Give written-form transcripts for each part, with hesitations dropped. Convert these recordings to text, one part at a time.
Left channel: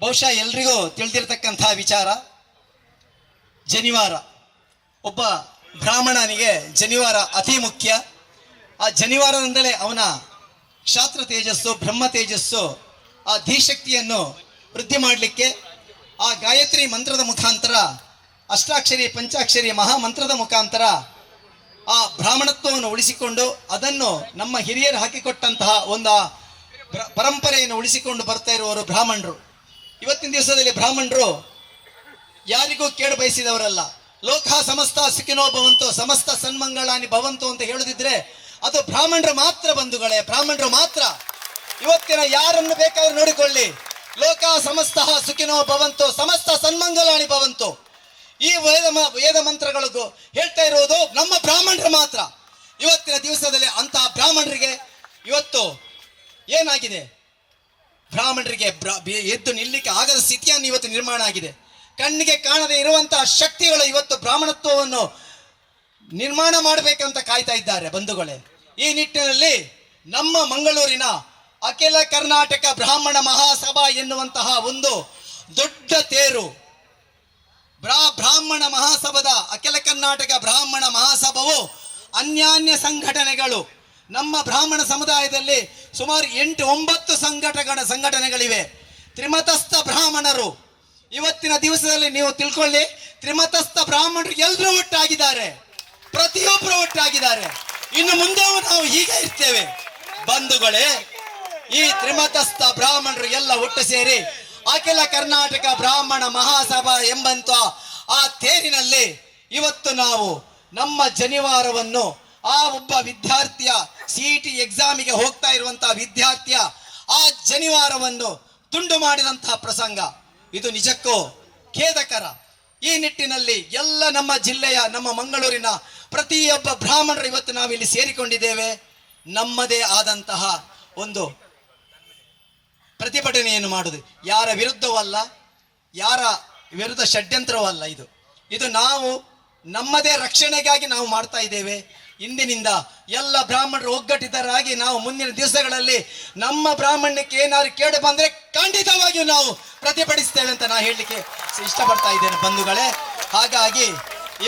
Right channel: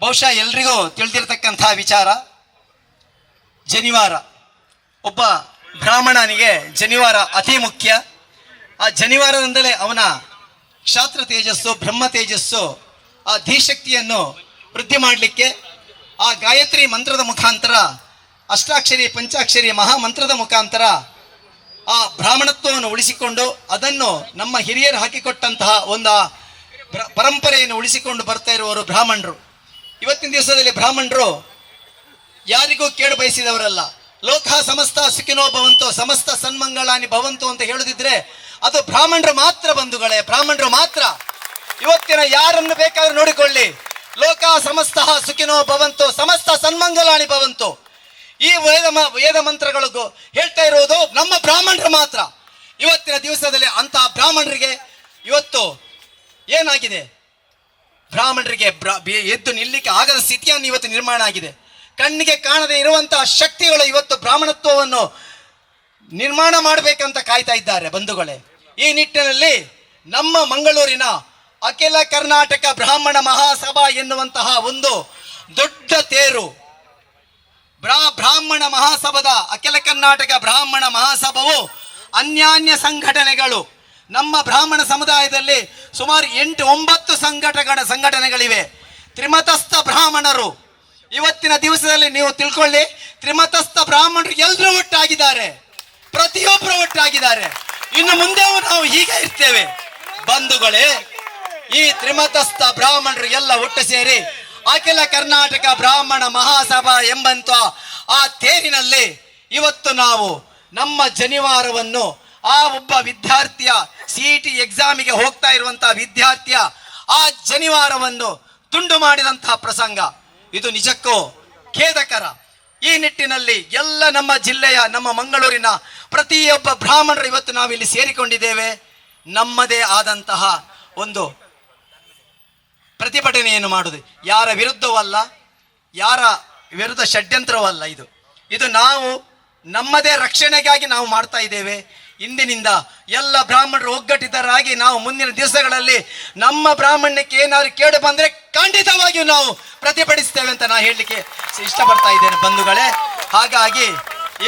ಬಹುಶಃ ಎಲ್ರಿಗೂ ತಿಳಿದಿರ್ತಕ್ಕಂತಹ ವಿಚಾರ, ಜನಿವಾರ. ಒಬ್ಬ ಬ್ರಾಹ್ಮಣನಿಗೆ ಜನಿವಾರ ಅತಿ ಮುಖ್ಯ. ಆ ಜನಿವಾರದಿಂದಲೇ ಅವನ ಕ್ಷಾತ್ರ ತೇಜಸ್ಸು, ಬ್ರಹ್ಮ ತೇಜಸ್ಸು, ಆ ಧೀಶಕ್ತಿಯನ್ನು ವೃದ್ಧಿ ಮಾಡಲಿಕ್ಕೆ ಆ ಗಾಯತ್ರಿ ಮಂತ್ರದ ಮುಖಾಂತರ, ಅಷ್ಟಾಕ್ಷರಿ ಪಂಚಾಕ್ಷರಿ ಮಹಾಮಂತ್ರದ ಮುಖಾಂತರ ಆ ಬ್ರಾಹ್ಮಣತ್ವವನ್ನು ಉಳಿಸಿಕೊಂಡು ಅದನ್ನು ನಮ್ಮ ಹಿರಿಯರು ಹಾಕಿಕೊಟ್ಟಂತಹ ಒಂದು ಪರಂಪರೆಯನ್ನು ಉಳಿಸಿಕೊಂಡು ಬರ್ತಾ ಇರುವವರು ಬ್ರಾಹ್ಮಣರು. ಇವತ್ತಿನ ದಿವಸದಲ್ಲಿ ಬ್ರಾಹ್ಮಣರು ಯಾರಿಗೂ ಕೇಳು ಬಯಸಿದವರಲ್ಲ. ಲೋಕ ಸಮಸ್ತ ಸುಖಿನೋ ಭವಂತು, ಸಮಸ್ತ ಸನ್ಮಂಗಳಾನಿ ಭವಂತು ಅಂತ ಹೇಳುದಿದ್ರೆ ಅದು ಬ್ರಾಹ್ಮಣರು ಮಾತ್ರ ಬಂಧುಗಳೇ, ಬ್ರಾಹ್ಮಣರು ಮಾತ್ರ. ಇವತ್ತಿನ ಯಾರನ್ನು ಬೇಕಾದ್ರೂ ನೋಡಿಕೊಳ್ಳಿ, ಲೋಕ ಸಮಸ್ತ ಸುಖಿನೋ ಭವಂತು, ಸಮಸ್ತ ಸನ್ಮಂಗಲಾನಿ ಭವಂತು, ಈ ವೇದ ಮಂತ್ರಗಳಿಗೂ ಹೇಳ್ತಾ ಇರುವುದು ನಮ್ಮ ಬ್ರಾಹ್ಮಣರು ಮಾತ್ರ. ಇವತ್ತಿನ ದಿವಸದಲ್ಲಿ ಅಂತಹ ಬ್ರಾಹ್ಮಣರಿಗೆ ಇವತ್ತು ಏನಾಗಿದೆ, ಬ್ರಾಹ್ಮಣರಿಗೆ ಎದ್ದು ನಿಲ್ಲಿಕ್ಕೆ ಆಗದ ಸ್ಥಿತಿಯನ್ನು ಇವತ್ತು ನಿರ್ಮಾಣ ಆಗಿದೆ. ಕಣ್ಣಿಗೆ ಕಾಣದೇ ಇರುವಂತಹ ಶಕ್ತಿಗಳು ಇವತ್ತು ಬ್ರಾಹ್ಮಣತ್ವವನ್ನು ನಿರ್ಮಾಣ ಮಾಡಬೇಕಂತ ಕಾಯ್ತಾ ಇದ್ದಾರೆ ಬಂಧುಗಳೇ. ಈ ನಿಟ್ಟಿನಲ್ಲಿ ನಮ್ಮ ಮಂಗಳೂರಿನ ಅಖಿಲ ಕರ್ನಾಟಕ ಬ್ರಾಹ್ಮಣ ಮಹಾಸಭಾ ಎನ್ನುವಂತಹ ಒಂದು ದೊಡ್ಡ ತೇರು, ಬ್ರಾಹ್ಮಣ ಮಹಾಸಭಾದ ಅಖಿಲ ಕರ್ನಾಟಕ ಬ್ರಾಹ್ಮಣ ಮಹಾಸಭಾವು ಅನ್ಯಾನ್ಯ ಸಂಘಟನೆಗಳು, ನಮ್ಮ ಬ್ರಾಹ್ಮಣ ಸಮುದಾಯದಲ್ಲಿ ಸುಮಾರು 8-9 ಸಂಘಟನೆಗಳಿವೆ. ತ್ರಿಮತಸ್ಥ ಬ್ರಾಹ್ಮಣರು ಇವತ್ತಿನ ದಿವಸದಲ್ಲಿ ನೀವು ತಿಳ್ಕೊಳ್ಳಿ, ತ್ರಿಮತಸ್ಥ ಬ್ರಾಹ್ಮಣರು ಎಲ್ಲರೂ ಒಟ್ಟಾಗಿದ್ದಾರೆ, ಪ್ರತಿಯೊಬ್ಬರು ಒಟ್ಟಾಗಿದ್ದಾರೆ. ಇನ್ನು ಮುಂದೆ ನಾವು ಹೀಗೆ ಇರ್ತೇವೆ ಬಂಧುಗಳೇ. ಈ ತ್ರಿಮತಸ್ಥ ಬ್ರಾಹ್ಮಣರು ಎಲ್ಲ ಒಟ್ಟು ಸೇರಿ ಅಖಿಲ ಕರ್ನಾಟಕ ಬ್ರಾಹ್ಮಣ ಮಹಾಸಭಾ ಎಂಬಂತ ಆ ತೇರಿನಲ್ಲಿ ಇವತ್ತು ನಾವು ನಮ್ಮ ಜನಿವಾರವನ್ನು, ಆ ಒಬ್ಬ ವಿದ್ಯಾರ್ಥಿಯ CET ಎಕ್ಸಾಮಿಗೆ ಹೋಗ್ತಾ ಇರುವಂತಹ ವಿದ್ಯಾರ್ಥಿಯ ಆ ಜನಿವಾರವನ್ನು ತುಂಡು ಮಾಡಿದಂತಹ ಪ್ರಸಂಗ ಇದು ನಿಜಕ್ಕೂ ಖೇದಕರ. ಈ ನಿಟ್ಟಿನಲ್ಲಿ ಎಲ್ಲ ನಮ್ಮ ಜಿಲ್ಲೆಯ, ನಮ್ಮ ಮಂಗಳೂರಿನ ಪ್ರತಿಯೊಬ್ಬ ಬ್ರಾಹ್ಮಣರು ಇವತ್ತು ನಾವಿಲ್ಲಿ ಸೇರಿಕೊಂಡಿದ್ದೇವೆ. ನಮ್ಮದೇ ಆದಂತಹ ಒಂದು ಪ್ರತಿಭಟನೆಯನ್ನು ಮಾಡುವುದು ಯಾರ ವಿರುದ್ಧವಲ್ಲ, ಯಾರ ವಿರುದ್ಧ ಷಡ್ಯಂತ್ರವಲ್ಲ. ಇದು ನಾವು ನಮ್ಮದೇ ರಕ್ಷಣೆಗಾಗಿ ನಾವು ಮಾಡ್ತಾ ಇದ್ದೇವೆ. ಇಂದಿನಿಂದ ಎಲ್ಲ ಬ್ರಾಹ್ಮಣರು ಒಗ್ಗಟ್ಟಿತರಾಗಿ ನಾವು ಮುಂದಿನ ದಿವಸಗಳಲ್ಲಿ ನಮ್ಮ ಬ್ರಾಹ್ಮಣ್ಯಕ್ಕೆ ಏನಾದ್ರು ಕೇಡು ಬಂದ್ರೆ ಖಂಡಿತವಾಗಿಯೂ ನಾವು ಪ್ರತಿಭಟಿಸ್ತೇವೆ ಅಂತ ನಾನು ಹೇಳಲಿಕ್ಕೆ ಇಷ್ಟಪಡ್ತಾ ಇದ್ದೇನೆ ಬಂಧುಗಳೇ. ಹಾಗಾಗಿ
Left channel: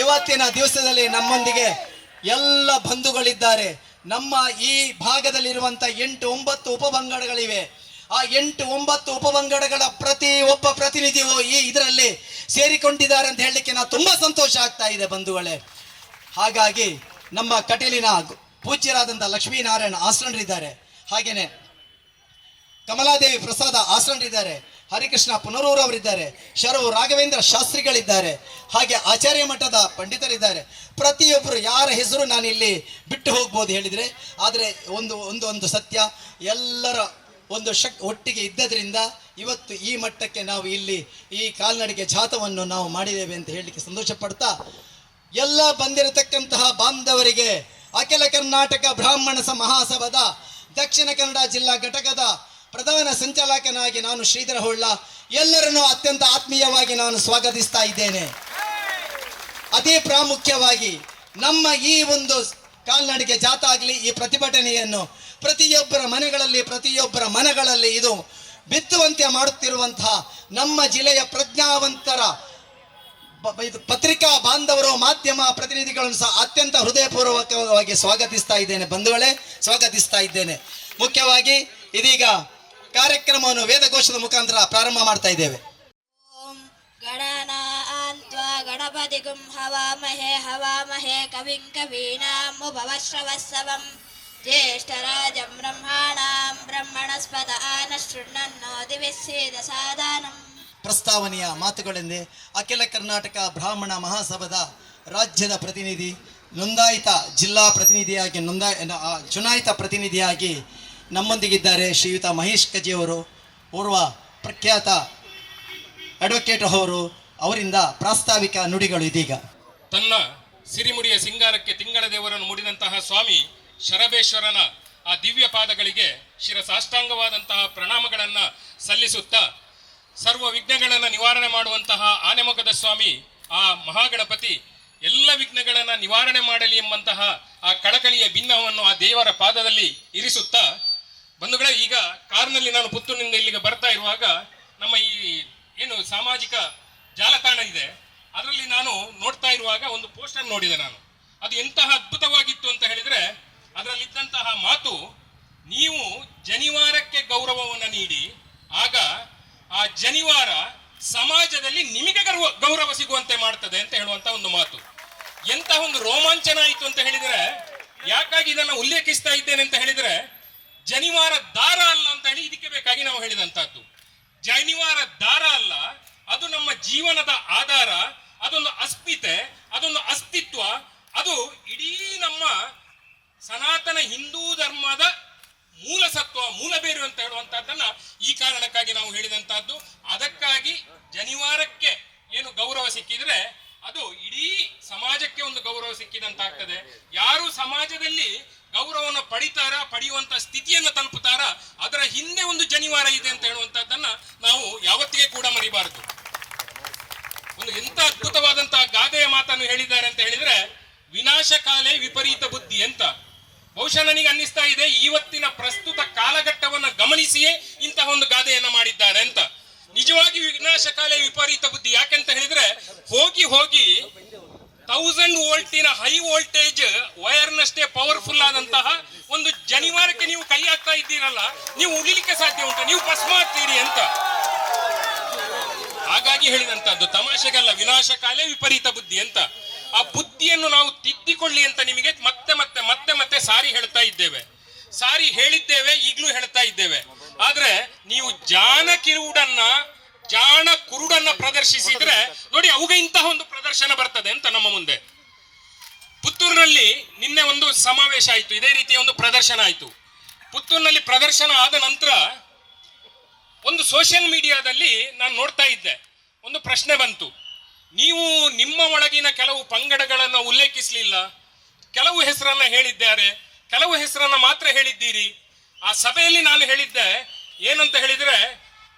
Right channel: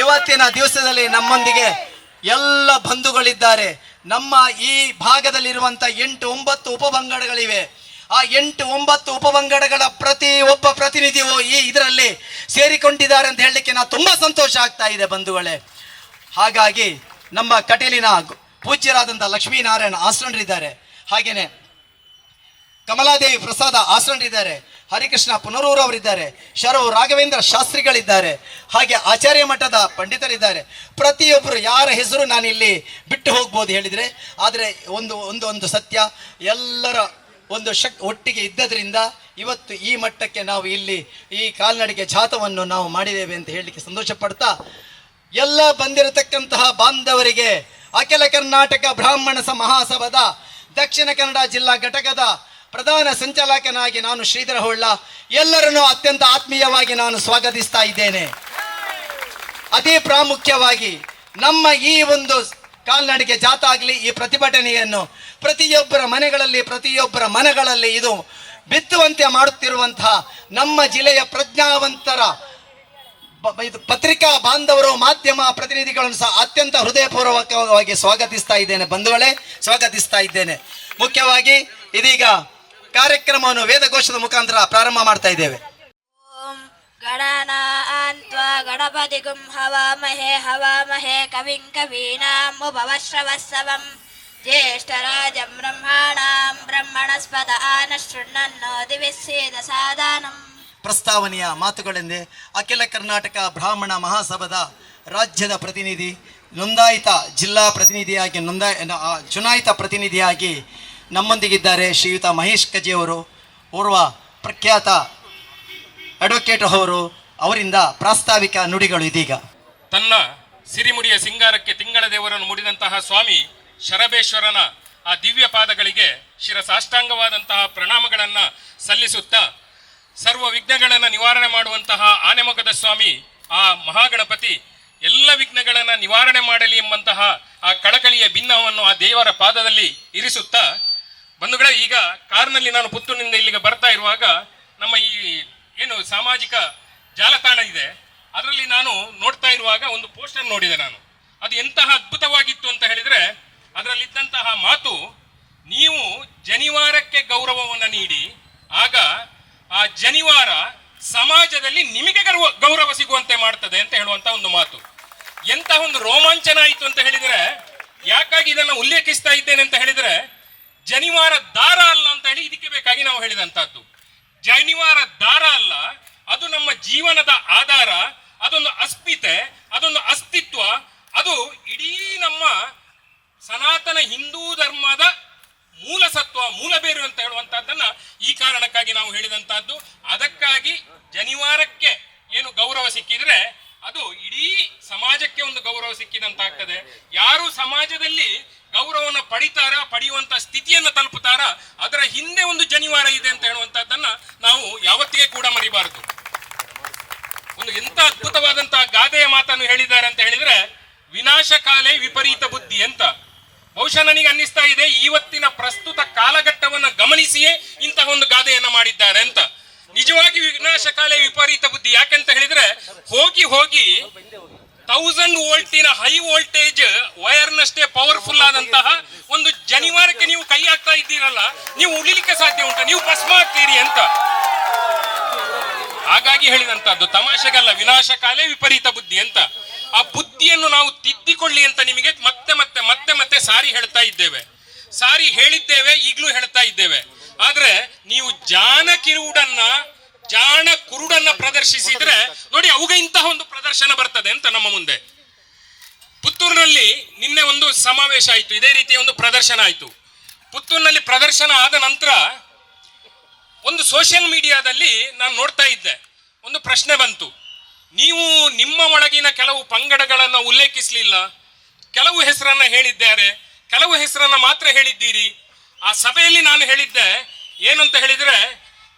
ಇವತ್ತಿನ ದಿವಸದಲ್ಲಿ ನಮ್ಮೊಂದಿಗೆ ಎಲ್ಲ ಬಂಧುಗಳಿದ್ದಾರೆ. ನಮ್ಮ ಈ ಭಾಗದಲ್ಲಿರುವಂತ 8-9 ಉಪಪಂಗಡಗಳಿವೆ. ಆ 8-9 ಉಪಪಂಗಡಗಳ ಪ್ರತಿ ಒಬ್ಬ ಪ್ರತಿನಿಧಿಯು ಈ ಇದರಲ್ಲಿ ಸೇರಿಕೊಂಡಿದ್ದಾರೆ ಅಂತ ಹೇಳಲಿಕ್ಕೆ ನಾವು ತುಂಬಾ ಸಂತೋಷ ಆಗ್ತಾ ಇದೆ ಬಂಧುಗಳೇ. ಹಾಗಾಗಿ ನಮ್ಮ ಕಟೀಲಿನ ಪೂಜ್ಯರಾದಂಥ ಲಕ್ಷ್ಮೀನಾರಾಯಣ ಆಶ್ರಮರಿದ್ದಾರೆ, ಹಾಗೇನೆ ಕಮಲಾದೇವಿ ಪ್ರಸಾದ ಆಶ್ರಮರಿದ್ದಾರೆ, ಹರಿಕೃಷ್ಣ ಪುನರೂರು ಅವರಿದ್ದಾರೆ, ಶರವು ರಾಘವೇಂದ್ರ ಶಾಸ್ತ್ರಿಗಳಿದ್ದಾರೆ, ಹಾಗೆ ಆಚಾರ್ಯ ಮಠದ ಪಂಡಿತರಿದ್ದಾರೆ. ಪ್ರತಿಯೊಬ್ಬರು ಯಾರ ಹೆಸರು ನಾನಿಲ್ಲಿ ಬಿಟ್ಟು ಹೋಗ್ಬೋದು ಹೇಳಿದರೆ, ಆದರೆ ಒಂದು ಒಂದು ಒಂದು ಸತ್ಯ, ಎಲ್ಲರ ಒಂದು ಒಟ್ಟಿಗೆ ಇದ್ದದ್ರಿಂದ ಇವತ್ತು ಈ ಮಟ್ಟಕ್ಕೆ ನಾವು ಇಲ್ಲಿ ಈ ಕಾಲ್ನಡಿಗೆ ಜಾಥವನ್ನು ನಾವು ಮಾಡಿದ್ದೇವೆ ಅಂತ ಹೇಳಲಿಕ್ಕೆ ಸಂತೋಷ ಪಡ್ತಾ, ಎಲ್ಲ ಬಂದಿರತಕ್ಕಂತಹ ಬಾಂಧವರಿಗೆ ಅಖಿಲ ಕರ್ನಾಟಕ ಬ್ರಾಹ್ಮಣ ಮಹಾಸಭಾದ ದಕ್ಷಿಣ ಕನ್ನಡ ಜಿಲ್ಲಾ ಘಟಕದ ಪ್ರಧಾನ ಸಂಚಾಲಕನಾಗಿ ನಾನು ಶ್ರೀಧರ ಹೊಳ್ಳ ಎಲ್ಲರನ್ನೂ ಅತ್ಯಂತ ಆತ್ಮೀಯವಾಗಿ ನಾನು ಸ್ವಾಗತಿಸ್ತಾ ಇದ್ದೇನೆ. ಅತಿ ಪ್ರಾಮುಖ್ಯವಾಗಿ ನಮ್ಮ ಈ ಒಂದು ಕಾಲ್ನಡಿಗೆ ಜಾಥಾ ಆಗಲಿ, ಈ ಪ್ರತಿಭಟನೆಯನ್ನು ಪ್ರತಿಯೊಬ್ಬರ ಮನೆಗಳಲ್ಲಿ ಪ್ರತಿಯೊಬ್ಬರ ಮನಗಳಲ್ಲಿ ಇದು ಬಿತ್ತುವಂತೆ ಮಾಡುತ್ತಿರುವಂತಹ ನಮ್ಮ ಜಿಲ್ಲೆಯ ಪ್ರಜ್ಞಾವಂತರ ಪತ್ರಿಕಾ ಬಾಂಧವರು, ಮಾಧ್ಯಮ ಪ್ರತಿನಿಧಿಗಳನ್ನು ಸಹ ಅತ್ಯಂತ ಹೃದಯಪೂರ್ವಕವಾಗಿ ಸ್ವಾಗತಿಸ್ತಾ ಇದ್ದೇನೆ. ಬಂಧುಗಳೇ, ಸ್ವಾಗತಿಸ್ತಾ ಇದ್ದೇನೆ. ಮುಖ್ಯವಾಗಿ ಇದೀಗ ಕಾರ್ಯಕ್ರಮವನ್ನು ವೇದಘೋಷದ ಮುಖಾಂತರ ಪ್ರಾರಂಭ ಮಾಡ್ತಾ ಇದ್ದೇವೆ. ಓಂ ಗಣನಾನ್ತ್ವಾ ಗಣಪತಿಗುಂ ಹವಾಮಹೇ ಹವಾಮಹೇ ಕವಿಂ ಕವೀನಾಂ ಉಪವಶ್ರವಸ್ಸವಂ ಜ್ಯೇಷ್ಠರಾಜಂ ಬ್ರಹ್ಮಾಣಾಂ ಬ್ರಹ್ಮಣಸ್ಪದ ಆನಶೃಣ್ವನ್ನೋ ದಿವಿಸ್ಸೇದ ಸಾದಾನಂ. ಪ್ರಸ್ತಾವನೆಯ ಮಾತುಗಳೆಂದೇ ಅಖಿಲ ಕರ್ನಾಟಕ ಬ್ರಾಹ್ಮಣ ಮಹಾಸಭಾದ ರಾಜ್ಯದ ಪ್ರತಿನಿಧಿ, ನೋಂದಾಯಿತ ಜಿಲ್ಲಾ ಪ್ರತಿನಿಧಿಯಾಗಿ ಚುನಾಯಿತ ಪ್ರತಿನಿಧಿಯಾಗಿ ನಮ್ಮೊಂದಿಗಿದ್ದಾರೆ ಶ್ರೀಯುತ ಮಹೇಶ್ ಕಜಿಯವರು. ಓರ್ವ ಪ್ರಖ್ಯಾತ ಅಡ್ವೊಕೇಟ್ ಅವರು, ಅವರಿಂದ ಪ್ರಾಸ್ತಾವಿಕ ನುಡಿಗಳು ಇದೀಗ. ತನ್ನ ಸಿರಿಮುಡಿಯ ಸಿಂಗಾರಕ್ಕೆ ತಿಂಗಳ ದೇವರನ್ನು ಮುಡಿದಂತಹ ಸ್ವಾಮಿ ಶರಬೇಶ್ವರನ ಆ ದಿವ್ಯ ಪಾದಗಳಿಗೆ ಶಿರಸಾಷ್ಟಾಂಗವಾದಂತಹ ಪ್ರಣಾಮಗಳನ್ನು ಸಲ್ಲಿಸುತ್ತಾ, ಸರ್ವ ವಿಘ್ನಗಳನ್ನು ನಿವಾರಣೆ ಮಾಡುವಂತಹ ಆನೆಮೊಗದ ಸ್ವಾಮಿ ಆ ಮಹಾಗಣಪತಿ ಎಲ್ಲ ವಿಘ್ನಗಳನ್ನು ನಿವಾರಣೆ ಮಾಡಲಿ ಎಂಬಂತಹ ಆ ಕಳಕಳಿಯ ಭಿನ್ನವನ್ನು ಆ ದೇವರ ಪಾದದಲ್ಲಿ ಇರಿಸುತ್ತಾ, ಬಂಧುಗಳೇ, ಈಗ ಕಾರ್ನಲ್ಲಿ ನಾನು ಪುತ್ತೂರಿನಿಂದ ಇಲ್ಲಿಗೆ ಬರ್ತಾ ಇರುವಾಗ ನಮ್ಮ ಈ ಏನು ಸಾಮಾಜಿಕ ಜಾಲತಾಣ ಇದೆ ಅದರಲ್ಲಿ ನಾನು ನೋಡ್ತಾ ಇರುವಾಗ ಒಂದು ಪೋಸ್ಟರ್ ನೋಡಿದೆ ನಾನು. ಅದು ಎಂತಹ ಅದ್ಭುತವಾಗಿತ್ತು ಅಂತ ಹೇಳಿದ್ರೆ, ಅದರಲ್ಲಿದ್ದಂತಹ ಮಾತು, ನೀವು ಜನಿವಾರಕ್ಕೆ ಗೌರವವನ್ನು ನೀಡಿ ಆಗ ಆ ಜನಿವಾರ ಸಮಾಜದಲ್ಲಿ ನಿಮಗೆ ಗೌರವ ಸಿಗುವಂತೆ ಮಾಡ್ತದೆ ಅಂತ ಹೇಳುವಂತ ಒಂದು ಮಾತು. ಎಂತಹ ಒಂದು ರೋಮಾಂಚನ ಆಯಿತು ಅಂತ ಹೇಳಿದ್ರೆ, ಯಾಕಾಗಿ ಇದನ್ನು ಉಲ್ಲೇಖಿಸ್ತಾ ಇದ್ದೇನೆ ಅಂತ ಹೇಳಿದ್ರೆ, ಜನಿವಾರ ದಾರ ಅಲ್ಲ ಅಂತ ಹೇಳಿ ಇದಕ್ಕೆ ಬೇಕಾಗಿ ನಾವು ಹೇಳಿದಂತಹದ್ದು. ಜನಿವಾರ ದಾರ ಅಲ್ಲ, ಅದು ನಮ್ಮ ಜೀವನದ ಆಧಾರ, ಅದೊಂದು ಅಸ್ಮಿತೆ, ಅದೊಂದು ಅಸ್ತಿತ್ವ, ಅದು ಇಡೀ ನಮ್ಮ ಸನಾತನ ಹಿಂದೂ ಧರ್ಮದ ಮೂಲ ಸತ್ವ, ಮೂಲ ಬೇರು ಅಂತ ಹೇಳುವಂತಹದ್ದನ್ನ ಈ ಕಾರಣಕ್ಕಾಗಿ ನಾವು ಹೇಳಿದಂತಹದ್ದು. ಅದಕ್ಕಾಗಿ ಜನಿವಾರಕ್ಕೆ ಏನು ಗೌರವ ಸಿಕ್ಕಿದ್ರೆ ಅದು ಇಡೀ ಸಮಾಜಕ್ಕೆ ಒಂದು ಗೌರವ ಸಿಕ್ಕಿದಂತಾಗ್ತದೆ. ಯಾರು ಸಮಾಜದಲ್ಲಿ ಗೌರವವನ್ನು ಪಡೆಯುವಂತ ಸ್ಥಿತಿಯನ್ನು ತಲುಪುತ್ತಾರ, ಅದರ ಹಿಂದೆ ಒಂದು ಜನಿವಾರ ಇದೆ ಅಂತ ಹೇಳುವಂತಹದ್ದನ್ನ ನಾವು ಯಾವತ್ತಿಗೆ ಕೂಡ ಮರಿಬಾರದು. ಒಂದು ಎಂತ ಅದ್ಭುತವಾದಂತಹ ಗಾದೆಯ ಮಾತನ್ನು ಹೇಳಿದ್ದಾರೆ ಅಂತ ಹೇಳಿದ್ರೆ, ವಿನಾಶಕಾಲೇ ವಿಪರೀತ ಬುದ್ಧಿ ಅಂತ. ಬಹುಶಃ ನನಗೆ ಅನ್ನಿಸ್ತಾ ಇದೆ, ಇವತ್ತಿನ ಪ್ರಸ್ತುತ ಕಾಲಘಟ್ಟವನ್ನು ಗಮನಿಸಿಯೇ ಇಂತಹ ಒಂದು ಗಾದೆಯನ್ನ ಮಾಡಿದ್ದಾರೆ ಅಂತ. ನಿಜವಾಗಿ ವಿನಾಶಕಾಲೇ ವಿಪರೀತ ಬುದ್ಧಿ. ಯಾಕೆಂತ ಹೇಳಿದ್ರೆ, ಹೋಗಿ 1000 ವೋಲ್ಟಿನ ಹೈ ವೋಲ್ಟೇಜ್ ವೈರ್ನಷ್ಟೇ ಪವರ್ಫುಲ್ ಆದಂತಹ ಒಂದು ಜನಿವಾರಕ್ಕೆ ನೀವು ಕೈ ಹಾಕ್ತಾ ಇದ್ದೀರಲ್ಲ, ನೀವು ಉಳಿಲಿಕ್ಕೆ ಸಾಧ್ಯ ಉಂಟಾ? ನೀವು ಭಸ್ಮ ಆಗ್ತೀರಿ ಅಂತ. ಹಾಗಾಗಿ ಹೇಳಿದಂತದ್ದು ತಮಾಷೆಗಲ್ಲ, ವಿನಾಶಕಾಲೇ ವಿಪರೀತ ಬುದ್ಧಿ ಅಂತ. ಆ ಬುದ್ಧಿಯನ್ನು ನಾವು ತಿದ್ದಿಕೊಳ್ಳಿ ಅಂತ ನಿಮಗೆ ಮತ್ತೆ ಮತ್ತೆ ಮತ್ತೆ ಮತ್ತೆ ಸಾರಿ ಹೇಳ್ತಾ ಇದ್ದೇವೆ, ಸಾರಿ ಹೇಳಿದ್ದೇವೆ, ಈಗಲೂ ಹೇಳ್ತಾ ಇದ್ದೇವೆ. ಆದ್ರೆ ನೀವು ಜಾಣ ಕುರುಡನ್ನ ಪ್ರದರ್ಶಿಸಿದ್ರೆ ನೋಡಿ, ಅವುಗ ಇಂತಹ ಒಂದು ಪ್ರದರ್ಶನ ಬರ್ತದೆ ಅಂತ ನಮ್ಮ ಮುಂದೆ. ಪುತ್ತೂರಿನಲ್ಲಿ ನಿನ್ನೆ ಒಂದು ಸಮಾವೇಶ ಆಯಿತು, ಇದೇ ರೀತಿಯ ಒಂದು ಪ್ರದರ್ಶನ ಆಯಿತು. ಪುತ್ತೂರಿನಲ್ಲಿ ಪ್ರದರ್ಶನ ಆದ ನಂತರ ಒಂದು ಸೋಷಿಯಲ್ ಮೀಡಿಯಾದಲ್ಲಿ ನಾನು ನೋಡ್ತಾ ಇದ್ದೆ, ಒಂದು ಪ್ರಶ್ನೆ ಬಂತು. ನೀವು ನಿಮ್ಮ ಒಳಗಿನ ಕೆಲವು ಪಂಗಡಗಳನ್ನು ಉಲ್ಲೇಖಿಸಲಿಲ್ಲ, ಕೆಲವು ಹೆಸರನ್ನ ಹೇಳಿದ್ದಾರೆ, ಕೆಲವು ಹೆಸರನ್ನ ಮಾತ್ರ ಹೇಳಿದ್ದೀರಿ. ಆ ಸಭೆಯಲ್ಲಿ ನಾನು ಹೇಳಿದ್ದೆ ಏನಂತ ಹೇಳಿದ್ರೆ,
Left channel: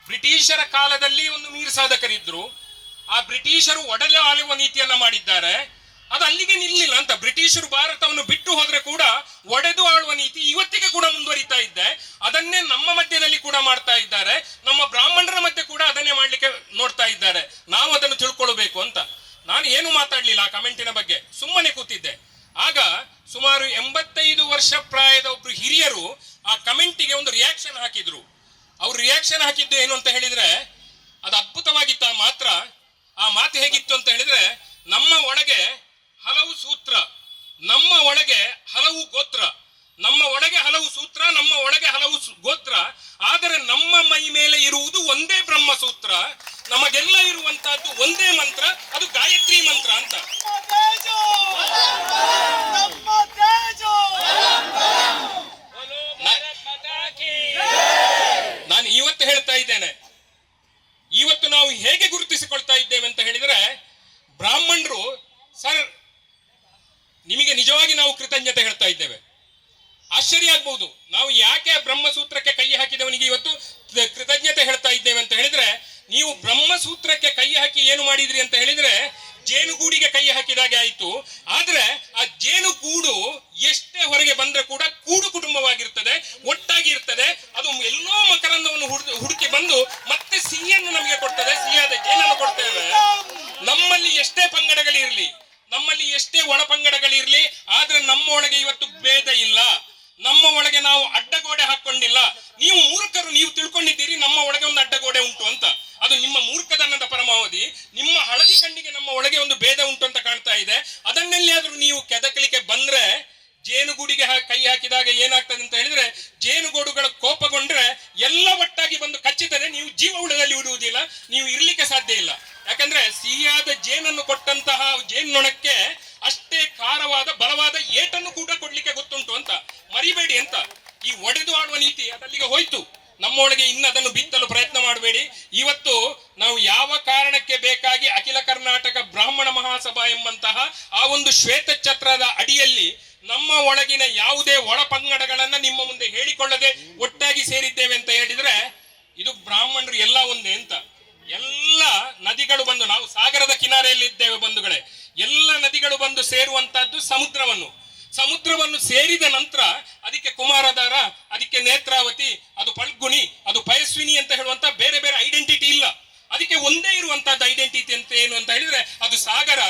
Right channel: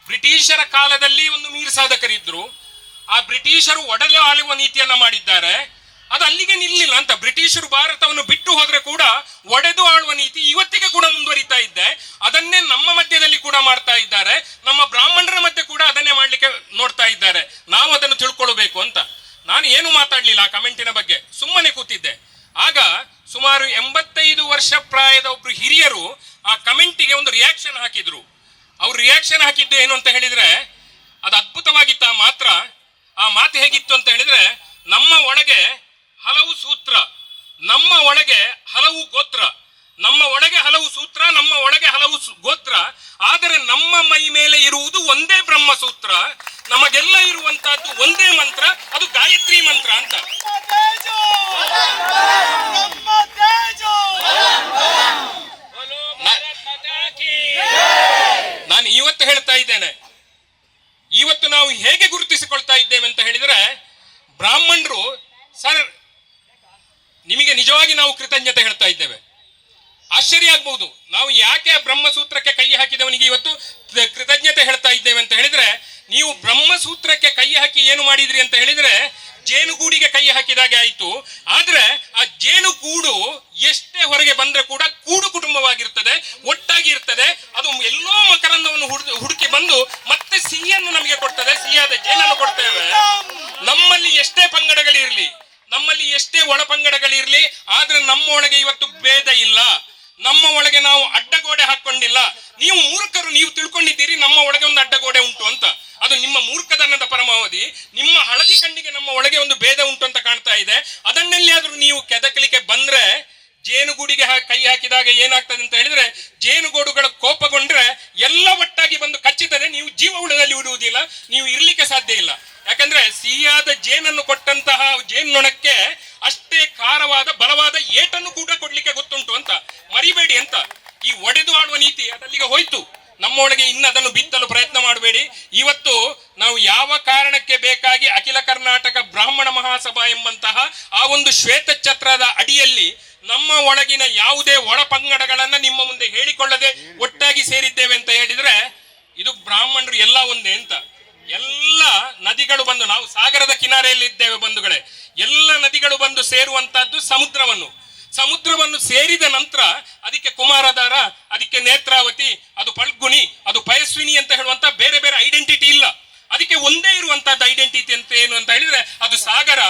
ಬ್ರಿಟಿಷರ ಕಾಲದಲ್ಲಿ ಒಂದು ಮೀರ್ ಸಾಧಕರಿದ್ರು, ಆ ಬ್ರಿಟಿಷರು ಒಡೆದು ಆಳುವ ನೀತಿಯನ್ನ ಮಾಡಿದ್ದಾರೆ, ಅದು ಅಲ್ಲಿಗೆ ನಿಲ್ಲಿಲ್ಲ ಅಂತ. ಬ್ರಿಟಿಷರು ಭಾರತವನ್ನು ಬಿಟ್ಟು ಹೋದ್ರೆ ಕೂಡ ಒಡೆದು ಆಳುವ ನೀತಿ ಇವತ್ತಿಗೆ ಕೂಡ ಮುಂದುವರಿತಾ ಇದೆ. ಅದನ್ನೇ ನಮ್ಮ ಮಧ್ಯದಲ್ಲಿ ಕೂಡ ಮಾಡ್ತಾ ಇದ್ದಾರೆ, ನಮ್ಮ ಬ್ರಾಹ್ಮಣರ ಮಧ್ಯೆ ಕೂಡ ಅದನ್ನೇ ಮಾಡ್ಲಿಕ್ಕೆ ನೋಡ್ತಾ ಇದ್ದಾರೆ. ನಾವು ಅದನ್ನು ತಿಳ್ಕೊಳ್ಬೇಕು ಅಂತ. ನಾನು ಏನು ಮಾತಾಡ್ಲಿಲ್ಲ ಆ ಕಮೆಂಟಿನ ಬಗ್ಗೆ, ಸುಮ್ಮನೆ ಕೂತಿದ್ದೆ. ಆಗ ಸುಮಾರು 85 ವರ್ಷ ಪ್ರಾಯದ ಒಬ್ರು ಹಿರಿಯರು ಆ ಕಮೆಂಟಿಗೆ ಒಂದು ರಿಯಾಕ್ಷನ್ ಹಾಕಿದ್ರು. ಅವ್ರು ರಿಯಾಕ್ಷನ್ ಹಾಕಿದ್ದು ಏನು ಅಂತ ಹೇಳಿದ್ರೆ, ಅದು ಅದ್ಭುತವಾಗಿತ್ತ ಮಾತ್ರ. ಆ ಮಾತು ಹೇಗಿತ್ತು ಅಂತ ಹೇಳಿದ್ರೆ, ನಮ್ಮ ಒಳಗೆ ಹಲವು ಸೂತ್ರ, ನಮ್ಮ ಒಳಗೆ ಹಲವು ಗೋತ್ರ, ನಮ್ಮ ಒಳಗೆ ಹಲವು ಸೂತ್ರ, ನಮ್ಮ ಒಳಗೆ ಹಲವು ಗೋತ್ರ, ಆದರೆ ನಮ್ಮ ಮೈ ಮೇಲೆ ಇರುವುದು ಒಂದೇ ಬ್ರಹ್ಮ ಬ್ರಹ್ಮಸೂತ್ರ. ನಮಗೆಲ್ಲ ಇರುವಂತಹದ್ದು ಒಂದೇ ಮಂತ್ರ, ಅದು ಗಾಯತ್ರಿ ಮಂತ್ರ ಅಂತ. ನಾನು ಇವತ್ತು ಹೇಳ್ತಾ ಇದ್ದೇನೆ, ಇವತ್ತು ನಾವು ಹೇಗೆ ಗುರುತಿಸಿಕೊಳ್ತಾ ಇದ್ದೇವೆ ಅಂತ ಹೇಳಿದ್ರೆ, ಬ್ರಾಹ್ಮಣರು ಸರ್ ನಿಮಗೆ ನಿಜವಾಗಿ ನಾವು ಕೃತಜ್ಞತೆ ಹೇಳ್ತಾ ಇದ್ದೇವೆ. ಆಶ್ಚರ್ಯ ಆಗ್ಬಹುದು, ನಾವು ಯಾಕೆ ಬ್ರಹ್ಮಸೂತ್ರಕ್ಕೆ ಕೈ ಹಾಕಿದವನಿಗೆ ಇವತ್ತು ಕೃತಜ್ಞತೆ ಹೇಳ್ತಾ ಇದ್ದೇವೆ ಅಂತ ಹೇಳಿದ್ರೆ, ನೀವು ಬ್ರಹ್ಮಸೂತ್ರಕ್ಕೆ ಕೈ ಹಾಕಿ ಏನು ಮಾಡಿದ್ರಿ ಅಂತ ಹೇಳಿದ್ರೆ ಜೇನುಗೂಡಿಗೆ ಕೈ ಹಾಕಿದಾಗೆ ಆಯ್ತು. ಆದ್ರೆ ಆ ಜೇನುಗೂಡು ಎಷ್ಟೇ ಹೊರಗೆ ಬಂದ್ರೆ ಕೂಡ ಕೂಡು ಕುಟುಂಬವಾಗಿರ್ತದೆ, ಒಟ್ಟಾಗಿ ಇರ್ತದೆ. ಅದು ಎಲ್ಲೋ ಮಕರಂದವನ್ನು ಹುಡುಕಿ ಬಂದು ಮತ್ತೆ ಸಿಹಿಯನ್ನು ನಮಗೆ ಕೊಡ್ತದೆ, ಸಿಹಿಯಾದ ಜೇನನ್ನು ಕೊಡ್ತೇವೆ. ನಮ್ಮಲ್ಲಿ ಎಷ್ಟೇ ಪಂಗಡಗಳಿರ್ಲಿ, ನಮ್ಮಲ್ಲಿ ಎಷ್ಟೇ ಒಳ ಪಂಗಡಗಳಿರ್ಲಿ, ಆದ್ರೆ ನಮ್ಮ ಒಳಗೆ ಇವತ್ತು ಭೇದ ಇಲ್ಲ. ನಮ್ಮ ಒಳಗೆ ನಾವು ಅಡ್ಡಗೋಡೆ ಹಾಕೊಂಡಿಲ್ಲ. ನೀವು ಮೂರ್ಖರು, ನೀವು ತಿಳ್ಕೊಂಡಿದ್ದೀರಿ ನಮ್ಮ ಒಳಗೆ ಒಂದು ಅಡ್ಡಗೋಡೆ ಉಂಟು ಅಂತ. ಅದು ನಿಮ್ಮ ಮೂರ್ಖತನದ ಪರಮಾವಧಿ. ನಿಮ್ಮ ಹಳದಿ ಕಣ್ಣಿಗೆ ನಮ್ಮ ಒಳಗೆ ಒಂದು ಭೇದ ಉಂಟು ಅಂತ ಕಾಣ್ತಾ ಇದೆ. ಅದನ್ನೆಲ್ಲಿ ಆದ್ರೂ ನೀವು ಕೆದಕಲಿಕ್ಕೆ ಬಂದ್ರೆ, ಜೇನುಗೂಡಿಗೆ ಕೈ ಹಾಕಿದಾಗ ಏನಾಗ್ತದೆ ಅಂತ ಹೇಳಿದ್ರೆ, ಜೇನುಗೂಡುಗಳ ಕೋಪಗೊಂಡ್ರೆ ಎಲ್ಲ ಒಟ್ಟಾಗಿ ಬಂದು ಕಚ್ಚುತ್ತದೆ. ನೀವು ಜೀವ ಉಳದಲ್ಲಿ ಉಡುವುದಿಲ್ಲ, ನೀವು ಇರ್ಲಿಕ್ಕೆ ಸಾಧ್ಯ ಇಲ್ಲ. ಯಾಕಂದ್ರೆ ಸಿಹಿಯಾದ ಜೇನನ್ನು ಕೊಟ್ಟಂತಹ ಜೇನ್ನೊಣಕ್ಕೆ ಅಷ್ಟೇ ಖಾರವಾದ ಬಲವಾದ ಏಟನ್ನು ಕೂಡ ಕೊಡ್ಲಿಕ್ಕೆ ಗೊತ್ತುಂಟು ಅಂತ ಮರಿಬೇಡಿ ಅಂತ. ಈ ಒಡೆದು ಆಡುವ ನೀತಿ ಅದಲ್ಲಿಗೆ ಹೋಯ್ತು. ನಮ್ಮೊಳಗೆ ಇನ್ನು ಅದನ್ನು ಬಿತ್ತಲು ಪ್ರಯತ್ನ ಮಾಡಬೇಡಿ. ಇವತ್ತು ನಾವು ಯಾವ ಕಾರಣಕ್ಕೆ ಬೇಕಾಗಿ ಅಖಿಲ ಕರ್ನಾಟಕ ಬ್ರಾಹ್ಮಣ ಮಹಾಸಭಾ ಎಂಬಂತಹ ಆ ಒಂದು ಶ್ವೇತ ಛತ್ರದ ಅಡಿಯಲ್ಲಿ ನಮ್ಮ ಒಳಗಿನ ಯಾವುದೇ ಒಳ ಪಂಗಡಗಳನ್ನ ನಿಮ್ಮ ಮುಂದೆ ಹೇಳಿಕೊಳ್ಳದೆ ಒಟ್ಟಾಗಿ ಸೇರಿದ್ದೇವೆ ಅಂತ ಹೇಳಿದ್ರೆ, ಇದು ಬ್ರಾಹ್ಮಣರು ಎಲ್ಲ ಒಂದೇ ಅಂತ. ಎಲ್ಲ ನದಿಗಳು ಬಂದು, ನಾವು ಸಾಗರದ ಕಿನಾರೆಯಲ್ಲಿ ಇದ್ದೇವೆ ಬಂಧುಗಳೇ, ಎಲ್ಲ ನದಿಗಳು ಬಂದು ಸೇರುವಂತಹದ್ದು ಸಮುದ್ರವನ್ನು ಸೇರಿದ ನಂತರ ಅದಕ್ಕೆ ಕುಮಾರಧಾರ, ಅದಕ್ಕೆ ನೇತ್ರಾವತಿ, ಅದು ಫಲ್ಗುಣಿ, ಅದು ಪಯಸ್ವಿನಿ ಅಂತ ಹೇಳುವಂತ ಬೇರೆ ಬೇರೆ ಐಡೆಂಟಿಟಿ ಇಲ್ಲ. ಅದಕ್ಕೆ ಒಂದೇ ಇರುವಂತಹದ್ದು ಐಡೆಂಟಿಟಿ ಅಂತ ಏನು ಅಂತ ಹೇಳಿದ್ರೆ ಅದು ಸಾಗರ.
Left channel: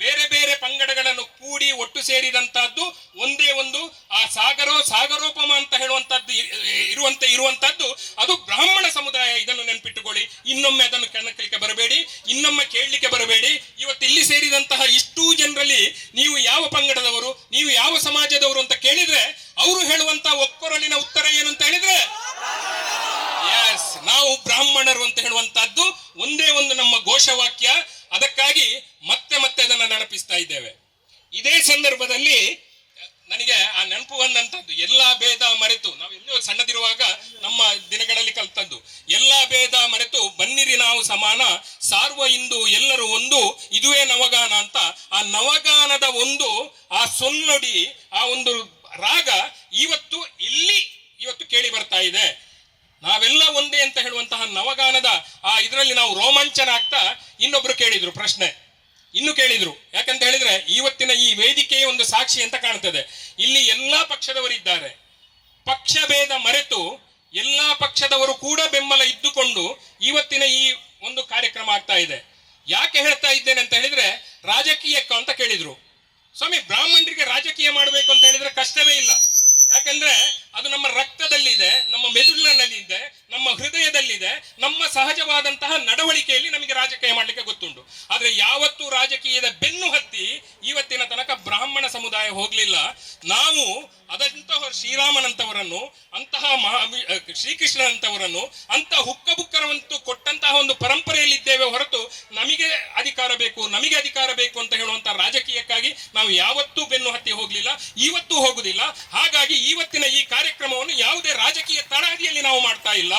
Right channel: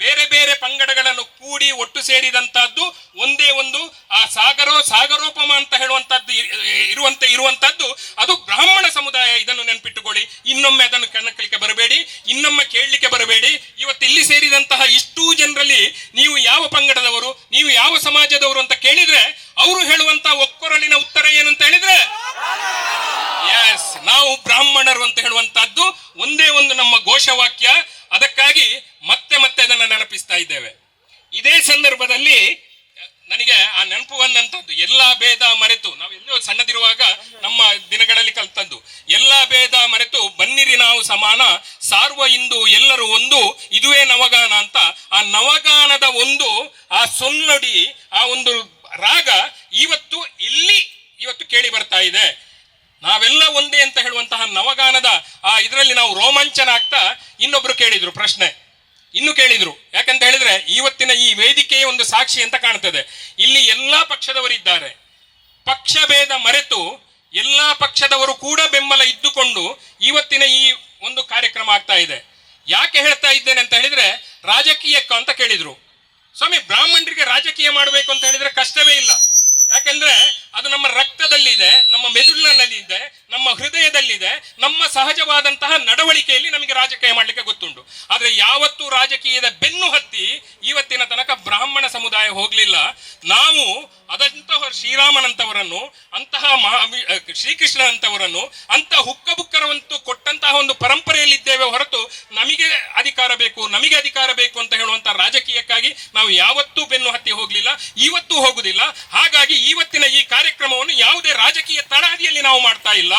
ಬೇರೆ ಬೇರೆ ಪಂಗಡಗಳನ್ನು ಕೂಡಿ ಒಟ್ಟು ಸೇರಿದಂತಹದ್ದು ಒಂದೇ ಒಂದು ಆ ಸಾಗರೋಪಮ ಅಂತ ಹೇಳುವಂತಹದ್ದು ಇರುವಂತಹದ್ದು ಅದು ಬ್ರಾಹ್ಮಣ ಸಮುದಾಯ. ಇದನ್ನು ನೆನಪಿಟ್ಟುಕೊಳ್ಳಿ. ಇನ್ನೊಮ್ಮೆ ಅದನ್ನು ಕಣಕಲಿಕ್ಕೆ ಬರಬೇಡಿ, ಇನ್ನೊಮ್ಮೆ ಕೇಳಲಿಕ್ಕೆ ಬರಬೇಡಿ. ಇವತ್ತು ಇಲ್ಲಿ ಸೇರಿದಂತಹ ಇಷ್ಟೂ ಜನರಲ್ಲಿ ನೀವು ಯಾವ ಪಂಗಡದವರು, ನೀವು ಯಾವ ಸಮಾಜದವರು ಅಂತ ಕೇಳಿದ್ರೆ ಅವರು ಹೇಳುವಂತಹ ಒಕ್ಕೊರಲಿನ ಉತ್ತರ ಏನು ಅಂತ ಹೇಳಿದ್ರೆ, ಎಸ್, ನಾವು ಬ್ರಾಹ್ಮಣರು ಅಂತ ಹೇಳುವಂತಹದ್ದು ಒಂದೇ ಒಂದು ನಮ್ಮ ಘೋಷವಾಕ್ಯ. ಅದಕ್ಕಾಗಿ ಮತ್ತೆ ಅದನ್ನು ನೆನಪಿಸ್ತಾ ಇದ್ದೇವೆ. ಇದೇ ಸಂದರ್ಭದಲ್ಲಿ ನನಗೆ ಆ ನೆನಪು ಬಂದಂತದ್ದು, ಎಲ್ಲಾ ಭೇದ ಮರೆತು, ನಾವು ಎಲ್ಲೋ ಸಣ್ಣದಿರುವಾಗ ನಮ್ಮ ದಿನಗಳಲ್ಲಿ ಕಲ್ತದ್ದು, ಎಲ್ಲಾ ಭೇದ ಮರೆತು ಬನ್ನಿರಿ ನಾವು ಸಮಾನ, ಸಾರ್ವ ಇಂದು ಎಲ್ಲರೂ ಒಂದು, ಇದುವೇ ನವಗಾನ ಅಂತ. ಆ ನವಗಾನದ ಒಂದು ಆ ಸೊನ್ನಡಿ, ಆ ಒಂದು ರಾಗ ಇವತ್ತು ಕೇಳಿ ಬರ್ತಾ ಇದೆ. ನಾವೆಲ್ಲ ಒಂದೇ ಅಂತ ಹೇಳುವಂತಹ ನವಗಾನದ ಆ ಇದರಲ್ಲಿ ನಾವು ರೋಮಾಂಚನ ಆಗ್ತಾ ಇನ್ನೊಬ್ರು ಕೇಳಿದ್ರು ಪ್ರಶ್ನೆ, ಯಾಕಂತ ಹೇಳಿದ್ರೆ ಇವತ್ತಿನ ಈ ವೇದಿಕೆಯ ಒಂದು ಸಾಕ್ಷಿ ಅಂತ ಕಾಣ್ತದೆ. ಇಲ್ಲಿ ಎಲ್ಲಾ ಪಕ್ಷದವರಿದ್ದಾರೆ, ಪಕ್ಷ ಭೇದ ಮರೆತು ಎಲ್ಲಾ ಪಕ್ಷದವರು ಕೂಡ ಬೆಂಬಲ ಇದ್ದುಕೊಂಡು ಇವತ್ತಿನ ಈ ಒಂದು ಕಾರ್ಯಕ್ರಮ ಆಗ್ತಾ ಇದೆ. ಯಾಕೆ ಹೇಳ್ತಾ ಇದ್ದೇನೆ ಅಂತ ಹೇಳಿದ್ರೆ, ರಾಜಕೀಯಕ್ಕ ಅಂತ ಕೇಳಿದ್ರು. ಸ್ವಾಮಿ, ಬ್ರಾಹ್ಮಣರಿಗೆ ರಾಜಕೀಯ ಮಾಡಬೇಕು ಅಂತ ಹೇಳಿದ್ರೆ ಕಷ್ಟವೇ ಇಲ್ಲ. ಯಾಕಂದ್ರೆ ಅದು ನಮ್ಮ ರಕ್ತದಲ್ಲಿದೆ, ನಮ್ಮ ಮೆದುಳಿನಲ್ಲಿದೆ, ನಮ್ಮ ಹೃದಯದಲ್ಲಿದೆ, ನಮ್ಮ ಸಹಜವಾದಂತಹ ನಡವಳಿಕೆಯಲ್ಲಿ ನಮಗೆ ರಾಜಕೀಯ ಮಾಡಲಿಕ್ಕೆ ಗೊತ್ತುಂಟು. ಆದ್ರೆ ಯಾವತ್ತೂ ರಾಜಕೀಯದ ಬೆನ್ನು ಹತ್ತಿ ಇವತ್ತಿನ ತನಕ ಬ್ರಾಹ್ಮಣ ಸಮುದಾಯ ಹೋಗ್ಲಿಲ್ಲ. ನಾವು ಅದಂತಹ ಶ್ರೀರಾಮನಂತವರನ್ನು, ಅಂತಹ ಶ್ರೀಕೃಷ್ಣನಂತವರನ್ನು, ಅಂತಹ ಹುಕ್ಕಬುಕ್ಕರವಂತೂ ಕೊಟ್ಟಂತಹ ಒಂದು ಪರಂಪರೆಯಲ್ಲಿದ್ದೇವೆ ಹೊರತು ನಮಗೆ ಅಧಿಕಾರ ಬೇಕು ಅಂತ ಹೇಳುವಂತಹ ರಾಜಕೀಯಕ್ಕಾಗಿ ನಾವು ಯಾವತ್ತೂ ಬೆನ್ನು ಹತ್ತಿ ಹೋಗ್ಲಿಲ್ಲ, ಇವತ್ತೂ ಹೋಗುದಿಲ್ಲ. ಹಾಗಾಗಿ ಇವತ್ತಿನ ಈ ಕಾರ್ಯಕ್ರಮವನ್ನು ಯಾವುದೇ ರಾಜಕೀಯ ತಳಹದಿಯಲ್ಲಿ ನಾವು ಮಾಡ್ತಾ ಇಲ್ಲ.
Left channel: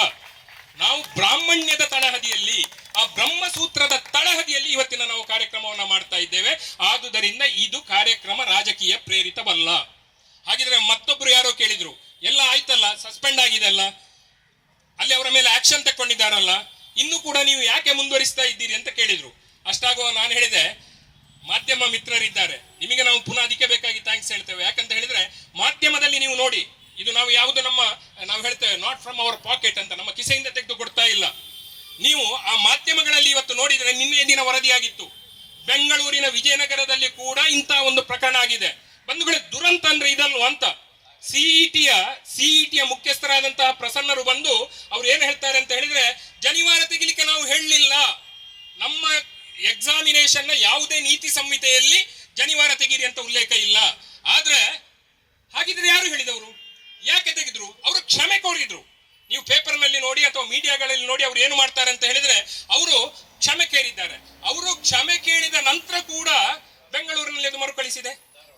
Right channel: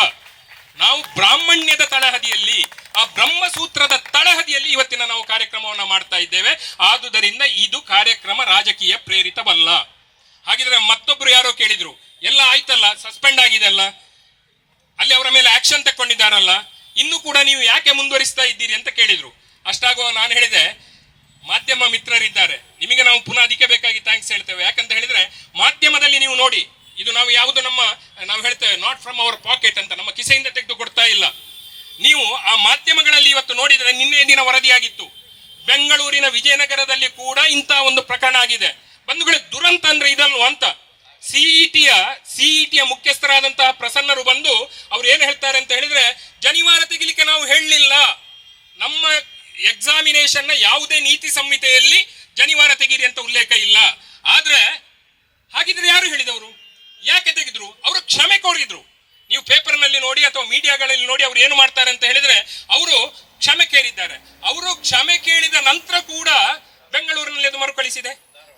ನಾವು ಬ್ರಾಹ್ಮಣ್ಯದ ತಳಹದಿಯಲ್ಲಿ, ಆ ಬ್ರಹ್ಮಸೂತ್ರದ ತಳಹದಿಯಲ್ಲಿ ಇವತ್ತಿನ ನಾವು ಕಾರ್ಯಕ್ರಮವನ್ನು ಮಾಡ್ತಾ ಇದ್ದೇವೆ. ಆದುದರಿಂದ ಇದು ಕಾರ್ಯಕ್ರಮ ರಾಜಕೀಯ ಪ್ರೇರಿತವಲ್ಲ. ಹಾಗಿದ್ರೆ ಮತ್ತೊಬ್ರು ಯಾರೋ ಕೇಳಿದ್ರು, ಎಲ್ಲ ಆಯ್ತಲ್ಲ, ಸಸ್ಪೆಂಡ್ ಆಗಿದೆ ಅಲ್ಲ, ಅಲ್ಲಿ ಅವರ ಮೇಲೆ ಆಕ್ಷನ್ ತಕೊಂಡಿದ್ದಾರಲ್ಲ, ಇನ್ನು ಕೂಡ ನೀವು ಯಾಕೆ ಮುಂದುವರಿಸ್ತಾ ಇದ್ದೀರಿ ಅಂತ ಕೇಳಿದ್ರು. ಅಷ್ಟಾಗುವ ನಾನು ಹೇಳಿದೆ, ಮಾಧ್ಯಮ ಮಿತ್ರರಿದ್ದಾರೆ, ನಿಮಗೆ ನಾವು ಪುನಃ ಅದಕ್ಕೆ ಬೇಕಾಗಿ ಥ್ಯಾಂಕ್ಸ್ ಹೇಳ್ತೇವೆ. ಯಾಕಂತ ಹೇಳಿದ್ರೆ ಮಾಧ್ಯಮದಲ್ಲಿ ನೀವು ನೋಡಿ, ಇದು ನಾವು ಯಾವುದು ನಾವು ಹೇಳ್ತೇವೆ ನಾಟ್ ಫ್ರಮ್ ಅವರ್ ಪಾಕೆಟ್ ಅಂತ, ನಮ್ಮ ಕಿಸೆಯಿಂದ ತೆಗೆದು ಕೊಡ್ತಾ ಇಲ್ಲ. ನೀವು ಆ ಮಾಧ್ಯಮಗಳಲ್ಲಿ ಇವತ್ತು ನೋಡಿದರೆ, ನಿನ್ನೆ ದಿನ ವರದಿಯಾಗಿತ್ತು, ಬೆಂಗಳೂರಿನ ವಿಜಯನಗರದಲ್ಲಿ ಕೂಡ ಇಂತಹ ಒಂದು ಪ್ರಕರಣ ಆಗಿದೆ. ಬಂಧುಗಳೇ, ದುರಂತ ಅಂದ್ರೆ ಇದಲ್ವ ಅಂತ. ಸಿಇಟಿಯ ಮುಖ್ಯಸ್ಥರಾದಂತಹ ಪ್ರಸನ್ನರು ಬಂದು ಅವ್ರು ಏನ್ ಹೇಳ್ತಾರೆ ಅಂತ ಹೇಳಿದ್ರೆ, ಜನಿವಾರ ತೆಗಿಲಿಕ್ಕೆ ನಾವು ಹೇಳಲಿಲ್ಲ, ನಮ್ಮ ಎಕ್ಸಾಮಿನೇಷನ್ ನ ಯಾವುದೇ ನೀತಿ ಸಂಹಿತೆಯಲ್ಲಿ ಜನಿವಾರ ತೆಗೀರಿ ಅಂತ ಉಲ್ಲೇಖ ಇಲ್ಲ. ಆದ್ರೆ ಹಾಗಿದ್ರೆ ಯಾರು ಹೇಳಿದವರು, ಯಾಕೆ ತೆಗೆದ್ರು? ಅವರು ಕ್ಷಮೆ ಕೋರಿದ್ರು. ನೀವು ಪೇಪರ್ನಲ್ಲಿ ನೋಡಿ ಅಥವಾ ಮೀಡಿಯಾಗಳಲ್ಲಿ ನೋಡಿ ಅವ್ರು ಏನು ಮಾಡ್ತಾರೆ ಅಂತ ಹೇಳಿದ್ರೆ ಅವರು ಕ್ಷಮೆ ಕೇಳಿದ್ದಾರೆ. ಅವರು ಕ್ಷಮೆ ಕೇಳಿದ ನಂತರ ಕೂಡ ಬೆಂಗಳೂರಿನಲ್ಲಿ ಅದು ಮರುಕಳಿಸಿದೆ,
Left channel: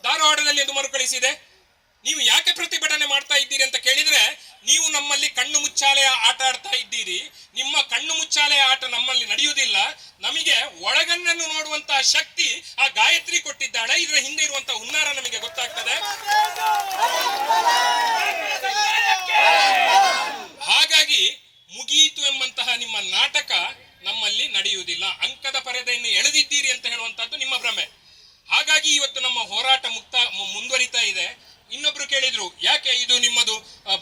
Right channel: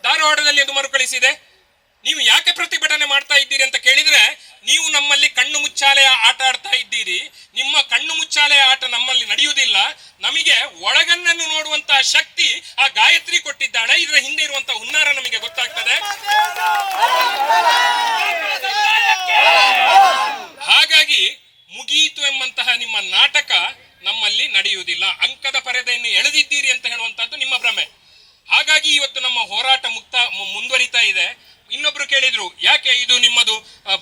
ಧಾರವಾಡದಲ್ಲಿ ಅದು ಮರುಕಳಿಸಿದೆ. ನೀವು ಯಾಕೆ ಪ್ರತಿಭಟನೆ ಮಾಡ್ತಾ ಇದ್ದೀರಿ ಅಂತ ಕೇಳಿದ್ರೆ, ನೀವು ನಮ್ಮಲ್ಲಿ ಕಣ್ಣು ಮುಚ್ಚಾಲೆಯ ಆಟ ಆಡ್ತಾ ಇದ್ದೀರಿ. ನಿಮ್ಮ ಕಣ್ಣು ಮುಚ್ಚಾಲೆಯ ಆಟ ನಮ್ಮಲ್ಲಿ ನಡೆಯುವುದಿಲ್ಲ. ನಮಗೆ ಒಳಗಣ್ಣನ್ನು ನೋಡುವಂತಹ ಶಕ್ತಿ ಆ ಗಾಯತ್ರಿ ಕೊಟ್ಟಿದ್ದಾಳೆ. ಇದರ ಹಿಂದೆ ಇರುವಂತಹ ಹುನ್ನಾರ ನಮಗೆ ಗೊತ್ತಾಗ್ತದೆ. ಹಾಗಾಗಿ ಮುಗಿಯಿತು ಎಂಬಂತಹ ನಿಮ್ಮ ನಾಟಕ ನಮ್ಮಲ್ಲಿ ನಡೆಯುವುದಿಲ್ಲ. ಅಂಕದ ಪರದೆಯನ್ನು ಎಳೆದಿದ್ದೀರಿ ಅಂತ ಹೇಳುವಂತಹದ್ದು ನಿಮ್ಮ ಭ್ರಮೆ. ಹಾಗಾಗಿ ಇವತ್ತು ನಮ್ಮ ಹೋರಾಟ ಮುಂದುವರಿತಾ ಇದೆ. ಇನ್ನೊಬ್ರು ಕೇಳಿದ್ರು, ಯಾಕೆ ಇದು ನಿಮ್ಮದು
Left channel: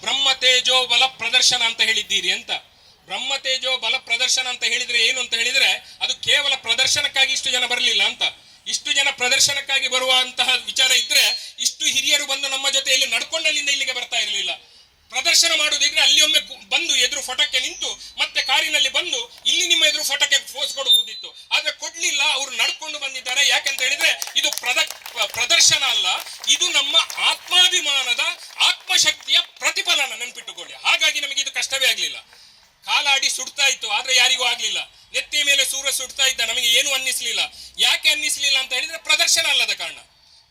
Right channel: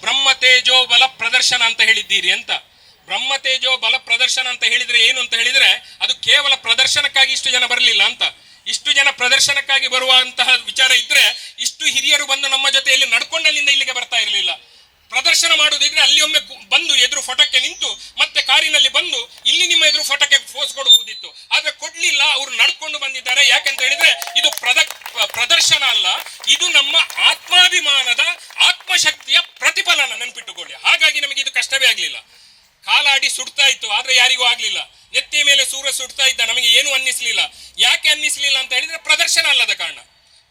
ಬ್ರಹ್ಮ ತೇಜೋ ಬಲ ಪ್ರದರ್ಶನ ಅಂತ ಹೇಳಿದ್ದೀರಿ ಅಂತ. ಬ್ರಹ್ಮ ತೇಜೋ ಬಲ ಪ್ರದರ್ಶನ ಅಂತ ಹೇಳಿದ್ರೆ ಏನು ಅಂತ ಹೇಳಿದ್ರೆ, ಅದು ಕೇವಲ ಪ್ರದರ್ಶನಕ್ಕಾಗಿ ಇಷ್ಟು ಜನ ಬರಲಿಲ್ಲ ಅಂತ. ಇಷ್ಟು ಜನ ಪ್ರದರ್ಶನಕ್ಕಾಗಿ ಬರುವಂತಹ ವಿಚಾರ ಇದ್ರೆ ಇಷ್ಟು ಹಿರಿಯರು ಬಂದು ನಮ್ಮ ಜೊತೆಯಲ್ಲಿ ನಡ್ಕೊಂಡಲ್ಲಿಂದ ಇಲ್ಲಿಗೆ ಬರ್ತಾ ಇರಲಿಲ್ಲ. ಪ್ರದರ್ಶನ ಮಾಡುವುದಿದ್ರೆ ಅಲ್ಲಿ ಒಮ್ಮೆ ಬಂದು ಎದುರು ಫೋಟೋಕ್ಕೆ ನಿಂತು ಮತ್ತೆ ಕಾರಿನಲ್ಲಿ ಬಂದು ಇಲ್ಲಿ ನಿಮ್ಮ ಎದುರು ಫೋಟೋಕ್ಕೆ ಫೋಸ್ ಕೊಡಬಹುದಿತ್ತು. ಆದ್ರೆ ಕೊಡ್ಲಿಲ್ಲ, ಅವರು ನಡ್ಕೊಂಡು ಬಂದಿದ್ದಾರೆ. ಯಾಕಂತ ಹೇಳಿದ್ರೆ ಇದು ಪ್ರದರ್ಶನ ಅಲ್ಲ, ಇದು ನಮ್ಮ ಆತ್ಮಾಭಿಮಾನದ ಆತ್ಮಶಕ್ತಿಯ ಪ್ರತಿಫಲನ, ನೆನ್ಪಿಟ್ಟುಕೊಳ್ಳಿ. ಹಾಗಾಗಿ ನಮಗೆ ಇದು ಕಷ್ಟವೇ ಆಗ್ಲಿಲ್ಲ. ಕಾಲಾಡಿ ಸುಡ್ತಾ ಇತ್ತು, ಆದ್ರೆ ಯಾರಿಗೂ ಆಗ್ಲಿಲ್ಲ. ನೆತ್ತಿಯ ಮೇಲೆ ಸೂರ್ಯ ಸುಡ್ತಾ ಇದ್ದ, ನಮಗೆ ಏನು ಅನ್ನಿಸ್ಲಿಲ್ಲ. ಯಾಕೆ ಅನ್ನಿಸ್ಲಿಲ್ಲ ಅಂತ ಹೇಳಿದ್ರೆ ಪ್ರದರ್ಶನ ಅಲ್ಲದ ಕಾರಣ.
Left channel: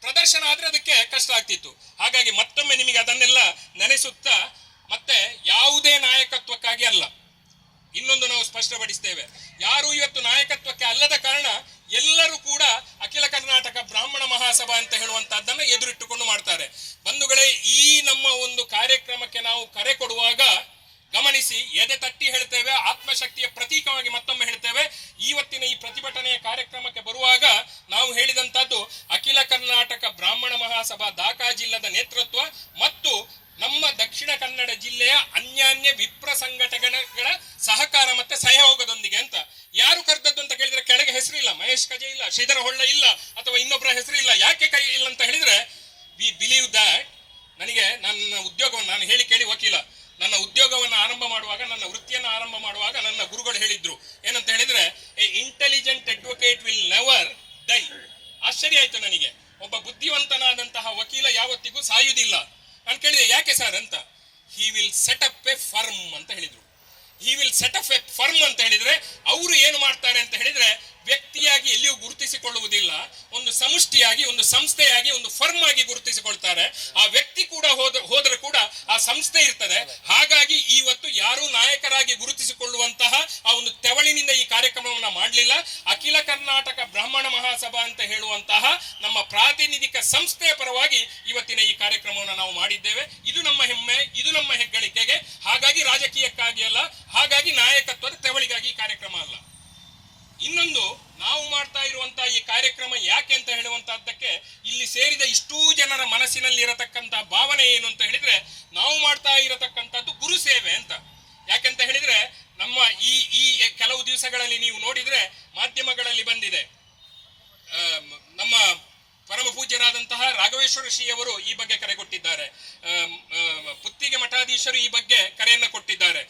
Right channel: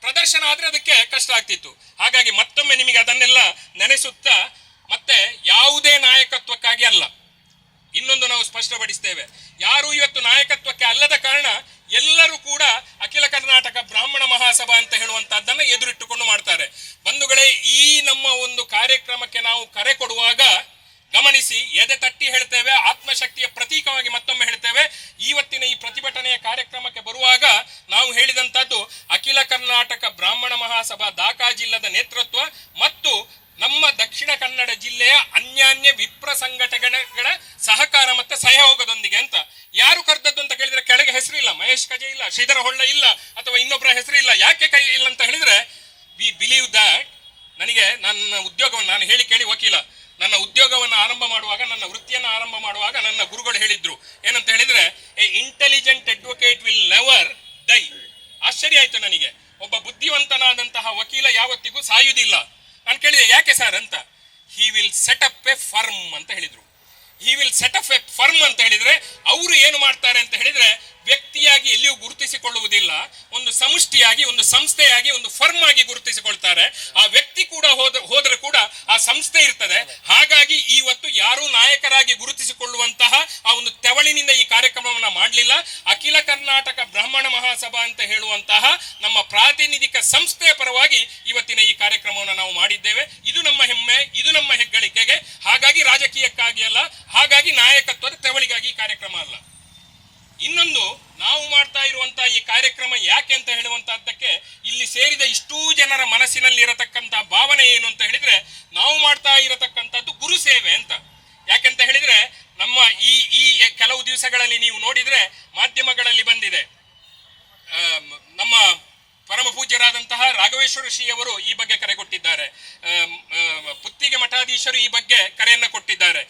ಪ್ರದರ್ಶನ ಆದ್ರೆ ಅದಕ್ಕೆ ಕಷ್ಟ ಆಗ್ತಿತ್ತು. ಹಾಗಾಗಿ ಮತ್ತೊಮ್ಮೆ ನಿಮಗೆ ಅದನ್ನೆಲ್ಲ ನೆನೆಸುತ್ತಾ, ಮತ್ತೆ ಯಾವುದೇ ನಾಯಕತ್ವಕ್ಕಾಗಿ ಅಲ್ಲ, ಇನ್ನೊಂದು ನಾವು ಸ್ಪಷ್ಟಪಡಿಸ್ತೇವೆ, ಯಾರು ಇವತ್ತು ನಾಯಕತ್ವಕ್ಕೆ ಅಲ್ಲದ ಕಾರಣ ಎಲ್ಲರೂ ಕೂಡ ಅಖಿಲ ಕರ್ನಾಟಕ ಬ್ರಾಹ್ಮಣ ಮಹಾಸಭಾ ಅಂತ ಹೇಳುವಂತಹದ್ದನ್ನ ಎದುರಿಟ್ಟುಕೊಂಡು ಮಾಡ್ತಾರೆ. ಬಂಧುಗಳೇ, ಈ ನಮ್ಮ ಒಂದು ಕಾರ್ಯಕ್ರಮಕ್ಕೆ ನಾವು ಕರೆ ಕೊಡುವಾಗ ಗಮನಿಸಿ, ಎದೆ ತಟ್ಟಿ ಹೇಳ್ತೇವೆ, ಆತ್ಮಶಕ್ತಿಯ ಪ್ರತೀಕವಾಗಿ ಮತ್ತೊಮ್ಮೆ ಹೇಳ್ತೇವೆ. ಇವತ್ತಿನ ಈ ಪ್ರತಿಭಟನೆಯ ಕಾರ್ಯಕ್ರಮಕ್ಕೆ ಬರುವಾಗ ನಾವು ಹೇಳಿದಂತದ್ದು ಅಖಿಲ ಕರ್ನಾಟಕ ಬ್ರಾಹ್ಮಣ ಮಹಾಸಭಾ ದಾಖಾ ಜಿಲ್ಲದ ನೇತೃತ್ವ ಮತ್ತು ನಮ್ಮ ದಕ್ಷಿಣ ಕನ್ನಡ ಜಿಲ್ಲೆಯ ಅನ್ಯಾನ್ಯ ವಿಪ್ರ ಸಂಘಟನೆಗಳ ಸಹಕಾರ ಮತ್ತೆ ಸಹಯೋಗದೊಂದಿಗೆ ಅಂತ. ಯಾರು ಕರೆದದ್ದು ಅಂತ ಕೇಳಿದ್ರೆ ಕೆಳಗೆ ಹೆಸರಿಲ್ಲ, ಮಹೇಶ್ ಕಜೆ ಇಲ್ಲ, ಶ್ರೀಧರ ಹೊಳ್ಳ ಇಲ್ಲ, ಅಥವಾ ಇನ್ನೊಬ್ಬರ ಹೆಸರಿಲ್ಲ. ಯಾಕೆ ಕೈ ಇಲ್ಲ ಅಂತ ಹೇಳಿದ್ರೆ, ವಿ ಬಿಲೀವ್ ದಟ್. ನನಗೆ ನನ್ನ ಉದ್ಯೋಗವನ್ನು, ನಾನು ಹೇಳಿ ಕೇಳಿ ವಕೀಲ, ನನ್ನ ಉದ್ಯೋಗವನ್ನು ಆರಂಭ ಮಾಡುವಾಗ, ನನ್ನ ವೃತ್ತಿಯನ್ನು ಆರಂಭ ಮಾಡುವಾಗ ನನ್ನ ಗುರುಗಳು ಹೇಳಿದ್ರು ಏನಂತ ಹೇಳಿದ್ರೆ, A intelligent advocate will never dye. ಆಶ್ಚರ್ಯ ಆಯ್ತು ನನಗೆ. ಒಬ್ಬ ಬುದ್ಧಿವಂತನಾದಂತಹ ವಕೀಲ ಯಾವತ್ತಿಗೂ ಸಾಯುವುದಿಲ್ಲ. ನಾನು ಕೇಳಿದೆ, ಯಾಕೆ ಸರ್ ಅಂತ. He will set up A firm ಅಂತ ಹೇಳಿದ್ರು. He will set up A firm ಅಂತ ಹೇಳಿದ್ರೆ ಅವರು ಏನು ಮಾಡ್ತಾರೆ ಅಂತ ಹೇಳಿದ್ರೆ, ವ್ಯಕ್ತಿಯಾಗಿ ಎಲ್ಲಿಯೂ ಗುರುತಿಸಿಕೊಳ್ಳುವುದಿಲ್ಲ, ಒಂದು ಸಮಷ್ಟಿಯಾಗಿ, ಒಂದು ಸಂಸ್ಥೆಯಾಗಿ, ಒಂದು ಫರ್ಮ್ ಆಗಿ ಗುರುತಿಸಿಕೊಳ್ತಾರೆ. ಆ ವ್ಯಕ್ತಿ ಕೂಡ ಹೋದ್ರೆ ಕೂಡ ಆ ಸಂಸ್ಥೆ ಇರ್ತದೆ. ಹಾಗಾಗಿ ಇವತ್ತು ಯಾರೂ ನಾಯಕರಾಗಿ ಗುರುತಿಸಿಕೊಳ್ಳುವಂತಹ ಆ ಒಂದು ತೆವಳಿನಿಂದ ಈ ಕಾರ್ಯಕ್ರಮವನ್ನ ಮಾಡಲಿಲ್ಲ. ಅಖಿಲ ಕರ್ನಾಟಕ ಬ್ರಾಹ್ಮಣ ಮಹಾಸಭಾ ಅಂತ ಹೇಳುವಂತಹ ನಮ್ಮ ಪ್ರಾತಿನಿಧಿಕ ಸಂಸ್ಥೆಯ ಪರವಾಗಿ ಇವತ್ತಿನ ಈ ಕಾರ್ಯಕ್ರಮವನ್ನು ನಾವು ಮಾಡಿದ್ದೇವೆ. ಇದು ನಮ್ಮ ಹೆಮ್ಮೆ, ಇದು ನಮ್ಮ ಹೆಗ್ಗಳಿಕೆಗೆ. ಹಾಗಾಗಿ ರಾಜಕೀಯಕ್ಕಾಗಿ ಅಲ್ಲ, ಹಾಗಾಗಿ ನಾಯಕತ್ವದ ತೆವಳಿಗಾಗಿ ಈ ಕಾರ್ಯಕ್ರಮ ಅಲ್ಲ. ಇನ್ನೊಂದು, ನಾವು ಮಾಡ್ತಾ ಇರುವಂತಹ ಈ ಕಾರ್ಯಕ್ರಮ ಯಾಕೆ ಅಂತ ಹೇಳುವಂತಹದ್ದಕ್ಕೆ ಇಲ್ಲಿ ಸೇರಿದ ಇಷ್ಟೂ ಜನರ ಮನಸ್ಸಿನಲ್ಲಿ ಇರತಕ್ಕಂತಹ ಭಾವನೆ ಏನು ಅಂತ ಹೇಳಿದ್ರೆ, ನಾವು ಮಾಡ್ತಾ ಇರತಕ್ಕಂಥದ್ದು ಗುರು ಸೇವೆ ಅಂತ. ಯಾಕೆಂತ ಹೇಳಿದ್ರೆ, ನಮ್ಮ ಈ ಕೆಲವು ದಿವಸಗಳಲ್ಲಿ ನೀವು ನೋಡಿದ್ರೆ ಮಾಧ್ಯಮಗಳಲ್ಲಿ ಬಂದಿದೆ, ನಮ್ಮ ಪರಮ ಪೂಜ್ಯರಾದಂತಹ ರಾಘವೇಶ್ವರ ಶ್ರೀಯವರು ಈ ಬಗ್ಗೆ ಕರೆ ಕೊಟ್ಟಿದ್ದಾರೆ, ಪುತ್ತಿಗೆ ಮಠಾಧೀಶರು ಈ ಬಗ್ಗೆ ಕರೆಯನ್ನ ಕೊಟ್ಟಿದ್ದಾರೆ,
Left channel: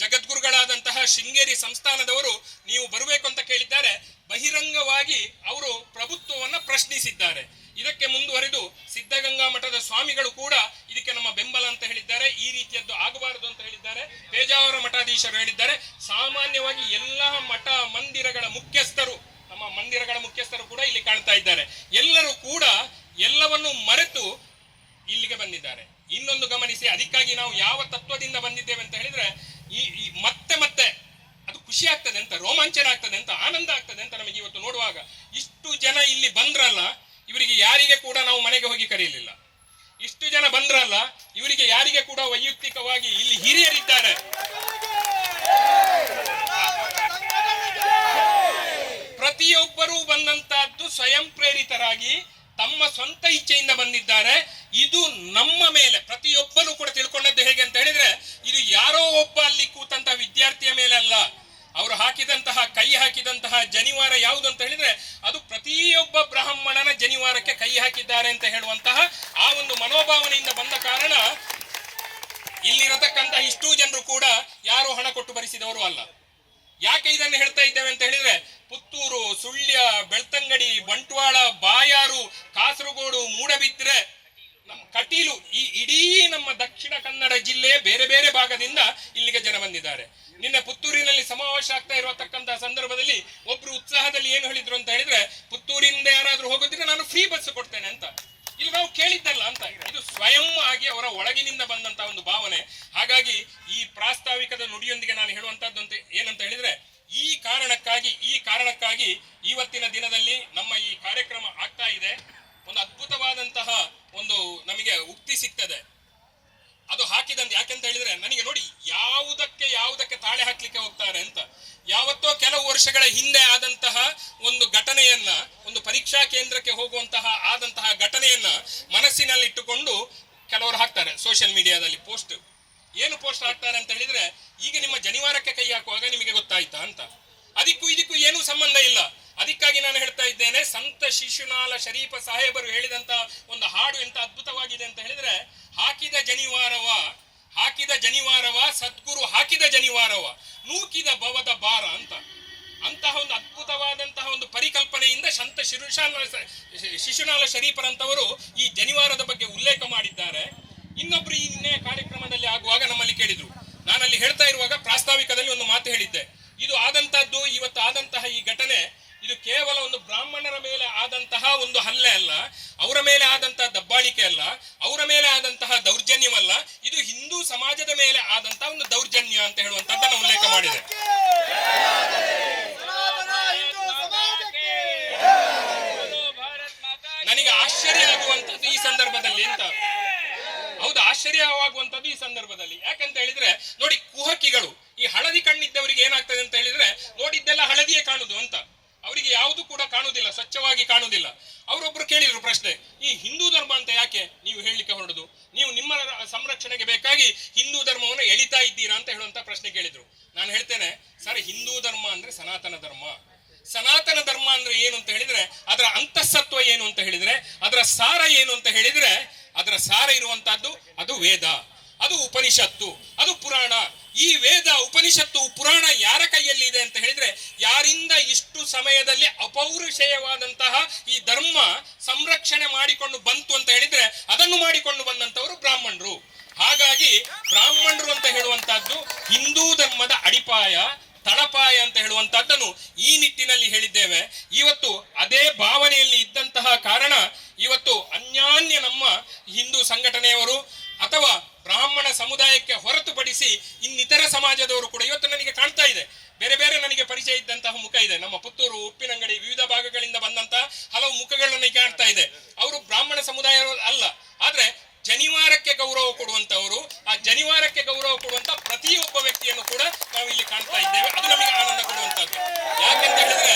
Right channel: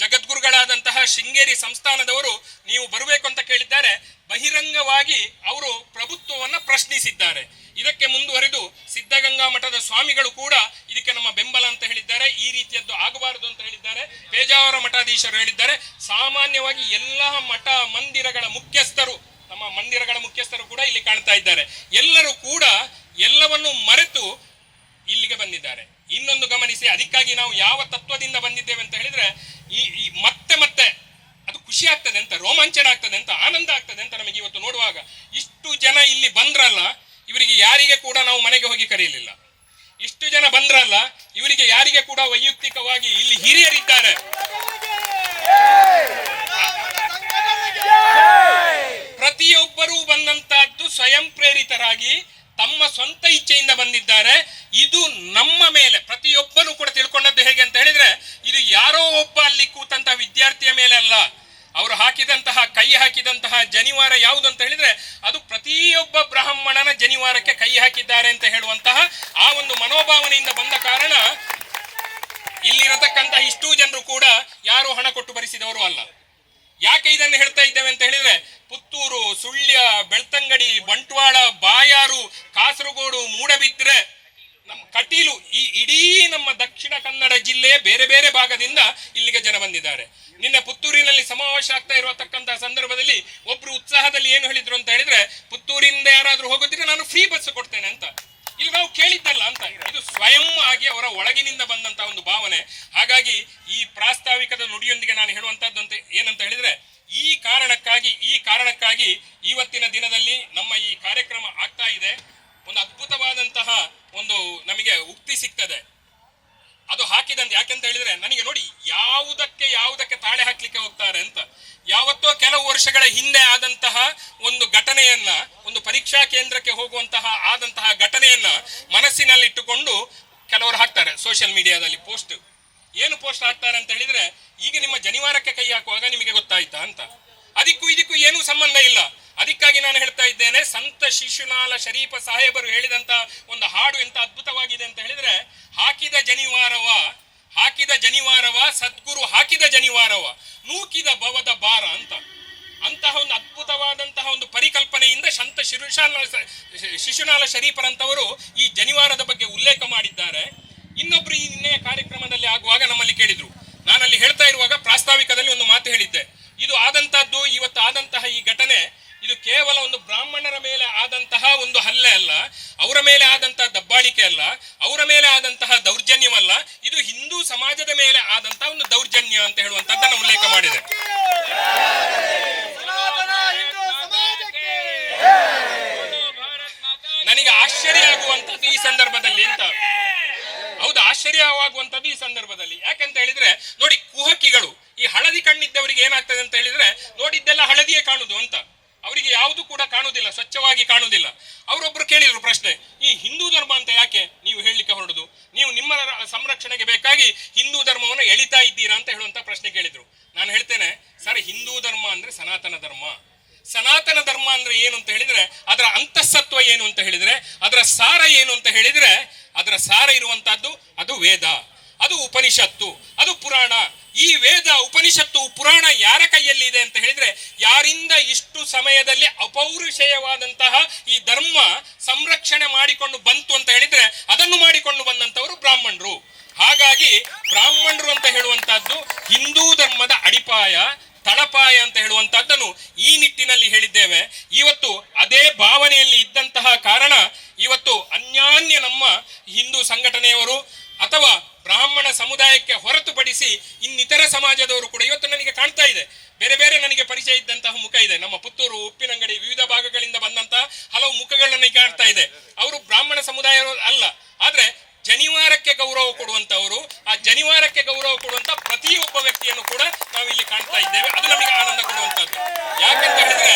ಜಗದ್ಗುರುಗಳಾದಂತಹ ಶೃಂಗೇರಿ ಸಂಸ್ಥಾನದವರು ನೀವು ಬರಬೇಕು ಅಂತ ಕೇಳಿದ್ದಾರೆ. ಬಹಿರಂಗವಾಗಿ ಅವರು ಪ್ರಭುತ್ವವನ್ನ ಪ್ರಶ್ನಿಸಿದ್ದಾರೆ. ಇದಕ್ಕೆ ಮುಂದುವರೆದು ಸಿದ್ಧಗಂಗಾ ಮಠದ ಸ್ವಾಮಿಗಳು ಕೂಡ ಇದಕ್ಕೆ ನಮ್ಮ ಬೆಂಬಲ ಅಂತ ಹೇಳಿದ್ದಾರೆ. ಈ ರೀತಿಯದ್ದು ಆಗಬಾರದು ಅಂತ ಹೇಳಿದ್ದಾರೆ. ಪೇಜಾವರ ಮಠಾಧೀಶರು ಹೇಳಿದ್ದಾರೆ. ಸಾಮಾನ್ಯವಾಗಿ ಎಲ್ಲ ಮಠ ಮಂದಿರಗಳ ಮುಖ್ಯಸ್ಥರು, ನಮ್ಮ ಮಂದಿರಗಳ ಮುಖ್ಯಸ್ಥರು ಕೂಡ ಇಲ್ಲಿ ಕಾಣ್ತಾ ಇದ್ದಾರೆ. ಎಲ್ಲರೂ ಕೂಡ ಎಲ್ಲವನ್ನು ಮರೆತು ಇಲ್ಲಿಗೆ ಬಂದಿದ್ದಾರೆ. ಇನ್ನೊಂದು ಗಮನಿಸಿ, ಅದಕ್ಕಾಗಿ ನಾವು ಯಾವ ತತ್ವದಿಂದ ಬಂದಿದ್ದೇವೆ ಅಂತ ಹೇಳಿದ್ರೆ, ಈ ಮತ್ತೆ ಮತ್ತೆ ಅದು ಖುಷಿ ಆಗ್ತದೆ ಅಂತ, ರೋಮಾಂಚನ ಆಗ್ತದೆ ಅಂತ, ಆನಂದ ಆಗ್ತದೆ ಅಂತ ನಮಗೆ ಇವತ್ತು ನೋಡುವಾಗ. ಇಷ್ಟು ಜನ ಇಲ್ಲಿ ಬಂದ್ರಲ್ಲ, ಇವರಿಗೆ ಯಾರಿಗೆ ಕೂಡ ನಾವು ಮನೆಗೆ ಹೋಗಿ ಕರೆಯಲಿಲ್ಲ. ಇಷ್ಟು ಜನ ಬಂದ್ರಲ್ಲ, ಇವರಿಗೆ ಯಾರಿಗೆ ಕೂಡ ವೈಯಕ್ತಿಕವಾಗಿ ಇಲ್ಲಿ ಹಿರಿಯರಿದ್ದಾರೆ. ಪ್ರತಿಯೊಬ್ಬರೂ ಬಂದಂತಹದ್ದು ಸ್ವಯಂ ಪ್ರೇರಿತರಾಗಿ ತಮ್ಮ ಸ್ವಂತ ಇಚ್ಛೆಯಿಂದ ಬಂದಿದ್ದಾರೆ. ಇದು ನಮ್ಮ ಮೇಲೆ ಪ್ರತಿಯೊಬ್ಬನು ಕೂಡ ತಿಳ್ಕೊಂಡದ್ದು ಹೇಗೆ ಅಂತ ಹೇಳಿದ್ರೆ, ಇದು ಯಾರೋ ಒಬ್ಬ ಅಲ್ಲಿ ಕೂತಂತಹ ವಿದ್ಯಾರ್ಥಿಯ ಮೇಲೆ ಅಲ್ಲ. ಅವರು ಕೈ ಹಾಕಿದಂತಹ ಜನಿವಾರ ಯಾವುದು ಅಂತ ಹೇಳಿದ್ರೆ, ಅದು ಪ್ರತಿಯೊಬ್ಬ ಬ್ರಾಹ್ಮಣನ ಜನಿವಾರಕ್ಕೆ ಕೈ ಹಾಕಿದ್ದಾರೆ ಅಂತ ಹೇಳುವಂತಹ ಆ ಒಂದು ಮನೋಭಾವನೆಯಿಂದ ಬಂದ ಕಾರಣ ಇಲ್ಲಿರತಕ್ಕಂತಹ ಇಷ್ಟೂ ಜನರು ಕೂಡ ಯಾರು ಹಣ ಕೊಟ್ಟು ಭರಿಸಿದವರು ಅಲ್ಲ. ಯಾಕೆ ಇದನ್ನು ಹೇಳ್ತಾ ಇದ್ದೇವೆ ಅಂತ ಹೇಳಿದ್ರೆ, ಪುತ್ತೂರು, ಸುಳ್ಯ, ಬೆಳ್ತಂಗಡಿ, ಬಂಟ್ವಾಳ, ಬಾಯಾರು, ಕಾಸರಗೋಡು, ಮೂಡಬಿದ್ರೆ, ನಮ್ಮ ಕಟೀಲು ಈ ಇಡೀ ನಮ್ಮ ದಕ್ಷಿಣ ಕನ್ನಡ ಜಿಲ್ಲೆಯ ಬೇರೆ ಬೇರೆ ಭಾಗದಿಂದ ಇಲ್ಲಿಗೆ ಜನ ಬಂದಿದ್ದಾರೆ. ನಿನ್ನೆ ಪುತ್ತೂರಿನಲ್ಲಿ ಸಮಾವೇಶ ಆಗ್ತಾ ಇರತಕ್ಕಂತಹ ಸಂದರ್ಭದಲ್ಲಿ ಒಬ್ರು ಉತ್ಸಾಹದಲ್ಲಿ ಏನು ಹೇಳಿದ್ರು ಅಂತ ಹೇಳಿದ್ರೆ, ಪುತ್ತೂರಿಂದ ಯಾರಾದ್ರೂ ಹೋಗೋದಿದ್ರೆ ನಾನು ಫ್ರೀ ಬಸ್ ಕೊಡ್ತೇನೆ ಅಂತ. ಇಲ್ಲಿ ನಾವು ಕೇಳಿದ್ದಲ್ಲ ಅಂತ, ಇದು ಸ್ವಯಂ ಆಗಿ ಅವರ ಒಳಗಿನಿಂದ ಬಂದಂತಹ ಒಂದು ಭಾವನೆ. ಹಾಗಾಗಿ ಈ ಪ್ರಾಸ್ತಾವಿಕದ ನುಡಿಯೊಂದಿಗೆ ನಾನು ಹೇಳುವಂತದ್ದು ಅಂತ ಏನಂತ ಹೇಳಿದ್ರೆ, ಈ ಕಾರಣಕ್ಕಾಗಿ ಇವತ್ತಿನ ದಿನದಲ್ಲಿ ನಮ್ಮ ಈ ಕಾರ್ಯಕ್ರಮ ಆಗ್ತಾ ಇದೆ. ಒಂದು ಅದ್ಭುತವಾದಂತಹ ಒಂದು ನಮಗೆ ಉಕ್ತಿ ಸಿಗ್ತದೆ. ಅದು ಹಾಕಿದಂತೆ ಯಾಕೆಂತ ಹೇಳಿದ್ರೆ, ನನಗೆ ನೋಡಿ ಯಾವುದಕ್ಕೆ ತಾಳೆ ಹಾಕ್ಲಿಕ್ಕೆ ಹೋಗ್ತಾರೆ ಅಂತ. ಯಾವತ್ತೋ ಕೆಲವು ವರ್ಷಗಳ ಹಿಂದೆ ಆದಂತಹ ಒಂದು ಘಟನೆಯನ್ನ, ಒಂದು ಪರೀಕ್ಷಾ ಕೇಂದ್ರಕ್ಕೆ ಹೋಗುವಂತಹ ಆದಂತಹ ಘಟನೆಯನ್ನ ಮನಸ್ಸಿನಲ್ಲಿಟ್ಟುಕೊಂಡು ಕೆಲವರು ಹಾಕ್ತಾರೆ ಸೋಷಿಯಲ್ ಮೀಡಿಯಾದಲ್ಲಿ ಪೋಸ್ಟ್. ಏನು ಪೋಸ್ಟ್ ಹಾಕ್ತಾರೆ ಅಂತ ಹೇಳಿದ್ರೆ, ಈಗ ನಿಮ್ಮ ಜನಿವಾರಕ್ಕೆ ಕೈ ಹಾಕುವಾಗ ನಿಮಗೆ ಗೊತ್ತಾಯ್ತಾ ಅಂತ. ಇದಕ್ಕೂ ಏನೂ ಸಂಬಂಧ ಇಲ್ಲ. ಅದಕ್ಕಾಗಿ ನಾನು ಹೇಳ್ತಾ ಇದ್ದೇನೆ, ಸಂತ ಶಿಶುನಾಳ ಶರೀಫ ಸಾಹೇಬರು ಹೇಳಿದಂತ ಒಂದು ಹಾಡು ಎಂತ ಅದ್ಭುತವಾಗಿದೆ ಅಂತ ಹೇಳಿದ್ರೆ, ಹಾಕಿದ ಜನಿವಾರವ ಸದ್ಗುರು ಹಾಕಿದ ಜನಿವಾರವ ನೂಕಿದ ಭವದ ಭಾರ ಅಂತ. ಅಂತಹ ಒಂದು ಅದ್ಭುತವಾದಂತಹ ಒಂದು ಪರಿಕಲ್ಪನೆಯಿಂದ ಸಂತ ಶಿಶುನಾಳ ಶರೀಫರಂತವರು ಈ ಜನಿವಾರದ ಬಗ್ಗೆ ಉಲ್ಲೇಖ ಮಾಡಿದ್ದಾರೆ. ಇನ್ನೊಬ್ರು ಈ ನಿನ್ನೆ ಕಾರ್ಯಕ್ರಮದಲ್ಲಿ ಆಗುವಾಗ ನಮ್ಮಲ್ಲಿ ಕೇಳಿದ್ರು. ನಾನಲ್ಲಿ ಹೇಳ್ತಾ ಇರುವಾಗ ಪ್ರಾಸ್ತಾವಿಕದಲ್ಲಿ ಒಂದು ಮಾತು ಹೇಳಿದ್ದೆ. ಇದು ಆದಂತಹದ್ದು, ಇವತ್ತು ಆದಂತಹ ಈ ಘಟನೆ, ಇದು ಕೇವಲ ಒಂದು ಬ್ರಾಹ್ಮಣರ ಮೇಲೆ ಆದಂತಹ ಒಂದು ಹಲ್ಲೆ ಅಲ್ಲ, ಅವರ ಮೇಲೆ ಆದಂತಹ ದಬ್ಬಾಳಿಕೆ ಅಲ್ಲ, ಅವರ ಮೇಲೆ ಆದಂತಹ ದೌರ್ಜನ್ಯವಲ್ಲ, ಇದು ಹಿಂದೂ ಸಮಾಜದ ಮೇಲೆ ಆದಂತಹ ಒಂದು ದೌರ್ಜನ್ಯ ಅಂತ ಹೇಳುವಂತದ್ದನ್ನು ಉಲ್ಲೇಖ ಮಾಡಿದೆ. ನನಗೆ ಆಶ್ಚರ್ಯ ಆಗುವಂತದ್ದು ಈ ಸಂದರ್ಭದಲ್ಲಿ ಅಂತ, ಹೌದು ಆಶ್ಚರ್ಯವಾಗುವಂತದ್ದು ಈ ಸಂದರ್ಭದಲ್ಲಿ. ಯಾಕಂತ ಹೇಳಿದ್ರೆ ನೋಡಿ, ಕುಹಕಿಗಳು, ಈ ಹಳದಿ ಕಣ್ಣಿದ್ದವರಿಗೆ ಏನಾಗ್ತದೆ ಅಂತ ಹೇಳಿದ್ರೆ, ನೋಡಿದ್ದೆಲ್ಲ ಹಳದಿಯೇ ಕಾಣುದು ಅಂತ, ಅವರಿಗೆ ಯಾವುದು ಕೂಡ ಕಾಣುವುದಿಲ್ಲ, ಸ್ವಚ್ಛವಾಗಿ ಕಾಣುವುದಿಲ್ಲ. ಅವರೊಬ್ರು ಕೇಳಿದ್ರು ಪ್ರಶ್ನೆ, ಈ ಹಿಂದೂ ಧರ್ಮ ಅಂತ ಯಾಕೆ ನೀವು ಹೇಳಲಿಕ್ಕೆ ಹೊರಡುದು? ನೀವು ನಿಮ್ಮ ಸಂರಕ್ಷಣೆಗೆ ಬೇಕಾಗಿ ಹಿಂದೂ ಧರ್ಮವನ್ನು ಎಳಿತಾ ಇದ್ದೀರಾ ಅಂತ ಹೇಳುವಂತ ಪ್ರಶ್ನೆ ಕೇಳಿದ್ರು. ನಾನು ಹೇಳ್ತೇನೆ, ಸರ್, ಹಿಂದೂ ಧರ್ಮ ಅಂದ್ರೆ ಸನಾತನ ಧರ್ಮ. ಸನಾತನ ಧರ್ಮ ಅಂದ್ರೆ ಏನು ಅಂತ ಹೇಳಿದ್ರೆ, ಅದರ ಅಂತಃಸತ್ವ ಏನು ಅಂತ ಹೇಳಿದ್ರೆ, ಅದರ ಸಾರ ಏನು ಅಂತ ಹೇಳಿದ್ರೆ, ಅದರ ಸಾರ ಇರುವಂತಹದ್ದು ಅದು ವೇದ, ಅದು ಉಪನಿಷತ್ತು, ಅದು ಪುರಾಣ. ಈ ವೇದ, ಉಪನಿಷತ್ತು, ಪುರಾಣ ಯಾರ ಕೈಯಲ್ಲಿ ಇದೆ ಅಂತ ಹೇಳಿದ್ರೆ, ಯಾರಿಂದ ಇಷ್ಟು ಸಮಯದಲ್ಲಿ ಅಪೌರುಷೇಯವಾದಂತಹ ಈ ಧರ್ಮ ಸಂರಕ್ಷಣೆ ಮಾಡಿಕೊಂಡು ಬಂತು ಅಂತ ಹೇಳಿದ್ರೆ, ಅದನ್ನು ಮಾಡಿಕೊಂಡು ಬಂದಂತವರು ಬ್ರಾಹ್ಮಣರು. ಹಾಗಾಗಿ ಬ್ರಾಹ್ಮಣರು ಅಂತ ಹೇಳುವಂತಹದ್ದು ಹಿಂದೂ ಧರ್ಮದ ಅಡಿಪಾಯ, ತಳಪಾಯ ಅಂತ ಹೇಳುವಂತಹದ್ದನ್ನು ಈ ನಿಟ್ಟಿನಲ್ಲಿ ಹೇಳಿದ್ದೇವೆ. ಇವತ್ತು ಅದೇ ಭಾವನೆಯಲ್ಲಿ ಇದ್ದಂತಹ ಕಾರಣ ಇವತ್ತು ಅನ್ಯಾನ್ಯ ನಮ್ಮ ಹಿಂದೂ ಸಂಘಟನೆಯವರು ಅಥವಾ ಬ್ರಾಹ್ಮಣ ಸಮುದಾಯಕ್ಕೆ ಹೊರತುಪಡಿಸಿ ಇನ್ನಿತರ ಸಮಾಜದವರು ಕೂಡ ಇವತ್ತು ನನಗೆ ಕಾಣ್ತಾ ಇದೆ. ಬೇರೆ ಬೇರೆ ನನಗೆ ಪರಿಚಯ ಇದ್ದಂತಹ ಮುಖ ಇದೆ. ನಮ್ಮ ಪುತ್ತೂರು, ಉಪ್ಪಿನಂಗಡಿ, ವಿವಿಧ ಭಾಗಗಳಿಂದ ಬಂದಂತಹ ಹಲವು ಮುಖಗಳನ್ನು ಕಾಣ್ತಾ ಇದೆ. ಅವರು ಬ್ರಾಹ್ಮಣ ಸಮುದಾಯ ಅಲ್ಲ, ಆದ್ರೆ ಜನಿವಾರಕ್ಕೆ ಗೌರವ ಕೊಡುವಂತವರು, ಆ ಜನಿವಾರಕ್ಕೆ ಗೌರವ ಕೊಡುವಂತ ಪ್ರತಿಯೊಬ್ಬ ವ್ಯಕ್ತಿಯನ್ನು ಕೂಡ ನಾವು ಇಲ್ಲಿ ಕಾಣ್ತಾ ಇದ್ದೇವೆ. ಅದು ನಮಗೆ ಆನಂದ ಕೊಡುವಂತದ್ದು. ಯಾಕೆಂತ ಹೇಳಿದ್ರೆ,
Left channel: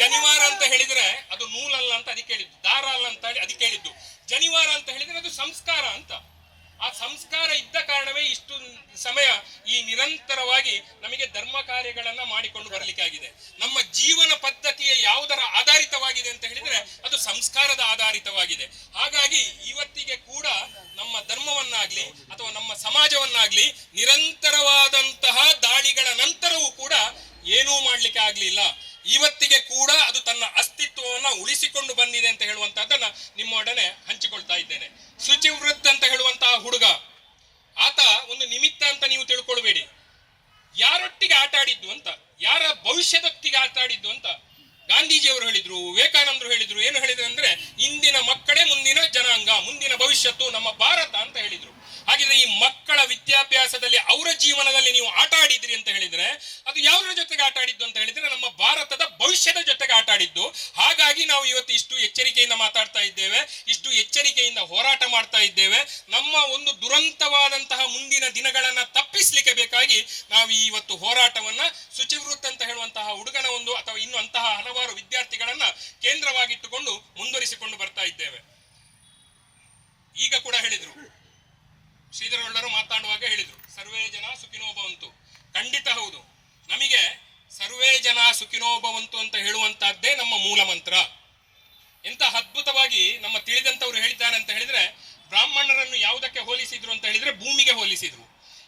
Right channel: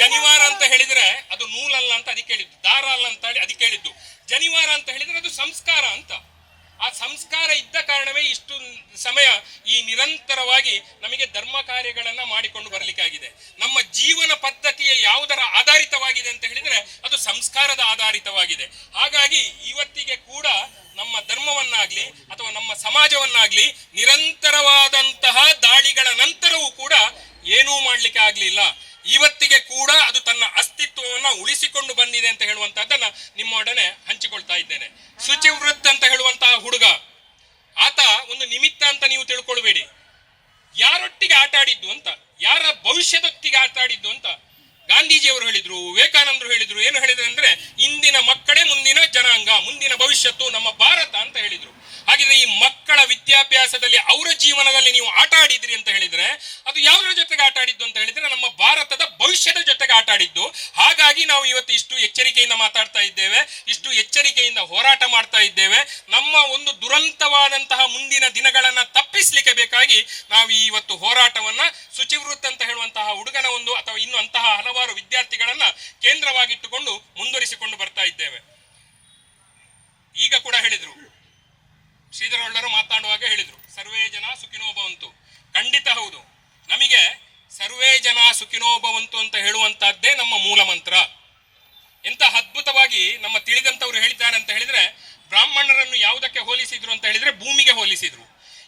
ಜನಿವಾರ ಅಂತ ಹೇಳಿದ್ರೆ ಅದು ನೂಲಲ್ಲ ಅಂತ ಅದಕ್ಕೆ ಹೇಳಿದ್ದು, ದಾರ ಅಲ್ಲ ಅಂತ ಹೇಳಿ ಅದಕ್ಕೆ ಹೇಳಿದ್ದು. ಜನಿವಾರ ಅಂತ ಹೇಳಿದ್ರೆ ಅದು ಸಂಸ್ಕಾರ ಅಂತ. ಆ ಸಂಸ್ಕಾರ ಇದ್ದ ಕಾರಣವೇ ಇಷ್ಟು ಸಮಯ ಈ ನಿರಂತರವಾಗಿ ನಮಗೆ ಧರ್ಮ ಕಾರ್ಯಗಳನ್ನ ಮಾಡಿಕೊಂಡು ಬರಲಿಕ್ಕಾಗಿದೆ. ನಮ್ಮ ಜೀವನ ಪದ್ಧತಿಯ ಯಾವುದರ ಆಧಾರಿತವಾಗಿದೆ ಅಂತ ಹೇಳಿದ್ರೆ ಅದು ಸಂಸ್ಕಾರದ ಆಧಾರಿತವಾಗಿದೆ. ಹಾಗಾಗಿ ಇವತ್ತಿಗೆ ಕೂಡ ನಮ್ಮ ಧರ್ಮವನ್ನಾಗ್ಲಿ ಅಥವಾ ನಮ್ಮ ಸಮಾಜವನ್ನಾಗ್ಲಿ ನಿರಂತರವಾದಂತಹ ದಾಳಿಗಳ ನಂತರವೂ ಕೂಡ ಏನೂ ಮಾಡ್ಲಿಕ್ಕೆ ಆಗ್ಲಿಲ್ಲ. ಇವತ್ತಿಗೆ ಕೂಡ ಅದು ತನ್ನ ಅಸ್ತಿತ್ವವನ್ನ ಉಳಿಸಿಕೊಂಡು ಬಂದಿದೆ ಅಂತ ಹೇಳುವಂತಹದ್ದನ್ನ ನಿಮ್ಮೊಡನೆ ಹಂಚಿಕೊಳ್ತಾ ಇದ್ದೇನೆ. ಶುಚಿವೃತ್ ಅಂತ ಹೇಳುವಂತಹ ಹುಡುಗ, ಆತ ಒಂದು ನಿಮಿತ್ತ ಅಂತ ನೀವು ತಿಳ್ಕೊಳ್ಬೇಡಿ. ಯಾರೊಟ್ಟಿಗೆ ಆಟ ಆಡಿದ್ದು ಅಂತ, ಯಾರ ಭವಿಷ್ಯದೊಟ್ಟಿಗೆ ಆಟ ಆಡಿದ್ದು ಅಂತ ಗಾಂಧೀಜಿಯವರು ಹೇಳಿದ್ರು, ವಿವೇಕಾನಂದರು ಹೇಳಿದ್ರು. ಏನು ಹೇಳಿದ್ರು ಅಂದ್ರೆ, ಇಂದಿನ ಮಕ್ಕಳೇ ಮುಂದಿನ ಜನಾಂಗ, ಮುಂದಿನ ಭವಿಷ್ಯತ್ತು ನಮ್ಮ ಭಾರತ ಅಂತ ಹೇಳಿದ್ರು. ಹಾಗಿದ್ರೆ ಈ ಮಕ್ಕಳ ವಿದ್ಯಾಭ್ಯಾಸದಲ್ಲಿ, ಅವರ ಜೀವನದಲ್ಲಿ ನೀವು ಆಟ ಆಡಿದ್ರಿ ಅಂತ ಹೇಳಿದ್ರೆ, ಅದು ಯಾವುದರ ಜೊತೆಗೆ ಆಟ ಆಡಿದ್ದು ಅಂತ ಹೇಳಿದ್ರೆ ನಮ್ಮ ಭಾರತದ ಭವಿಷ್ಯದ ಜೊತೆಗೆ ಆಟ ಆಡಿದ್ದು. ಹಾಗಾಗಿ ನಾವು ಇವತ್ತು ಇಷ್ಟು ಎಚ್ಚರಿಕೆಯಿಂದ ಮಾತಾಡ್ತಾ ಇದ್ದೇವೆ, ಇಷ್ಟು ಎಚ್ಚರಿಕೆಯಿಂದ ಹೋರಾಟ ಮಾಡ್ತಾ ಇದ್ದೇವೆ. ನಮ್ಮ ಒಂದು ದುರಂತವಾದಂತಹ ಮುಂದಿನ ದಿನಗಳನ್ನ ತಪ್ಪಿಸ್ಲಿಕ್ಕೆ ಬೇಕಾಗಿ ನಾವು ಇವತ್ತು ಹೋರಾಟವನ್ನ ಶುಚಿವೃತ್ ಅಂತ ಹೇಳುವಂತಹ ಹುಡುಗನ ಒಂದು ಅಥವಾ ಇನ್ನು ಅಂತಹ ಹಲವಾರು ವಿದ್ಯಾರ್ಥಿಗಳನ್ನ ಕೇಂದ್ರವಾಗಿಟ್ಟುಕೊಂಡು ಮುಂದುವರಿಸಿಕೊಂಡು ಬರ್ತಾ ಇದ್ದೇವೆ. ಈಗ ಕೂಡ ಹೇಳಿದ್ರು, ಶ್ರೀಧರ್ ಒಳ್ಳರು ಮಾತಾಡುವಾಗ ಹೇಳಿದ್ರು, ಸರ್ವೇ ಜನ ಸುಖಿನೋ ಭವಂತು. ಖಂಡಿತ ಹೌದು. ನಮಗೆ ಸರ್ವೇ ಜನ ಸುಖಿನೋ ಭವಂತು ಅಂತ ಹೇಳುವಂತಹದ್ದೇ ನಮ್ಮ ಮೂಲ ಮಂತ್ರ. ಎಂತ ಅದ್ಭುತವಾಗಿ ನಮ್ಮ ತಿಳಿದಂತವ್ರು ಹೇಳಿದ್ದಾರೆ ಅಂತ ಹೇಳಿದ್ರೆ, ಬ್ರಾಹ್ಮಣರನ್ನು ಯಾವುದಕ್ಕೆ ಹೋಲಿಸಿದ್ರು ಅಂತ ಹೇಳಿದ್ರೆ ಭೂಮಿಗೆ ಹೋಲಿಸಿದ್ರು.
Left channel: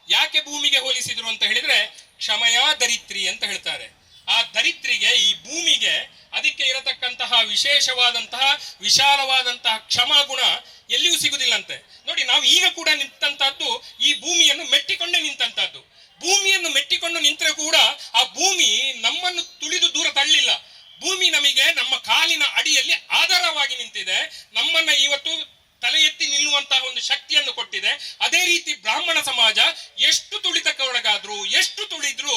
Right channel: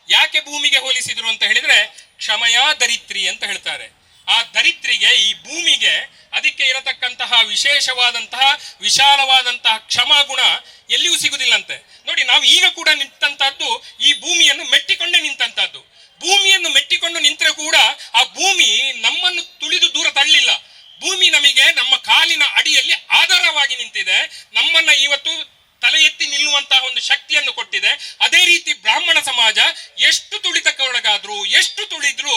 ಯಾಕೆ ಭೂಮಿಗೆ ಹೋಲಿಸಿದ್ರು ಅಂತ ಹೇಳಿದ್ರೆ, ಕ್ಷಮಯಾ ದರಿತ್ರಿ ಅಂತ ಹೇಳ್ತಾರೆ. ಆ ದರಿದ್ರಿಗೆ, ಈ ಭೂಮಿಗೆ, ಅದಕ್ಕೆ ಇರತಕ್ಕಂತಹ ವಿಶೇಷವಾದಂತಹ ವಿಶಾಲವಾದಂತಹ ಕ್ಷಮಾಗುಣ ಎಲ್ಲಿಯೂ ಸಿಗುವುದಿಲ್ಲಂತೆ. ನೋಡಿ, ನಾವು ಈಗ ಕೂಡ ನಿಂತಂತಹದ್ದು ಈ ಭೂಮಿಯನ್ನು ಮೆಟ್ಟಿಕೊಂಡೇ ನಿಂತಂತಹದ್ದು. ಭೂಮಿಯನ್ನು ಮೆಟ್ಟಿಕೊಂಡು ನಿಂತರೆ ಕೂಡ ಆ ಭೂಮಿ ನಮ್ಮನ್ನು ತುಳಿದು ದೂರ ತಳ್ಳಿಲ್ಲ. ಭೂಮಿ ನಮಗೆ ನಮ್ಮ ಕಾಲಿನ ಅಡಿಯಲ್ಲಿ ಆಧಾರವಾಗಿ ನಿಂತಿದೆ, ನಮ್ಮನ್ನ ಇವತ್ತು ತಲೆ ಎತ್ತಿ ನಿಲ್ಲುವಂತಹ ಒಂದು ಶಕ್ತಿಯನ್ನು ಕೊಟ್ಟಿದೆ. ಅದೇ ರೀತಿ ಬ್ರಾಹ್ಮಣ ಸಮಾಜ ಎಷ್ಟು ತುಳಿತಕ್ಕೊಳಗಾದ್ರು, ಎಷ್ಟು ತುಳಿದ್ರು,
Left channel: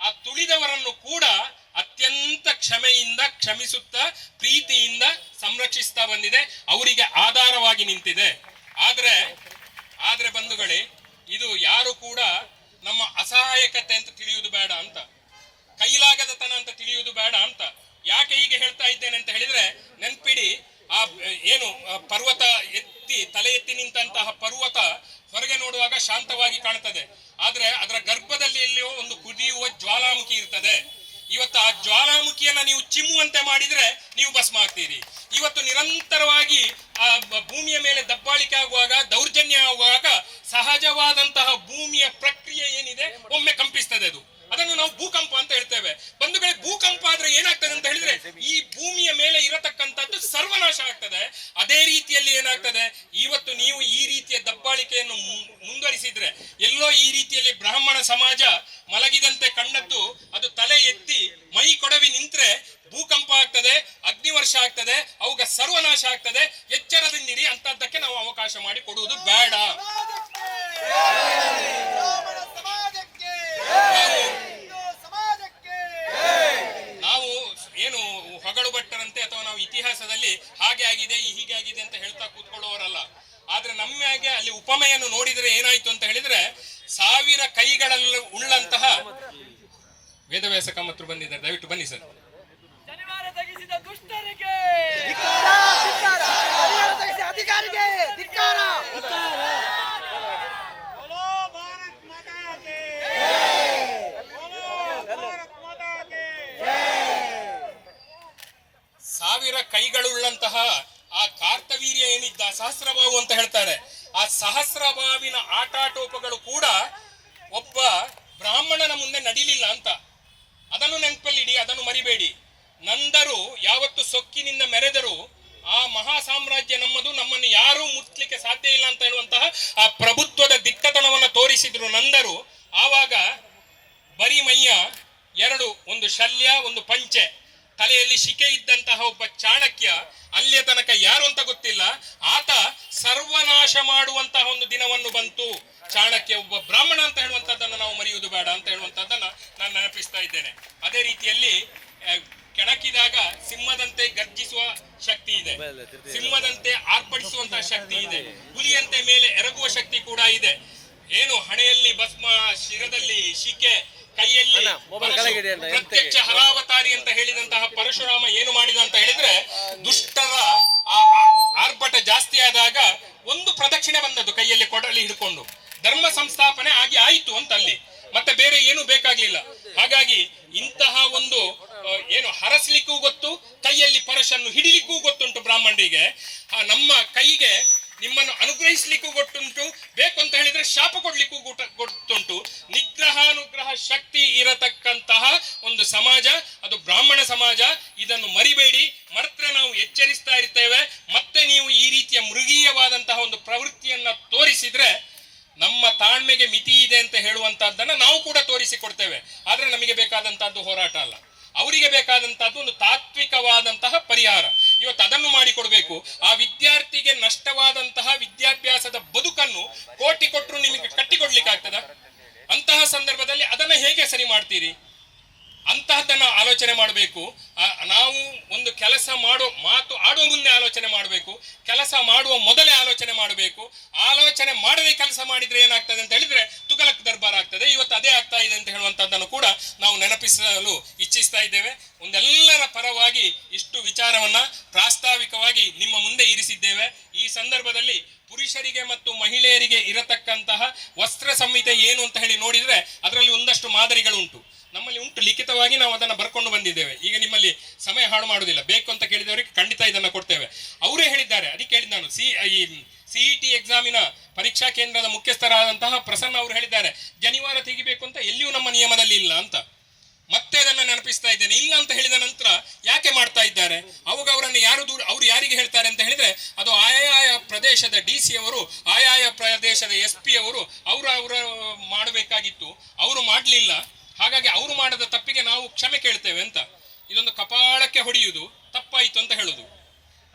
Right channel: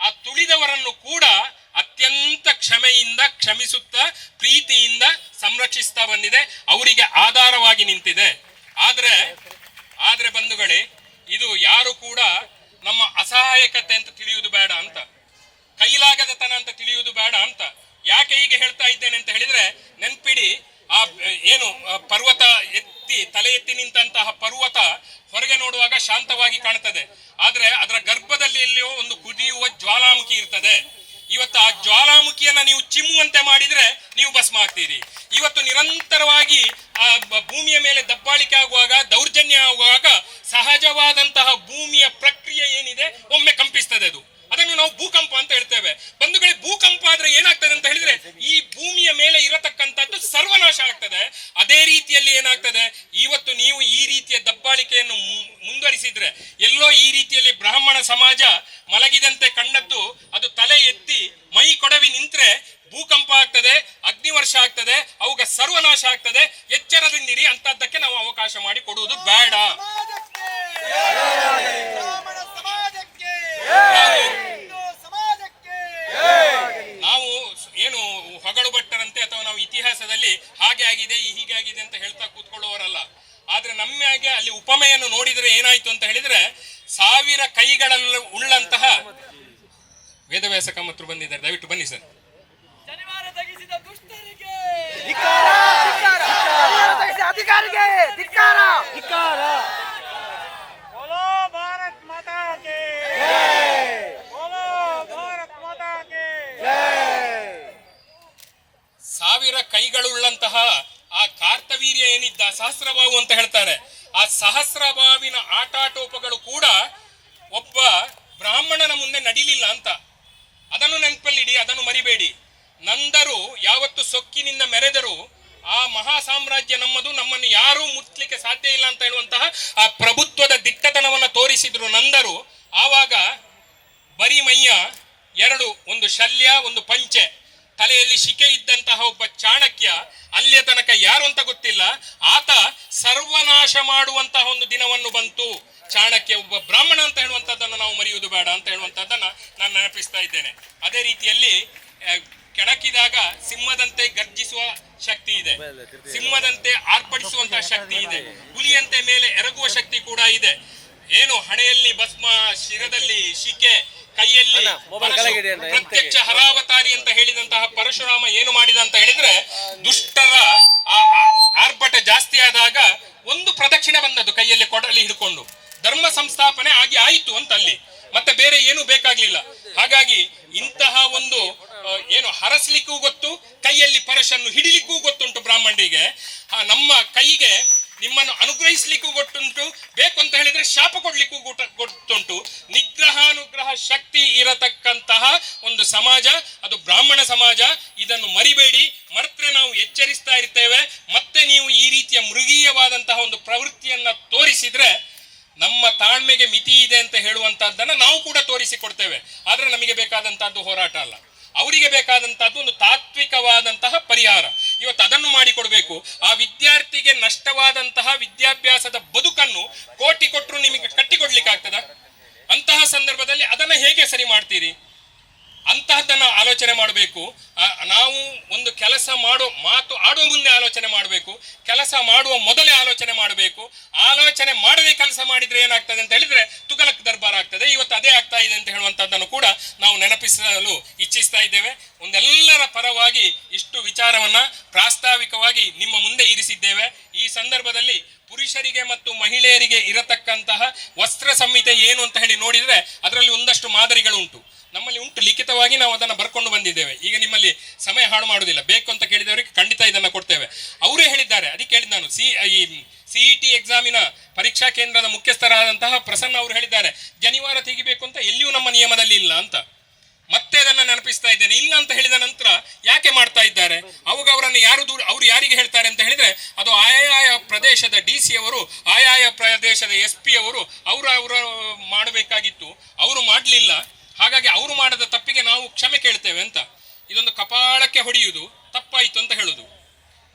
ಆ ತುಳಿದವರನ್ನು ಕೂಡ ಅತ್ಯಂತ ಕ್ಷಮೆಯಿಂದ ಕ್ಷಮಿಸುತ್ತಾ ಪ್ರೀತಿಯಿಂದ ಸಂರಕ್ಷಿಸ್ತಾ ಬಂದಿದೆ, ಅವರಿಗೆ ಆಧಾರವಾಗಿ ನಿಂತಿದೆ. ಆದ್ರೆ ಬಂಧುಗಳೇ, ಇದು ಯಾರು ಕೂಡ ನಮ್ಮ ಅಸಹಾಯಕತೆ ಅಂತ ತಿಳಿಯುವುದು ಬೇಡ ಅಂತ, ಕೈಲಾಗದತನ ಅಂತ ತಿಳಿಯುವುದು ಬೇಡ ಅಂತ. ಯಾಕೆ ಹೀಗೆ ಹೇಳ್ತಾ ಇದ್ದೇನೆ ಅಂತ ಹೇಳಿದ್ರೆ, ನೆನ್ಪಿಡಿ, ಆ ಏನು ಪರ್ವತ ತಲೆ ಎತ್ತಿ ನಿಂತಹ ಪರ್ವತ ಹೊರಗೆ ನೋಡುವಾಗ ಶಾಂತವಾಗಿ ಕಾಣುತ್ತದೆ, ಆದ್ರೆ ಅದರ ಗರ್ಭದಲ್ಲಿ ಎಲ್ಲಿಯೋ ಒಂದು ಕುದಿಯುವ ಜ್ವಾಲಾಮುಖಿ ಇರ್ತದೆ. ಇವತ್ತು ಆ ಜ್ವಾಲಾಮುಖಿಯನ್ನ ನೀವು ಚಿಮ್ಮುವಂತೆ ಮಾಡಿದ್ರೆ ನೀವು ಭಸ್ಮ ಆಗ್ತೀರಿ. ಇವತ್ತು ನಿರಂತರವಾಗಿ ಆ ಭೂಮಿಯ ಮೇಲೆ ದಬ್ಬಾಳಿಕೆ ಆಗುವಾಗ, ದೌರ್ಜನ್ಯ ಆಗುವಾಗ ಸಹಜವಾದಂತಹ ಭೂಮಿಯ ಪ್ರಕ್ರಿಯೆ ಏನಿದೆ ಒಮ್ಮೆ ಕಂಪಿಸ್ತದೆ. ಅದನ್ನು ನಾವು ಭೂಕಂಪ ಅಂತ ಹೇಳ್ತೇವೆ. ಬಂಧುಗಳೇ, ಭೂಕಂಪ ಆದ್ರೆ ಏನಾಗ್ತದೆ ಅಂತ ಹೇಳಿದ್ರೆ ಈ ಭೂಮಿಯ ಮೇಲೆ ಇರತಕ್ಕಂಥದ್ದು ಸರ್ವನಾಶ ಆಗ್ತದೆ. ಅದೇ ರೀತಿಯಲ್ಲಿ ಏನಾಗ್ತದೆ, ಇವತ್ತು ನೀವು ಈ ರೀತಿಯ ದಬ್ಬಾಳಿಕೆಯನ್ನು ಮುಂದುವರಿಸಿದ್ರೆ, ಎಲ್ಲೋ ಈ ರೀತಿಯಲ್ಲಿ ಬ್ರಾಹ್ಮಣ ಸಮಾಜ ಮಲಗಿದಂತೆ ಕಂಡದ್ದು ಅದು ತಲೆ ಎತ್ತಿ ಮೈ ಕೊಡವಿ ನಿಂತ್ರೆ ಭೂಕಂಪ ಆಗ್ತದೆ, ಅಗ್ನಿವರ್ಷ ಆಗ್ತದೆ, ಅವುಗ ಸರ್ವನಾಶ ಆಗ್ತದೆ. ಎಚ್ಚರದಿಂದಿರಿ, ಅಂತದ್ದಕ್ಕೆ ನಾವು ಅವಕಾಶ ಮಾಡಿ ಕೊಡುವುದು ಬೇಡ. ನಾವು ಏನು ಹೊಗಳು ಭಟ್ಟರಂತೆ ಅಥವಾ ನಾವು ಇತಿಹಾಸದಲ್ಲಿ ಹಾಗೆ ಆಗಿದೆ ಹೀಗೆ ಆಗಿದೆ ಅಂತ ಹೇಳ್ತಾ ಕೂತ್ಕೊಳ್ಳುವವರಲ್ಲ. ಆದ್ರೆ ನಮ್ಮಾಗೆ ಅಲ್ಲಿ ಉಪಮೆಯನ್ನು ನೋಡಿದ್ರೆ ಏನಾಯ್ತು ಅಂತ ಹೇಳಿದ್ರೆ, 1000 ಕೈಗಳಲ್ಲಿ ಉಳ್ಳಂತಹ ವೇದವ್ಯಾಸ ಕಾಮತ್ರು ಬಂದಿದ್ದಾರೆ, ದಯವಿಟ್ಟು ಬನ್ನಿ ಸರ್. ಸಾವಿರ ಕೈಗಳುಳ್ಳಂತಹ ಆ ಕಾರ್ತವೀರ್ಯ ಏನಿದ್ದ, ಸಹಸ್ರಬಾಹು ಅಂತ ಹೇಳ್ತಾರೆ, ಆ ಸಹಸ್ರಬಾವಿನ ಆಟಾಟೋಪಗಳು ಕೂಡ ಒಬ್ಬ ಬ್ರಾಹ್ಮಣನ ಮುಂದೆ ನಡಿಲಿಲ್ಲ ಅಂತ. ಅದನ್ನು ನೆನಪಲ್ಲಿಡಿ, ಅದನ್ನು ಮರಿಬೇಡಿ. ನಂದರು ಯಾವತ್ತು ಸೊಕ್ಕಿನಿಂದ ಮೆರೆದರು, ಆ ಮಹಾ ಸಾಮ್ರಾಜ್ಯ ನಮ್ಮದು, ನಮ್ಮನ್ನು ಯಾರೂ ಮುಟ್ಲಿಕ್ಕೆ ಸಾಧ್ಯ ಇಲ್ಲ ಅಂತ ಹೇಳುವಂತಹ ಆ ಪ್ರಭುತ್ವದ ದಿಟ್ಟತನವನ್ನು ತೋರಿಸಿದ್ರು ನಂದರು. ಆವಾಗ ಬರಿ ಮೈಯ ಎರಡು, ಒಂದು ಶಲ್ಯ, ಒಂದು ಪಂಚೆ, ತಲೆಯಲ್ಲಿ ಶಿಕೆ ಇದ್ದಂತಹ ಒಬ್ಬ ಚಾಣಕ್ಯ, ಅಲ್ಲಿಯ ತನಕ ಯಾರು ಅಂತ ಗೊತ್ತಿಲ್ಲ, ಆತ ಸರ್ವನಾಶ ಮಾಡುವಂತಹ ಒಂದು ದಿನವನ್ನು ಬಂತು. ಚಾಣಕ್ಯ ಒಬ್ಬ ಬ್ರಾಹ್ಮಣ ಅಂತ ಹೇಳುವಂತದ್ದನ್ನು ನಾವು ಮರೆಯುವುದು ಬೇಡ ಅಂತ ಹೇಳುವಂತದ್ದನ್ನ ನಾನು ನೆನಪಿಸ್ತಾ ಇದ್ದೇನೆ. ಅದೇ ರೀತಿಯಲ್ಲಿ ಕೆಣಕಿದಾಗ ಸಿಂಹದಂತೆ ಗರ್ಜಿಸುವ ಶಕ್ತಿ ಇದೆ, ಸಿಂಹದಂತೆ ಆರ್ಭಟಿಸುವಂತಹ ಶಕ್ತಿ ಇದೆ, ಹುಲಿಯಂತೆ ಮೇಲೆ ಎರಗುವ ಶಕ್ತಿ ಕೂಡ ಇದೆ. ಏನು ಹಣೆಯಲ್ಲಿ ಭಸ್ಮ, ಶಿರದಲ್ಲಿ ಶಿಕೆ, ಕೈಯಲ್ಲಿ ಪ್ರತ್ಯಕ್ಷ ಹರಾವತಾರಿ ಅಂತ ಹೇಳಿದಂತಹ ಪರಶುರಾಮ ಏನು ಮಾಡಿದ ಅಂತ ಹೇಳಿದ್ರೆ, ದುಷ್ಟರ ಆರ್ಭಟ ಜಾಸ್ತಿ ಆದಾಗ ಒಂದು ಪ್ರದಕ್ಷಿಣೆ ಬಂದದ್ದು ಕೈಯಲ್ಲಿ ಕೊಡಲಿ ಹಿಡ್ಕೊಂಡು, ಧರ್ಮ ಸಂಸ್ಥಾಪನೆ ಆಗಿ ಆಯಿತು ಅಂತ ಅಲ್ಲಿ, ಮತ್ತೆ ಬೇರೆ ಏನು ಬೇಕಾಗ್ಲಿಲ್ಲ. ಹಾಗಾಗಿ ಇಂತಹ ಒಂದು ಏನು ಹರಸ್ಲಿಕ್ಕೂ ಗೊತ್ತು, ಕೈಯಲ್ಲಿ ಪರಶನ್ನು ಹಿಡಿಲಿಕ್ಕೂ ಗೊತ್ತುಂಟು ಬ್ರಾಹ್ಮಣರಿಗೆ. ನಮ್ಮ ಕೈಗೆ ನಿಮ್ಮನ್ನು ಅನುಗ್ರಹಿಸ್ಲಿಕ್ಕೂ ಗೊತ್ತುಂಟು, ಬೇಕು ಅಂತ ಹೇಳಿದ್ರೆ ಶಾಪ ಕೊಡ್ಲಿಕ್ಕೂ ಗೊತ್ತುಂಟು. ನಿಗ್ರಹಾನುಗ್ರಹ ಶಕ್ತಿ ಇರತಕ್ಕಂತಹ ಒಂದು ಸಮಾಜ ಅದು ಬ್ರಾಹ್ಮಣ ಸಮಾಜ. ಇದನ್ನು ಮರಿಬೇಡಿ, ಮರ್ತ್ರೆ ನಾವು ಎಚ್ಚರಿಸ್ತಾ ಇರ್ತೇವೆ. ಮತ್ತೆ ನೀವು ಈ ರೀತಿಯ ಮೃಗೀಯವಾದಂತಹ ಒಂದು ಪ್ರವೃತ್ತಿಯನ್ನ ತೋರಿಸಿದ್ರೆ ನಮ್ಮ ತಾಳ್ಮೆಗೆ ಮಿತಿ ಇದೆ ಅಂತ ಹೇಳುವಂತಹದ್ದನ್ನ ನಾವು ಕೂಡ ತೋರಿಸಿಕೊಡ್ತೇವೆ. ಆದ್ರೆ ನಮಗೆ ಬೇಕಾದಂತಹದ್ದು ಹೋರಾಟ ಅಲ್ಲ, ಅವರಿಗೆ ಬೇಕಾದಂತಹದ್ದು ಒಂದು ತಾತ್ವಿಕವಾದಂತಹ ಪರಿಹಾರ. ಇವತ್ತು ಅದನ್ನು ಮಾಡಿಕೊಡ್ಬೇಕು. ಆ ವಿದ್ಯಾರ್ಥಿಗೆ ನಷ್ಟವಾದಂತಹ ವಿದ್ಯಾಭ್ಯಾಸದ ಬದುಕನ್ನು ಕೋಟಿ ಕೊಟ್ಟರು ನಿಮಗೆ ಕಟ್ಟಿಕೊಡ್ಲಿಕ್ಕೆ ಆಗ್ತದ? ಅಂತಹ ಸಂದರ್ಭದಲ್ಲಿ ಅದನ್ನ ಹೇಗೆ ಸರಿ ಮಾಡ್ತೀರಿ? ಅಂತಹದ್ದನ್ನು ಆಲೋಚನೆ ಮಾಡಬೇಕು. ನಾವು ಒಂದು ಕೆಲಸ ಆಡುವ ಮುಂದೆ ಆಲೋಚನೆ ಮಾಡಬೇಕು, ಕೆಲಸ ಮಾಡುವ ಮೊದಲೇ ಆಲೋಚನೆ ಮಾಡಬೇಕು. ಆಲೋಚನೆ ಮಾಡದೆ ಕೆಲಸ ಮಾಡಿದ್ರೆ ಏನಾಗ್ತದೆ ಅಂತ ಹೇಳಿದ್ರೆ ತುಗಲಕ್ ದರ್ಬಾರ್ ಆಗ್ತದೆ. ಇವತ್ತು ಅದೇ ಆಗ್ತಾ ಇದೆ ಅಂತ ಹೇಳುವಂತದ್ದನ್ನು ಕೂಡ ನಾವು ನೆನಪಿಸಲು ಇಚ್ಛಿಸ್ತಾ ಇದ್ದೇವೆ. ಒಂದೆಲ್ಲರ ಪರವಾಗಿ ಇಷ್ಟು ವಿಚಾರವನ್ನ ಪ್ರಾಸ್ತಾವಿಕವಾಗಿ ನಿಮ್ಮ ಮುಂದೆ ಇರಿಸಿದ್ದೇವೆ. ಈ ಸಂದರ್ಭದಲ್ಲಿ ಪುರುಷರಿಗೆ ಮತ್ತು ಮಹಿಳೆಯರಿಗೆ ಇರತಕ್ಕಂತಹ ವಸ್ತ್ರ ಸಂಹಿತೆ ಏನು ಅಂತ ಹೇಳಿ ನೋಡಿದ್ರೆ ಅದರಲ್ಲಿ ಒಂದಷ್ಟು ಮಾದರಿಗಳು ಉಂಟು, ನಮ್ಮಲ್ಲಿ ಉಂಟು, ಲಿಖಿತವಾಗಿ ನಾವು ಅದನ್ನು ಬರ್ಕೊಂಡು ಬಂದಿದ್ದೇವೆ. ಈಗ ನಿಮ್ಮಲ್ಲಿ ಸಮಯ ಹಾಳು ಮಾಡುವುದಿಲ್ಲ, ಬೇಕು ಅಂತ ಕೇಳಿದವರಿಗೆ ಖಂಡಿತ ಇದನ್ನು ಕೊಡ್ತೇವೆ. ಅವರೇ ಹೇಳಿದ್ದಾರೆ, ಅದಕ್ಕೆ ಹೇಳಿದ್ ನಾನು, ಈ CET ಎಕ್ಸಾಮಿನ ಪರೀಕ್ಷಾ ಕೇಂದ್ರದ ಮುಖ್ಯಸ್ಥರಾದಂತಹ ಪ್ರಸನ್ನ ಅವರು ಹೇಳಿದ್ದಾರೆ, ಜನಿವಾರ ತೆಗಿಬೇಕು ಅಂತ ಎಲ್ಲಿಯೂ ನಮ್ಮ ನಿಯಮದಲ್ಲಿ ಇಲ್ಲ ಅಂತ. ಮತ್ತೆ ಅದನ್ನು ನೆನಪಿಸ್ತಾ ಇದ್ದೇನೆ. ಇಲ್ಲ ಅಂತ ಹೇಳಿದ ನಂತರ ಯಾಕೆ ಮಾಡ್ತಾ ಇದ್ದಾರೆ, ಅವಾಗ ಅವರನ್ನು ಯಾರು ಅವ್ರು ಯಾರಿಗೆ ಹೇಳ್ತಾರೆ ಅಂತ ಹೇಳಿದ್ರೆ ಅದು ಆಯಾಯ ಪ್ರದೇಶದ DC ಅವರು, ಆಯಾಯ ಪ್ರದೇಶದ SP ಅವರು ಅವರು ಮಾಡಬೇಕಾಗಿತ್ತು, ಅವರು ಮಾಡಲಿಲ್ಲ. ಹಾಗಾಗಿ ಅವರು ಮಾಡದ ತಪ್ಪಿಗೆ ನಾವು ಕ್ಷಮೆ ಕೇಳ್ತೇವೆ ಅಂತ. ಇದೊಂದು ಕಪಾಳಕ್ಕೆ ಹೊಡೆಯುವುದು, ತಪ್ಪಾಯಿತು ಅಂತ ಹೇಳುದು.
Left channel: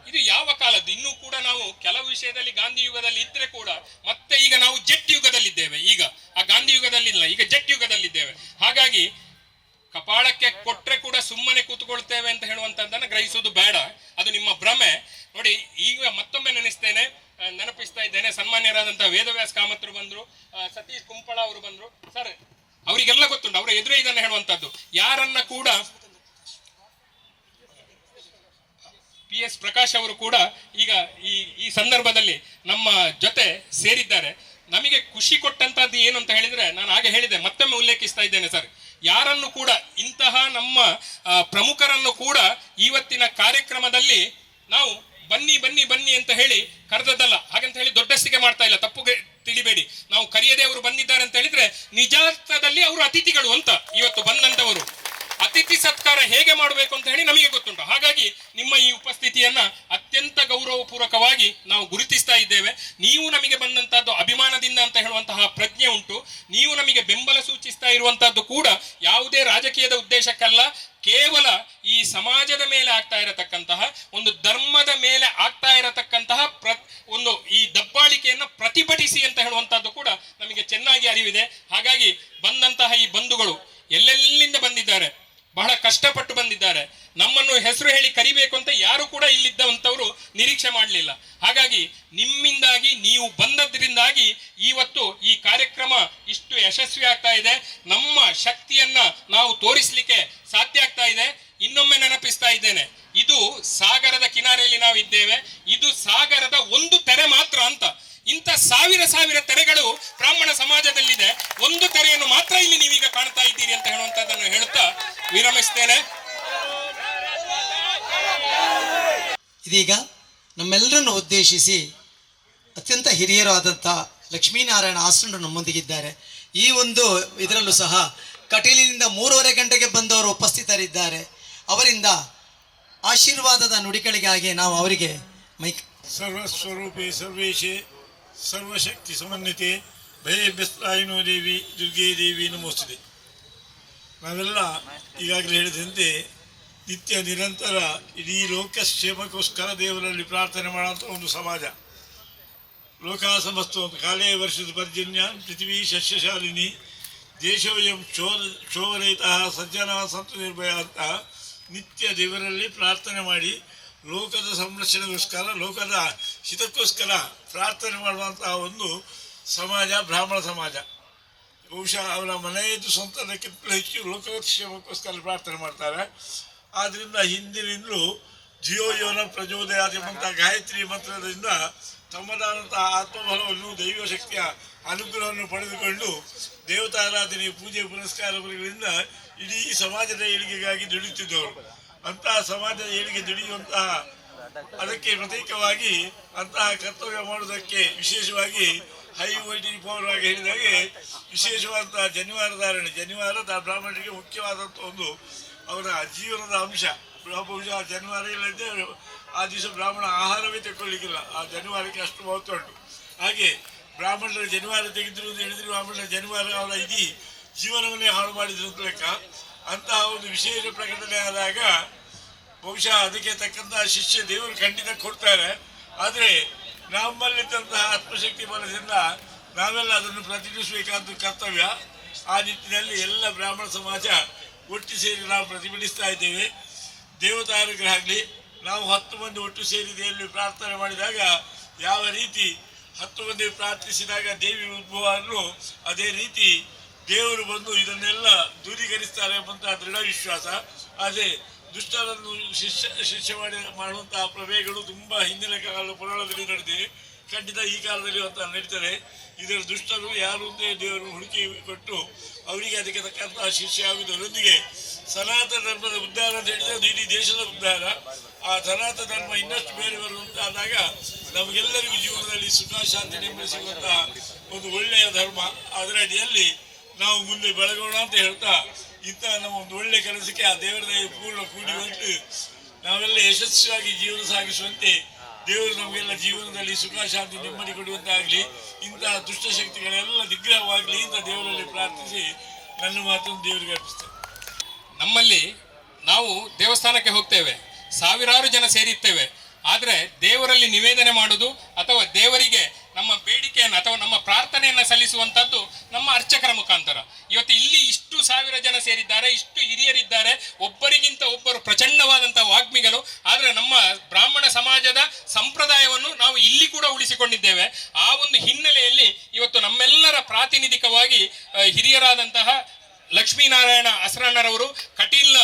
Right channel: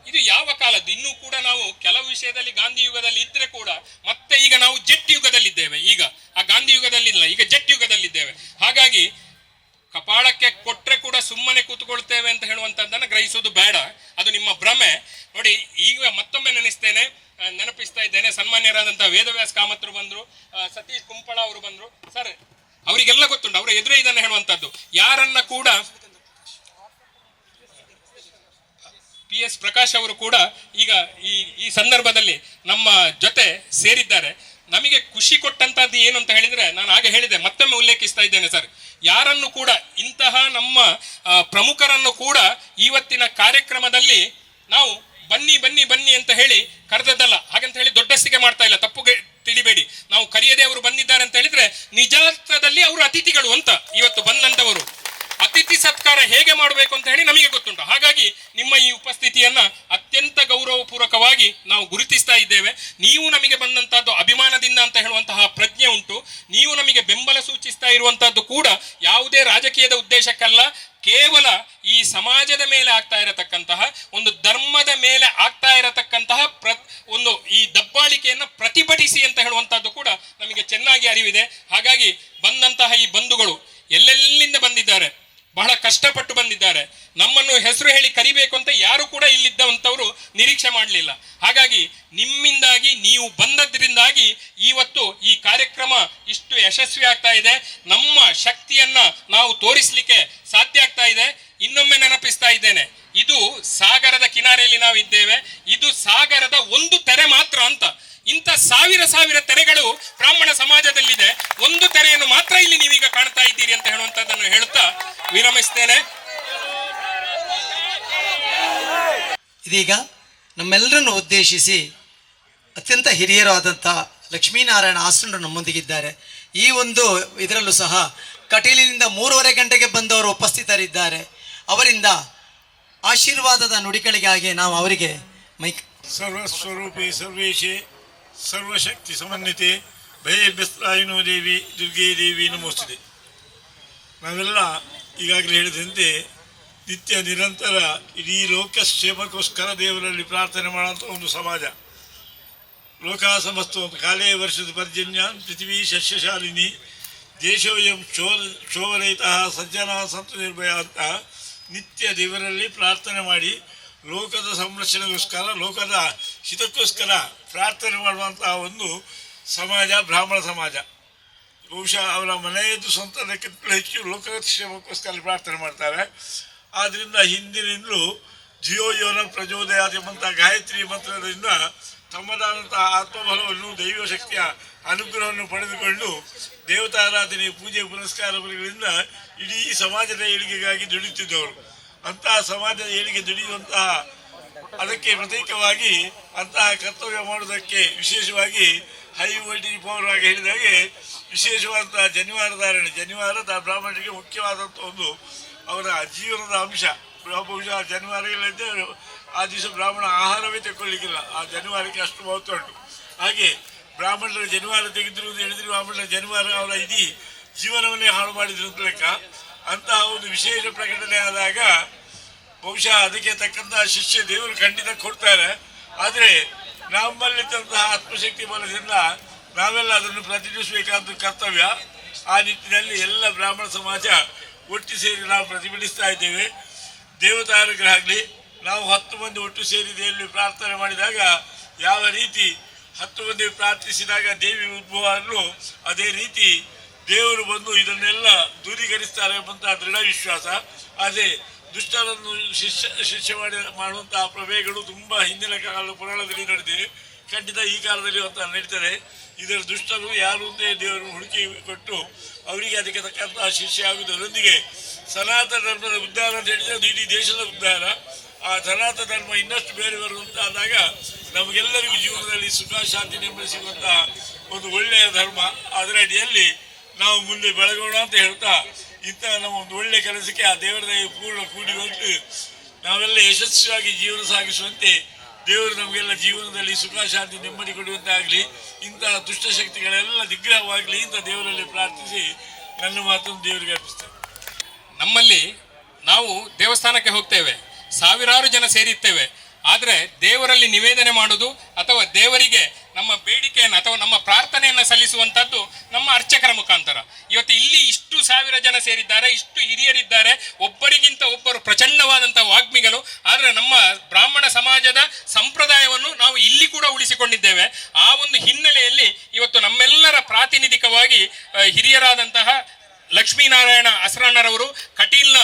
ಇದು ಯಾವ ಕಾಲದ್ದು? ಇನ್ನೂ ಕೂಡ ನಾವು ಕೆಲವು ವಿಷಯದಲ್ಲಿ ಗಾಂಧಿ ಯುಗದಲ್ಲಿ ಇದ್ರೆ ಕೂಡ ಮತ್ತೆ ಈಗ ನಾವು ಜೆಟ್ ಯುಗದಲ್ಲಿದ್ದೇವೆ. ಈಗ ಆ ಗಾಂಧಿ ಯುಗದಲ್ಲಿಲ್ಲ, ಈಗ ಜೆಟ್ ಯುಗದಲ್ಲಿದ್ದೇವೆ. ಹಾಗಾಗಿ ಕಪಾಳಕ್ಕೆ ಕೊಟ್ರೆ ಕೂಡ ಸುಮ್ಮನೆ ಕೂತ್ಕೊಳ್ತೇವೆ ಅಂತ ಹೇಳುವಂತದ್ದನ್ನು ಗ್ರಹಿಸುವುದು ಬೇಡ, ಅದು ನಿಮ್ಮ ಭ್ರಮೆ. ನೋಡಿ, ಈಗ ಮತ್ತೊಮ್ಮೆ ನೆನಪಿಸ್ತಾ ಇದ್ದೇನೆ, ಸನ್ಮಾನ್ಯರಾದಂತಹ ವೇದವ್ಯಾಸ ಕಾಮತ್ರು ಬಂದ್ರು, ಸತೀಶ್ ಕುಂಪಳ ಅವರು ಬಂದ್ರು. ಸರ್, ಅವರಿಗೆಲ್ಲ ಗೊತ್ತುಂಟು, ಅವರ ಎದುರೇ ಇದನ್ನು ಹೇಳುವಂತದ್ದು. ಯಾರನ್ನ ಕೂಡ PS ಪ್ರಕಾಶ್ ಅವರು ಕೂಡ ಈಗ ಈ ಸಂದರ್ಭದಲ್ಲಿ ನಮ್ಮ ಜೊತೆ ಸೇರಿದ್ದಾರೆ. ನಮಗೆ ಖುಷಿ ಕೊಟ್ಟಂತದ್ದು ಏನು ಅಂತ ಹೇಳಿದ್ರೆ, ನಾನು ಹಾಗೆ ಹೇಳಿದೆ, ಮತ್ತೊಮ್ಮೆ ಉಲ್ಲೇಖಿಸ್ತಾ ಇದ್ದೇನೆ ಸರ್, ಯಾರನ್ನು ಕೂಡ ಇಂತಹ ನಮ್ಮ ಪ್ರಮುಖರನ್ನು ಕೂಡ ಇವತ್ತಿನ ಕಾರ್ಯಕ್ರಮದಲ್ಲಿ ನಾವು ಬನ್ನಿ ಬನ್ನಿ ಬನ್ನಿ ಅಂತ ಹೇಳಿ ಕರೆದದ್ದಲ್ಲ. ಹಾಗಂತ ಹೇಳಿ ದೊಡ್ಡಸ್ತಿಗೆ ಮಾಡ್ತಾ ಇಲ್ಲ, ತಪ್ಪುಗೆ ತಿಳಿಬೇಡಿ. ನಾವು ಕರೆಯದೆ ಅವರು ಬಂದಿದ್ದಾರೆ ಅಂತ ಹೇಳಿದ್ರೆ ನಿಜಾರ್ಥದಲ್ಲಿ ಅವರು ಅತಿಥಿಗಳು ಅಂತ. ಇವತ್ತು ಬಂದಂತವರು ಅತಿಥಿ ಸತ್ಕಾರ ಹೇಗೆ ಮಾಡಬೇಕು ಅಂತ ಹೇಳಿ ನಮಗೆ ಗೊತ್ತುಂಟು. ಹಾಗಾಗಿ ನಿಮ್ಮ ಈ ಉಪಸ್ಥಿತಿಯನ್ನ ಅತ್ಯಂತ ಗೌರವಪೂರ್ವಕವಾಗಿ ನಾವು ಗುರುತಿಸ್ತಾ ಇದ್ದೇವೆ. ನೀವು ನಮಗೆ ಬಂದಂತಹದ್ದು ಅಭಿಮಾನದಿಂದ ಅಂತ ಹೇಳುವಂತಹ ಪ್ರಜ್ಞೆ ಉಂಟು. ನೀವು ನಮಗೆ ಬೆಂಬಲ ಸೂಚಿಸ್ತಾ ಇರುವಂತಹದ್ದು ಕೂಡ ಯಾವುದೇ ರಾಜಕೀಯದ ಉದ್ದೇಶಕ್ಕಲ್ಲ, ಕೇವಲ ಈ ಸಮಾಜದ ಮೇಲೆ ಆಗ್ತಾ ಇರತಕ್ಕಂತಹ, ಒಂದು ಧರ್ಮದ ಮೇಲೆ ಆಗ್ತಾ ಇರತಕ್ಕಂತಹ ಒಂದು ಈ ದಬ್ಬಾಳಿಕೆಯನ್ನ ಪ್ರತಿಭಟಿಸಿ ಅಂತ ಹೇಳುವಂತಹದ್ದು ಕೂಡ ನಮಗೆ ಚೆನ್ನಾಗಿ ಅರಿವಿದೆ. ಹಾಗಾಗಿ ಬಂದಂತಹ ಈ ಬಂಧುಗಳು ಎಲ್ಲೆಲ್ಲಿಂದ ಬಂದಿದ್ದಾರೆ, ಬಹಳ ಕಷ್ಟಪಟ್ಟು ಬಂದಿದ್ದಾರೆ. ನಮ್ಮನ್ನು ಹೆಸರು ಹೇಳಿ ಕರಿಬೇಕು ಅಂತ ಯಾರು ಕೂಡ ಇಲ್ಲಿದ್ದಂಥವರು ನಿರೀಕ್ಷೆ ಮಾಡಲಿಲ್ಲ. ಹಾಗಾಗಿ ನಿಮ್ಮಿಂದಾಗಿ, ನೀವು ಬಂದದ್ರಿಂದಾಗಿ ಇವತ್ತು ಈ ಕಾರ್ಯಕ್ರಮ ಇಷ್ಟು ಯಶಸ್ವಿ ಆಗ್ತಾ ಇದೆ. ನಮ್ಮ ಶಕ್ತಿಯನ್ನ ನಾವು ತೋರಿಸಲಿಕ್ಕೆ ಸಾಧ್ಯ ಆಗ್ತಾ ಇದೆ. ಇನ್ನೊಮ್ಮೆ ನೆನಪಿಸ್ತಾ ಇದ್ದೇನೆ, ಇದು ಸಾಗರದ ಕಿನಾರೆಯಲ್ಲಿ ನಾವು ಇದ್ದೇವೆ. ಇದು ಸಾಗರದ ಒಂದು ತೆರೆ ಮಾತ್ರ ಅಂತ. ಇಂಥ ಸಾವಿರ ಸಾವಿರ ತೆರೆಗಳು ಬ್ರಾಹ್ಮಣ ಸಮಾಜದಲ್ಲಿದೆ, ಒಂದು ತೆರೆಯನ್ನು ಮಾತ್ರ ಇಲ್ಲಿ ನೀವೀಗ ಕಾಣ್ತಾ ಇದ್ದೀರಿ ಅಂತ ಹೇಳುವಂತದ್ದನ್ನು ಹೇಳುತ್ತಾ ವಿರಮಿಸ್ತೇನೆ. ಇದೀಗ ನಮ್ಮೆಲ್ಲರನ್ನು ಉದ್ದೇಶಿಸಿ ಅತ್ಯಂತ ಹಿರಿಯರಾದಂಥ ಲಕ್ಷ್ಮೀನಾರಾಯಣ ಆಸನರು ನಮ್ಮೊಂದಿಗಿದ್ದಾರೆ. ಈ ಒಂದು ಇದರಲ್ಲೂ ಸಹ ಕಟೀಲಿನಿಂದ 3:30 ಗಂಟೆಗೆ ಬಂದವರು ಉಪಸ್ಥಿತರಿದ್ದಾರೆ. ಅವರಿಂದ ಆಶೀರ್ವಾದದ ನುಡಿಗಳಿಗಾಗಿ ನಾವು ಅವರಿಗೆ ಮೈಕ್. ಸರ್ವಸ್ವರೂಪೇ ಸರ್ವೇಶೇ ಸರ್ವಶಕ್ತಿ ಸಮನ್ವಿತೆ ಭಯಭ್ಯಸ್ತ್ರಾಯಿನೋ ದೇವಿ ದುರ್ಗೆ ದೇವಿ ನಮೋಸ್ತುತೆ. ನಾವೆಲ್ಲ ಈಗಾಗಲೇ ಹೇಳಿದಂತೆ ನಿತ್ಯ ನಿರಂತರ ಇಡೀ ಲೋಕಕ್ಷೇಮಕ್ಕೋಸ್ಕರ ದೇವರಲ್ಲಿ ಪ್ರಾರ್ಥನೆ ಮಾಡುವಂಥ ಒಂದು ಸಮಾಜ. ಲೋಕ ಸಮಸ್ತ ಕಾಲೇ ವರ್ಷದ ಪರ್ಜನ್ಯ ಪೃಥ್ವಿ ಸಸ್ಯಶಾಲಿನಿ ದೇಶೋಯಂ ಶೋಭರಹಿತ ಸಜ್ಜನ ಸಂತು ನಿರ್ಭಯ ಅಂತ ನಿತ್ಯ ದೇವರಲ್ಲಿ ಪ್ರಾರ್ಥನೆ ಮಾಡಿ ಲೋಕದ ಸಂರಕ್ಷಣೆಗೋಸ್ಕರ, ಲೋಕದ ಹಿತಕ್ಕೋಸ್ಕರ ಪ್ರಾರ್ಥನೆ ಮಾಡುವಂತಹ ಒಂದು ಸಮಾಜ ಬ್ರಾಹ್ಮಣ ಸಮಾಜ. ಬಹುಶಃ ಅವರ ಮನೆಯದ್ದು ಸ್ವಂತದಕ್ಕಿಂತ ಹೆಚ್ಚು ಲೋಕಕ್ಷೇಮಕ್ಕೋಸ್ಕರ ಪ್ರಾರ್ಥನೆ ಮಾಡ್ತಾರೆ. ಆದ್ದರಿಂದ ಹಿಂದಿನಿಂದಲೂ ಜಿಯೋ ಯೋನ ಪ್ರಚೋದಯಾದಿಮಂತ ಗಾಯತ್ರಿ ಮಂತ್ರದಿಂದ ತಮ್ಮದಾದಂತಹ ಆತ್ಮಬಲವನ್ನು, ದೈವ ಶಕ್ತಿಯ ಅನುಗ್ರಹವನ್ನು ಪಡೆದುಕೊಂಡು ದೇವತಾರಾಧನೆ, ಪೂಜೆ ಪುನಸ್ಕಾರಗಳಿಂದ ಇಡೀ ಸಮಾಜದ ಏಳಿಗೆಗಾಗಿ ದುಡಿಯುತ್ತಿದ್ದವರು. ಅಂತಹ ಸಮಾಜದ ಏಳಿಗೆ ದುಡಿಯುವಂತಹ ಅದಕ್ಕೆ ಪ್ರತ್ಯೇಕವಾಗಿ ಅಂತಹ ಕರ್ತವ್ಯ ಮಾಡುವುದಕ್ಕೆ ವಿಶೇಷವಾಗಿ ಹೈ ವೋಲ್ಟೇಜ್ ಪವರ್ ಆಗಿ ಹೇಳಿದಾಗೆ ವಿಶೇಷವಾದಂತಹ ಜನಿವಾರಧಾರಣೆ, ಜನಿವಾರದ ಬ್ರಾಹ್ಮಣರಿಗೆ ಮುಖ್ಯವಾದಂಥ ಒಂದು ಅವರ ಜೀವನದ ಅಂಶ. ಬಹುಶಃ ಜನಿವಾರ ಇಲ್ಲದೆ ಆ ದಿವಸ ಬ್ರಾಹ್ಮಣ ಆಹಾರವೇ ತೆಕ್ಕೊಳ್ಳಿಕ್ಕಿಲ್ಲ, ಆ ಜನಿವಾರಕ್ಕೆ ಅಷ್ಟು ಮಹತ್ವ ಉಂಟು. ಹಾಗೆ ಬ್ರಾಹ್ಮಣರ ಜನಿವಾರ ತೆಗೆದಿರು ಅಂತ ಹೇಳಿದ್ರೆ ಬ್ರಾಹ್ಮಣರ ಜನಿವಾರ ಅವರ ಇಡೀ ಜೀವನವನ್ನೇ ಹಾಳು ಮಾಡಿದ್ರು ಅಂತ ಲೆಕ್ಕ. ಅಂತಹ ಒಂದು ವಿಶೇಷ ಪ್ರಕಟಣೆ ಆದಾಗ ಬಹುಶಃ ಅದಕ್ಕೆ ತಕ್ಕಂತಹ ಶಿಷ್ಯ ದೇವರು ಖಂಡಿತ ಕೊಡ್ತಾರೆ. ಆದರೆ ನಮ್ಮಲ್ಲಿದ್ದಂತಹ ಆತ್ಮಶಕ್ತಿ ಬಲದಿಂದ ನಾವೆಲ್ಲ ಅದನ್ನು ಪ್ರತಿನಿಧಿಸಬೇಕಾದ ಕರ್ತವ್ಯ. ಆ ನಿಟ್ಟಿನಲ್ಲಿ ಎಲ್ಲ ಬ್ರಾಹ್ಮಣ ಸಮಾಜ ಒಟ್ಟು ಸೇರಿ ನಾವು ಪ್ರತಿಭಟಿಸ್ತಾ ಇದ್ದೇವೆ. ದೇವತಾನುಗ್ರಹ ಆಗಲಿ. ನಾವು 10 ಮಂದಿ ಒಟ್ಟು ಸೇರಿ ದೇವಿಯಲ್ಲಿ ಪ್ರಾರ್ಥನೆ ಮಾಡಿದಾಗ ಯಾವ ರೀತಿ 10 ಮಂದಿ ಪ್ರಾರ್ಥಿಸಿದಾಗ ದೇವಿ ಉದ್ಭವ ಅನ್ನೋ ಅದೇ ರೀತಿ ದೇವರು ಬಂದು ಇದನ್ನೆಲ್ಲ ದೂರೀಕರಿಸ್ತಾರೆ ಎಂಬಂತಹ ದೃಢ ವಿಶ್ವಾಸ. ಆದರೆ ದುಷ್ಟರನ್ನು ಶಿಷ್ಯ ಮಾಡುವಂತಹ ಪ್ರಭೇಗಳು ತುಂಬ ಹಿಂದಿನ ಪುರಾಣದಲ್ಲಿ ನಡೆದಿವೆ. ಖಂಡಿತ ಈ ಕಾಲದಲ್ಲಿ ಅಂತ ನಡೀತಾರೆ. ಇದರ ದುಷ್ಟರು ಯಾರು ಅಂತ ದೇವರನ್ನು ಹುಡುಕಿ ಕೊಟ್ಟು ಅವರಿಗೆ ಅದಕ್ಕೆ ತಕ್ಕಂತಹ ಶಿಷ್ಯ ಆಗುವುದರೊಂದಿಗೆ ಸನಾತನ ಧರ್ಮದ ಉದ್ಧಾರ ಅಂತ ಹೇಳಿದರೆ ಅದು ಇಡೀ ದೇಶದ ಉದ್ಧಾರ. ಆ ಸನಾತನ ಧರ್ಮ ಇನ್ನಷ್ಟು ಬೇರೆ ಬರುವಂತಾದಾಗ ನಮಗೆಲ್ಲರಿಗೂ ಜೀವನದಲ್ಲಿ ಸುಖ ಶಾಂತಿ ನೆಮ್ಮದಿ ಸಿಗುವಂತಹ ಒಂದು ಒಳ್ಳೆಯ ಧರ್ಮ. ಅದರ ಅಡಿಯಲ್ಲಿ ನಾವು ಮುಂದೆ ಬೆಳಗೋಣ ಅಂತ ಹೇಳ್ತಾ ಇಂತಹ ನಮ್ಮ ಒಂದು ಒಳ್ಳೆ ಕೆಲಸಕ್ಕೆ ಆ ದೇವರ ದಯೆ ಪೂರ್ಣ ಕೂಡಿ ಬಂದು ನಾವೆಲ್ಲ ಯಶಸ್ವಿಯಾಗಿ ಜೀವನ ಸಾಗಿಸುವಂತೆ ದೇವರು ನಮಗೆಲ್ಲ ಜೀವನದಲ್ಲಿ ಸುಖ ಶಾಂತಿ ನೆಮ್ಮದಿ ಕೊಡುವಂತಾಗಲಿ, ಇಂತಹ ದುಷ್ಟಶಕ್ತಿಗಳೆಲ್ಲ ನಿಗ್ರಹವಾಗಲಿ ಅಂತ ದೇವರಲ್ಲಿ ಪ್ರಾರ್ಥಿಸಿ ನನ್ನ ಮಾತನ್ನು ದೇವರಿಗೆ ಅರ್ಪಿಸ್ತೇನೆ. ನಮ್ಮಲ್ಲಿ ನಾವು ದೇವಸ್ಥಾನಕ್ಕೆ ಹೋಗ್ತೇವೆ, ಸಾವಿರಾರು ಜನ ಸೇರಿರ್ತೇವೆ. ಆದರೆ ದೇವರಲ್ಲಿ ನಿವೇದನೆ ಮಾಡುವುದು ಅಥವಾ ದೇವರಿಗೆ ನಮ್ಮ ಬೇಡಿಕೆಯನ್ನು ಅಥವಾ ನಮ್ಮ ಪ್ರಾರ್ಥನೆಯನ್ನು ಸಲ್ಲಿಸುವಂಥದ್ದು ನಮ್ಮ ಅರ್ಚಕರ ಮುಖಾಂತರ. ಇವತ್ತು ಇಲ್ಲಿ ಇಷ್ಟು ಸಾವಿರ ಜನ ಸೇರಿದ್ದಾರೆ, ಇಷ್ಟು ಹಿರಿಯರಿದ್ದಾರೆ, ಒಬ್ಬರಿಗಿಂತ ಒಬ್ಬರು ಪ್ರಚಂಡವಾದಂತಹ ವಾಗ್ಮಿಗಳು. ಆದರೆ ನಮ್ಮ ಬ್ರಾಹ್ಮಣ ಸಮಾಜದ ಸಂಪ್ರದಾಯವನ್ನು ನಾವು ಇಲ್ಲಿ ಕೂಡ ಉಳಿಸಿಕೊಂಡಿದ್ದೇವೆ. ಆ ಒಂದು ಹಿನ್ನೆಲೆಯಲ್ಲಿ ಇವತ್ತು ನಮ್ಮೆಲ್ಲರ ಪ್ರಾತಿನಿಧಿಕವಾಗಿ ಹಿರಿಯರಾದಂತಹ ಲಕ್ಷ್ಮೀನಾರಾಯಣ ಅಸರಣ್ಣರವರು, ಕಟೀಲ್ನ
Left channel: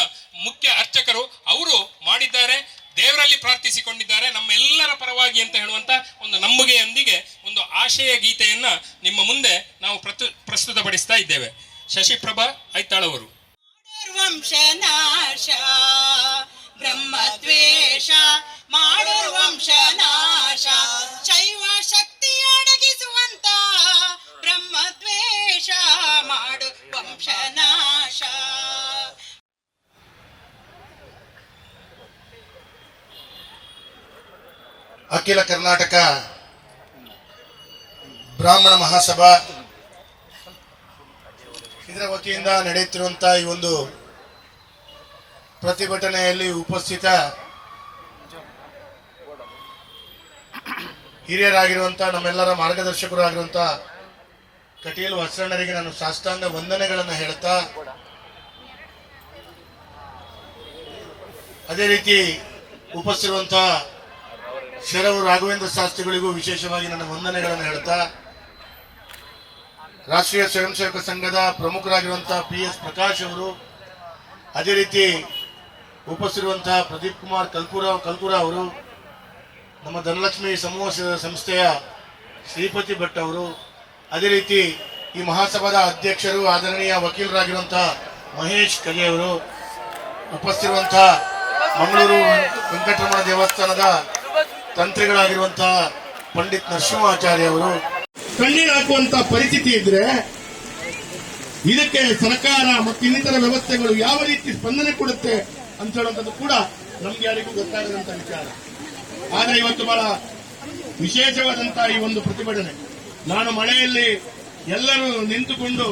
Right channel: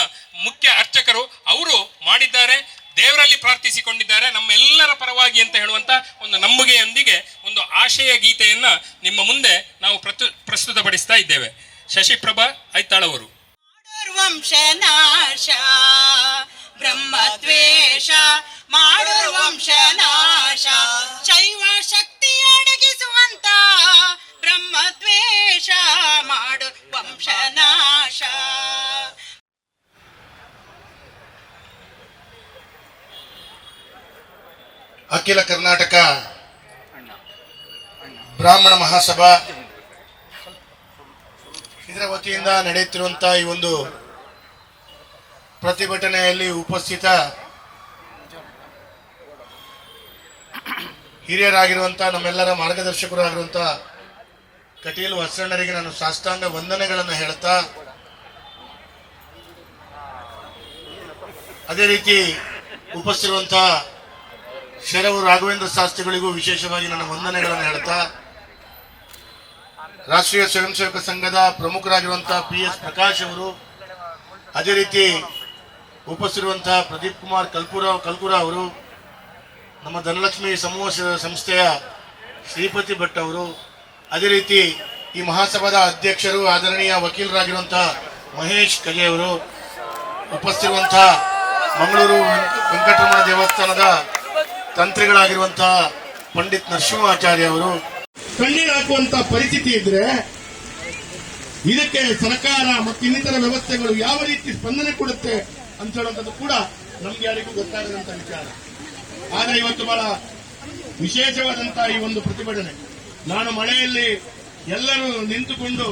ಮುಖ್ಯ ಅರ್ಚಕರು, ಅವರು ಮಾಡಿದ್ದಾರೆ, ದೇವರಲ್ಲಿ ಪ್ರಾರ್ಥಿಸಿಕೊಂಡಿದ್ದಾರೆ ನಮ್ಮೆಲ್ಲರ ಪರವಾಗಿ ಅಂತ ಹೇಳುವಂತ ಒಂದು ನಂಬಿಕೆಯೊಂದಿಗೆ ಒಂದು ಆಶಯ ಗೀತೆಯನ್ನ ನಿಮ್ಮ ಮುಂದೆ ನಾವು ಪ್ರಸ್ತುತಪಡಿಸ್ತಾ ಇದ್ದೇವೆ. ಶಶಿಪ್ರಭಾ ಐತಾಳವರು. ವಂಶನಾಶ ಬ್ರಹ್ಮದ್ವೇಷ ಮಾಡುವ ವಂಶನಾಶ, ಶೈವ ಶಕ್ತಿ ಅಡಗಿಸುವಂತ ಬ್ರಹ್ಮದ್ವೇಷ ಮಾಡು ವಂಶನಾಶ. ಅಖಿಲ ಕರ್ನಾಟಕ ಬ್ರಾಹ್ಮಣ ಮಹಾಸಭಾ ಇದರ ವತಿಯಿಂದ ನಡೆಯುತ್ತಿರುವಂತಹ ಈ ಒಂದು ಪ್ರತಿಭಟನೆಯಲ್ಲಿ ಉಪಸ್ಥಿತ ಹಿರಿಯರಾಗಿರುವಂತಹ ನಮ್ಮೆಲ್ಲರ ಮಾರ್ಗದರ್ಶಕರು ಆಗಿರುವಂತಹ ಕಟೀಲು ಅಸರಣ್ಣರಿಗೆ ನಾನು ಸಾಷ್ಟಾಂಗ ವಂದನೆಗಳನ್ನು ಹೇಳ್ತಾ, ಅದೇ ರೀತಿ ಉಪಸ್ಥಿತಿರುವಂತಹ ಶರವು ರಾಘವೇಂದ್ರ ಶಾಸ್ತ್ರಿಗಳಿಗೂ ವಿಶೇಷವಾಗಿ ನನ್ನ ವಂದನೆಗಳನ್ನು ಹೇಳ್ತಾ, ರಾಷ್ಟ್ರೀಯ ಸ್ವಯಂ ಸೇವಕ ಸಂಘದ ಪ್ರಮುಖರಾಗಿರುವಂತಹ PS ಪ್ರಕಾಶ್ ಅವರು, ಅದೇ ರೀತಿ ಉಪಸ್ಥಿತಿರುವಂತಹ ಪ್ರದೀಪ್ ಕುಮಾರ್ ಕಲ್ಕುರ ಅವರು, ನಮ್ಮ ಧನಲಕ್ಷ್ಮಿ ಸಮೂಹ ಸಂಸ್ಥೆಯ ಶ್ರೀಪತಿ ಭಟ್ ಅವರು, ಅದೇ ರೀತಿ ಈ ಮಹಾಸಭಾದ ಅಧ್ಯಕ್ಷರು ಆದರಣೀಯ ವಕೀಲರಾಗಿರುವಂತಹ ಮಹೇಶ್ ಕಲೆ ಅವರು, ಉಪಸ್ಥಿತಿರುವಂತಹ ಮಂಗಳೂರು ವೆಂಕಟರಮಣ ದೇವಸ್ಥಾನದ ತಂತ್ರಿಗಳಾಗಿರುವಂತಹ ಪಂಡಿತ್ ನರಸಿಂಹಾಚಾರ್ಯ ಅವರು, ಕಣ್ಣೀರು ಹಾಕುವಂತಹ ಪರಿಸ್ಥಿತಿ ಇದ್ರೆ ಇದಕ್ಕೆ ಸರ್ಕಾರ ಮತ್ತು ಇನ್ನಿತರ ವ್ಯವಸ್ಥೆಗಳು ಯಾವ ರೀತಿ ಸ್ಪಂದನೆ ಕೊಡುತ್ತೆ ಅಂತ ಹೇಳುವಂಥದ್ದು ಕೂಡ ನಮ್ಗೆ ಯಾರಿಗೂ ಗೊತ್ತಾಗದಂತ ವಿಚಾರ. ಆದ್ರೆ ಇವತ್ತು ಬಹಳ ವಿಶೇಷವಾದಂತಹ ಈ ಒಂದು ಪ್ರತಿಭಟನೆ, ನಾನು ಮಳೆಯಲ್ಲಿ ಎಲ್ಲರೂ ನಿಂತುಕೊಂಡು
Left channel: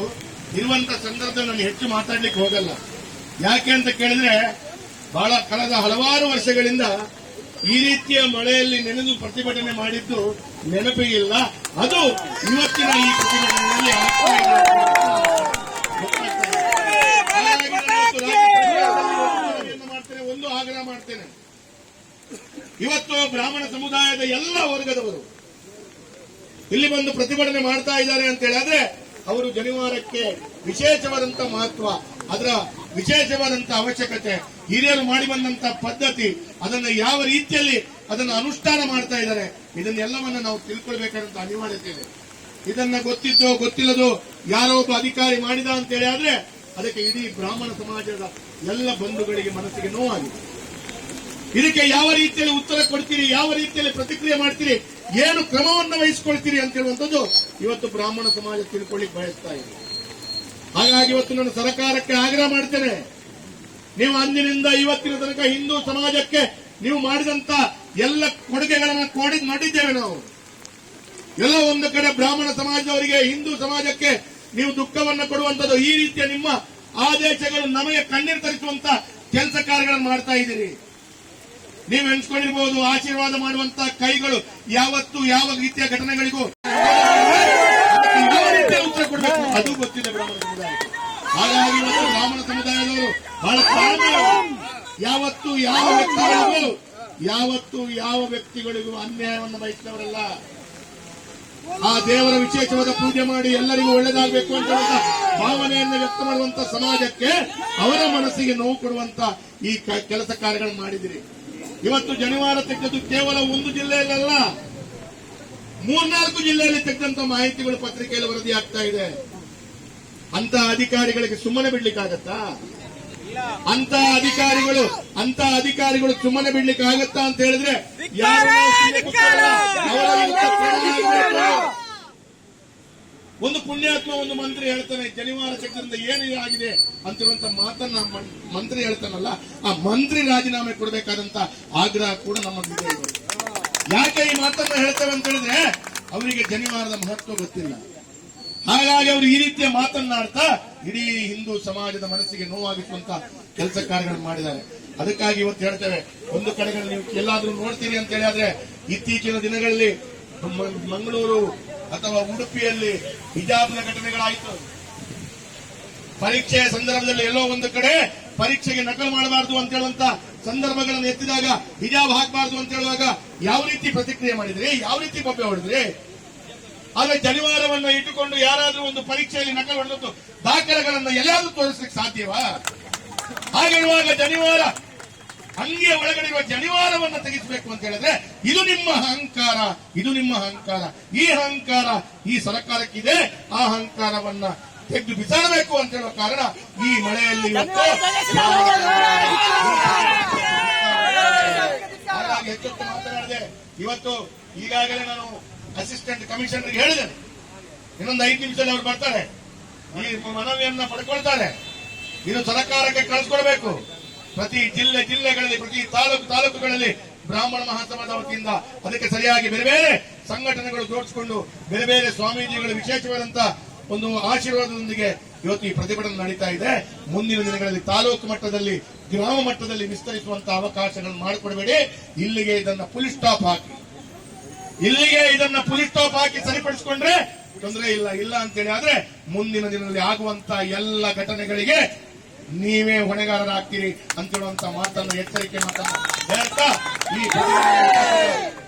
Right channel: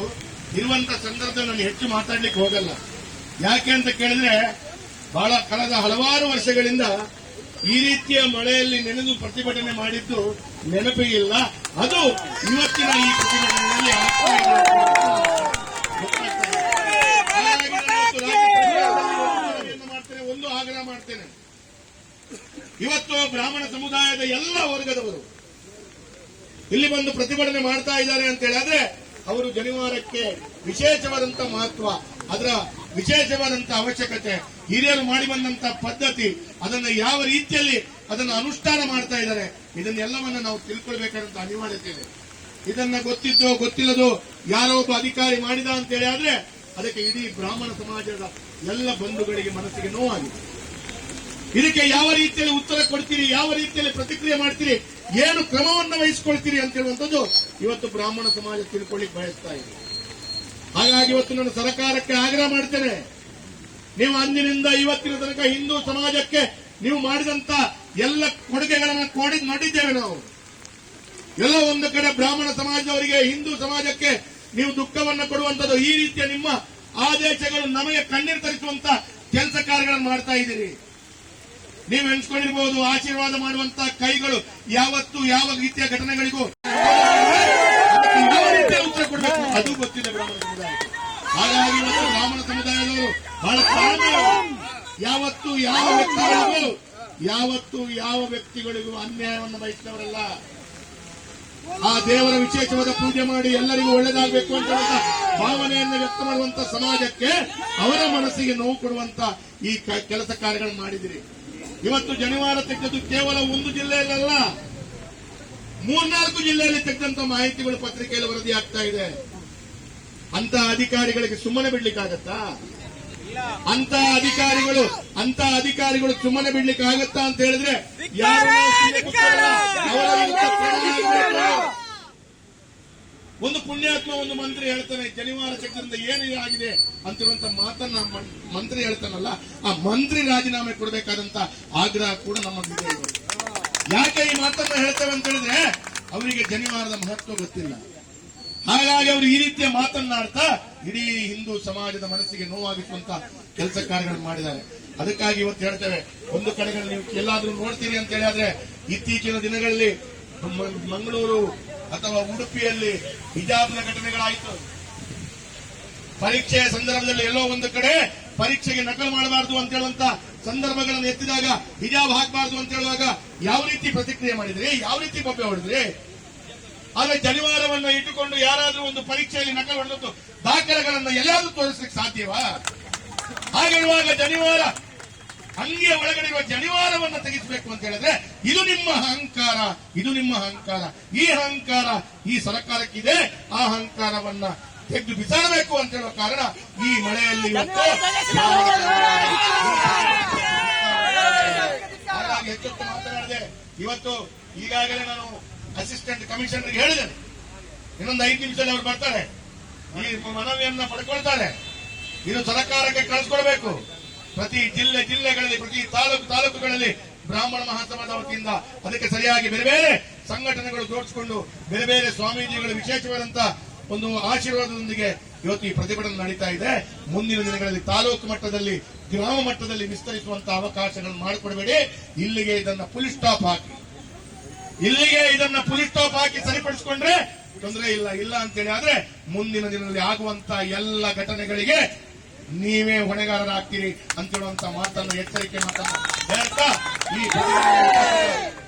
ಇರುವಂತ ಸಂದರ್ಭದಲ್ಲಿ ನಾನು ಹೆಚ್ಚು ಮಾತಾಡ್ಲಿಕ್ಕೆ ಹೋಗಲ್ಲ. ಯಾಕೆ ಅಂತ ಕೇಳಿದ್ರೆ ಬಹಳ ಕಳೆದ ಹಲವಾರು ವರ್ಷಗಳಿಂದ ಈ ರೀತಿಯ ಮಳೆಯಲ್ಲಿ ನೆನೆದು ಪ್ರತಿಭಟನೆ ಮಾಡಿದ್ದು ನೆನಪಿಗಿಲ್ಲ. ಅದು ಇವತ್ತಿನ ಈ ಪ್ರತಿಭಟನೆಯಲ್ಲಿ ಮಾಡ್ತೇನೆ, ಒಂದು ಆಗ್ರಹ ಮಾಡ್ತೇನೆ. ಇವತ್ತು ಬ್ರಾಹ್ಮಣ ಸಮುದಾಯದ ಎಲ್ಲ ವರ್ಗದವರು ಇಲ್ಲಿ ಬಂದು ಪ್ರತಿಭಟನೆ ಮಾಡ್ತಾ ಇದ್ದಾರೆ ಅಂತ ಹೇಳಿದ್ರೆ ಅವರು ಜನಿವಾರಕ್ಕೆ ವಿಶೇಷವಾದಂತ ಮಹತ್ವ, ಅದರ ವಿಶೇಷವಾದಂತ ಅವಶ್ಯಕತೆ, ಹಿರಿಯರು ಮಾಡಿ ಬಂದಂತ ಪದ್ಧತಿ, ಅದನ್ನು ಯಾವ ರೀತಿಯಲ್ಲಿ ಅದನ್ನು ಅನುಷ್ಠಾನ ಮಾಡ್ತಾ ಇದ್ದಾರೆ, ಇದನ್ನೆಲ್ಲವನ್ನ ನಾವು ತಿಳ್ಕೊಳ್ಬೇಕಾದಂತ ಅನಿವಾರ್ಯತೆ ಇದೆ. ಇದನ್ನ ಗೊತ್ತಿದ್ದೋ ಗೊತ್ತಿಲ್ಲದೋ ಯಾರೋ ಒಬ್ಬ ಅಧಿಕಾರಿ ಮಾಡಿದ ಅಂತ ಹೇಳಿ ಆದ್ರೆ ಅದಕ್ಕೆ ಇಡೀ ಬ್ರಾಹ್ಮಣ ಸಮಾಜದ ಎಲ್ಲ ಬಂಧುಗಳಿಗೆ ಮನಸ್ಸಿಗೆ ನೋವಾಗಿದೆ. ಇದಕ್ಕೆ ಯಾವ ರೀತಿಯಲ್ಲಿ ಉತ್ತರ ಕೊಡ್ತೀರಿ, ಯಾವ ರೀತಿಯಲ್ಲಿ ಪ್ರತಿಕ್ರಿಯೆ ಮಾಡ್ತೀರಿ, ಏನು ಕ್ರಮವನ್ನು ವಹಿಸಿಕೊಳ್ತೀರಿ ಅಂತ ಹೇಳುವಂಥದ್ದು ಇವತ್ತು ಬ್ರಾಹ್ಮಣ ಸಮಾಜ ತಿಳ್ಕೊಳ್ಳಿಕ್ಕೆ ಬಯಸ್ತಾ ಇದೆ. ಹಾಗಾಗಿ ಇವತ್ತು ನಾನು ಸರ್ಕಾರಕ್ಕೆ ಆಗ್ರಹ ಮಾಡ್ತೇನೆ, ನೀವು ಅಂದಿನಿಂದ ಇವತ್ತಿನ ತನಕ ಹಿಂದೂ ಸಮಾಜಕ್ಕೆ ನೀವು ಮಾಡಿದಂತ ಎಲ್ಲ ಕೊಡುಗೆಗಳನ್ನು ನೋಡಿದ್ದೇವೆ ನಾವು. ಎಲ್ಲ ಒಂದು ಕಡೆ ಬ್ರಾಹ್ಮಣ ಸಮಾಜದವರಿಗೆ, ಹಿಂದೂ ಸಮಾಜಕ್ಕೆ ನೀವು ದುಃಖವನ್ನು ಕೊಡುವಂಥದ್ದು, ಈ ರೀತಿಯ ನಿಮ್ಮ ಆದೇಶಗಳು ನಮಗೆ ಕಣ್ಣೀರು ತರಿಸುವಂತ ಕೆಲಸ ಕಾರ್ಯಗಳನ್ನು ಮಾಡ್ತಾ ಇದ್ದೀರಿ. ನೀವು ಎಣಿಸ್ಕೊಂಡಿರ್ಬೋದು ಆಶೀರ್ವಾದ ಮಾಡುವಂತ ಕೈಗಳು ಯಾವತ್ತು ಯಾವ ರೀತಿಯ ಘಟನೆಗಳಿಗೂ ಯಾವ ರೀತಿಯ ಉತ್ತರ ಕೊಡಬೇಕು ಅದು ಗೊತ್ತಿದೆ ಬ್ರಾಹ್ಮಣ ಸಮುದಾಯಕ್ಕೆ. ಹಾಗಾಗಿ ಇವತ್ತು ಬ್ರಾಹ್ಮಣ ಸಮುದಾಯದವರು ಬಹಳ ತಾಳ್ಮೆ, ಯಾವತ್ತು ಯಾವ ವ್ಯಕ್ತಿಗಳಿಗೂ ಅನ್ಯಾಯವನ್ನು ಬಯಸಿದವರಲ್ಲ. ಆ ದೇವರ ವಿಶೇಷವಾದ ಪೂಜೆ ಮಾಡಿ ಎಲ್ಲರಿಗೂ ಒಳ್ಳೆದಾಗಬೇಕು ಅಂತ ಭಾವನೆಯನ್ನು ವ್ಯಕ್ತ ಮಾಡುವಂತ ಸಮಾಜಕ್ಕೆ ಅವರ ಮನಸ್ಸಿಗೆ ನೋವು ಕೊಡುವಂತ ಈ ಕೆಲಸ ಕಾರ್ಯಗಳನ್ನು ಮಾಡಿದಿರಿ. ಇವತ್ತು ಜನಿವಾರ ತೆಗೆದು ಕೇವಲ ಒಂದು ಜಿಲ್ಲೆಯಲ್ಲ, 3-4 ಜಿಲ್ಲೆಯಲ್ಲಿ ತೆಗೆದಂತ ಮಾಹಿತಿಗಳು ಪತ್ರಿಕೆಯಲ್ಲಿ ವರದಿ ಆಗ್ತಾ ಇದೆ. ಅಂತ ಅಧಿಕಾರಿಗಳಿಗೆ ಸುಮ್ಮನೆ ಬಿಡ್ಲಿಕ್ಕಾಗತ್ತಾ? ಅಂತ ಅಧಿಕಾರಿಗಳು ಸುಮ್ಮನೆ ಬಿಡ್ಲಿಕ್ಕೆ ಆಗತ್ತಾ ಅಂತ ಹೇಳಿದ್ರೆ ಒಂದು ಪುಣ್ಯಾತ್ಮ ಒಂದು ಮಂತ್ರಿ ಹೇಳ್ತಾನೆ, ಜನಿವಾರ ತೆಗೆದ್ರಿಂದ ಏನು ಆಗಿದೆ ಅಂತಿರುವಂತ ಮಾತನ್ನ ಮಂತ್ರಿ ಹೇಳ್ತಾನಲ್ಲ, ಆ ಮಂತ್ರಿ ರಾಜೀನಾಮೆ ಕೊಡಬೇಕಾದಂತ ಆಗ್ರಹ ಕೂಡ ನಮ್ಮಲ್ಲಿದೆ. ಯಾಕೆ ಈ ಮಾತನ್ನ ಹೇಳ್ತೇವೆ ಅಂತ ಹೇಳಿದ್ರೆ ಅವರಿಗೆ ಜನಿವಾರದ ಮಹತ್ವ ಗೊತ್ತಿಲ್ಲ. ಹಾಗಾಗಿ ಅವರು ಈ ರೀತಿಯ ಮಾತನ್ನಾಡ್ತಾ ಇಡೀ ಹಿಂದೂ ಸಮಾಜದ ಮನಸ್ಸಿಗೆ ನೋವಾಗಿಸುವಂತ ಕೆಲಸ ಕಾರ್ಯಗಳನ್ನು ಮಾಡಿದ್ದಾರೆ. ಅದಕ್ಕಾಗಿ ಇವತ್ತು ಹೇಳ್ತೇವೆ, ಒಂದು ಕಡೆಗಳಲ್ಲಿ ನೀವು ಎಲ್ಲಾದ್ರೂ ನೋಡ್ತೀರಿ ಅಂತ ಹೇಳಿದ್ರೆ ಇತ್ತೀಚಿನ ದಿನಗಳಲ್ಲಿ ಮಂಗಳೂರು ಅಥವಾ ಉಡುಪಿಯಲ್ಲಿ ಹಿಜಾಬ್ನ ಘಟನೆಗಳಾಯಿತು. ಪರೀಕ್ಷೆಯ ಸಂದರ್ಭದಲ್ಲಿ ಎಲ್ಲೋ ಒಂದು ಕಡೆ ಪರೀಕ್ಷೆಗೆ ನಕಲು ಮಾಡಬಾರದು ಅಂತ ಹೇಳುವಂತ ಸಂದರ್ಭಗಳನ್ನು ಎತ್ತಿದಾಗ ಹಿಜಾಬ್ ಹಾಕಬಾರದು ಅಂತ ಹೇಳುವಾಗ ಯಾವ ರೀತಿ ಪ್ರತಿಕ್ರಿಯೆ ಮಾಡಿದ್ರಿ, ಯಾವ ರೀತಿ ಬೊಬ್ಬೆ ಹೊಡೆದ್ರಿ? ಆದ್ರೆ ಜನಿವಾರವನ್ನ ಇಟ್ಟುಕೊಂಡು ಯಾರಾದ್ರೂ ಒಂದು ಪರೀಕ್ಷೆಯಲ್ಲಿ ನಕಲು ಹೊಡೆದದ್ದು ದಾಖಲೆಗಳನ್ನ ಎಲ್ಲಾದ್ರೂ ತೋರಿಸ್ಲಿಕ್ಕೆ ಸಾಧ್ಯವಾ? ಹಾಗಿರುವಾಗ ಜನಿವಾರ ಅಂಗಿಯ ಒಳಗಡೆ ಇರುವ ಜನಿವಾರವನ್ನ ತೆಗೆಸಬೇಕು ಅಂತ ಹೇಳಿದ್ರೆ ಇದು ನಿಮ್ಮ ಅಹಂಕಾರ, ಇದು ನಿಮ್ಮ ಅಹಂಕಾರ. ಈ ಅಹಂಕಾರ ಈ ಸರ್ಕಾರಕ್ಕಿದೆ. ಆ ಅಹಂಕಾರವನ್ನ ತೆಗೆದು ಬಿಸಾಡಬೇಕು ಅಂತ ಹೇಳುವ ಕಾರಣ ಈ ಮಳೆಯಲ್ಲಿ ಇವತ್ತು ಹಾಗಾಗಿ ಹೆಚ್ಚೊತ್ತು ಮಾತನಾಡಿದೆ. ಇವತ್ತು ಈಗಾಗಲೇ ನಾನು ಅಸಿಸ್ಟೆಂಟ್ ಕಮಿಷನರ್ಗೆ ಹೇಳಿದ್ದೇನೆ, ಇನ್ನೊಂದು 5 ನಿಮಿಷದಲ್ಲಿ ಅವರು ಬರ್ತಾರೆ, ಈ ಮನವಿಯನ್ನ ಪಡ್ಕೊಳ್ತಾರೆ. ಇದು ಸರ್ಕಾರಕ್ಕೆ ಕಳಿಸ್ಕೊಡ್ಬೇಕು. ಪ್ರತಿ ಜಿಲ್ಲೆಗಳಲ್ಲಿ ಪ್ರತಿ ತಾಲೂಕುಗಳಲ್ಲಿ ಬ್ರಾಹ್ಮಣ ಮಹಾಸಭಾದ ವತಿಯಿಂದ ಅದಕ್ಕೆ ಸರಿಯಾಗಿ ಬೇರೆ ಬೇರೆ ಸಂಘಟನೆಗಳು ಜೋಡಿಸಿಕೊಂಡು ಬೇರೆ ಬೇರೆ ಸ್ವಾಮೀಜಿಗಳು ವಿಶೇಷವಾದಂತ ಒಂದು ಆಶೀರ್ವಾದದೊಂದಿಗೆ ಇವತ್ತು ಈ ಪ್ರತಿಭಟನೆ ನಡೀತಾ ಇದೆ. ಮುಂದಿನ ದಿನಗಳಲ್ಲಿ ತಾಲೂಕು ಮಟ್ಟದಲ್ಲಿ, ಗ್ರಾಮ ಮಟ್ಟದಲ್ಲಿ ವಿಸ್ತರಿಸುವಂತಹ ಅವಕಾಶಗಳನ್ನು ಮಾಡಿಕೊಡಬೇಡಿ. ಇಲ್ಲಿಗೆ ಇದನ್ನ ಫುಲ್ ಸ್ಟಾಪ್ ಹಾಕಿ ಸರಿಪಡಿಸಿಕೊಂಡ್ರೆ ತೊಂದರೆ ಇಲ್ಲ ಅಂತೇಳಿ ಆದ್ರೆ ಮುಂದಿನ ದಿನದಲ್ಲಿ ಆಗುವಂತ ಎಲ್ಲ ಘಟನೆಗಳಿಗೆ ನೀವೇ ಹೊಣೆಗಾರರಾಗ್ತೀರಿ ಅಂತ ಹೇಳುವಂತ ಮಾತನ್ನು ಎಚ್ಚರಿಕೆ ಮಾತನ್ನು ಹೇಳ್ತಾ ಈ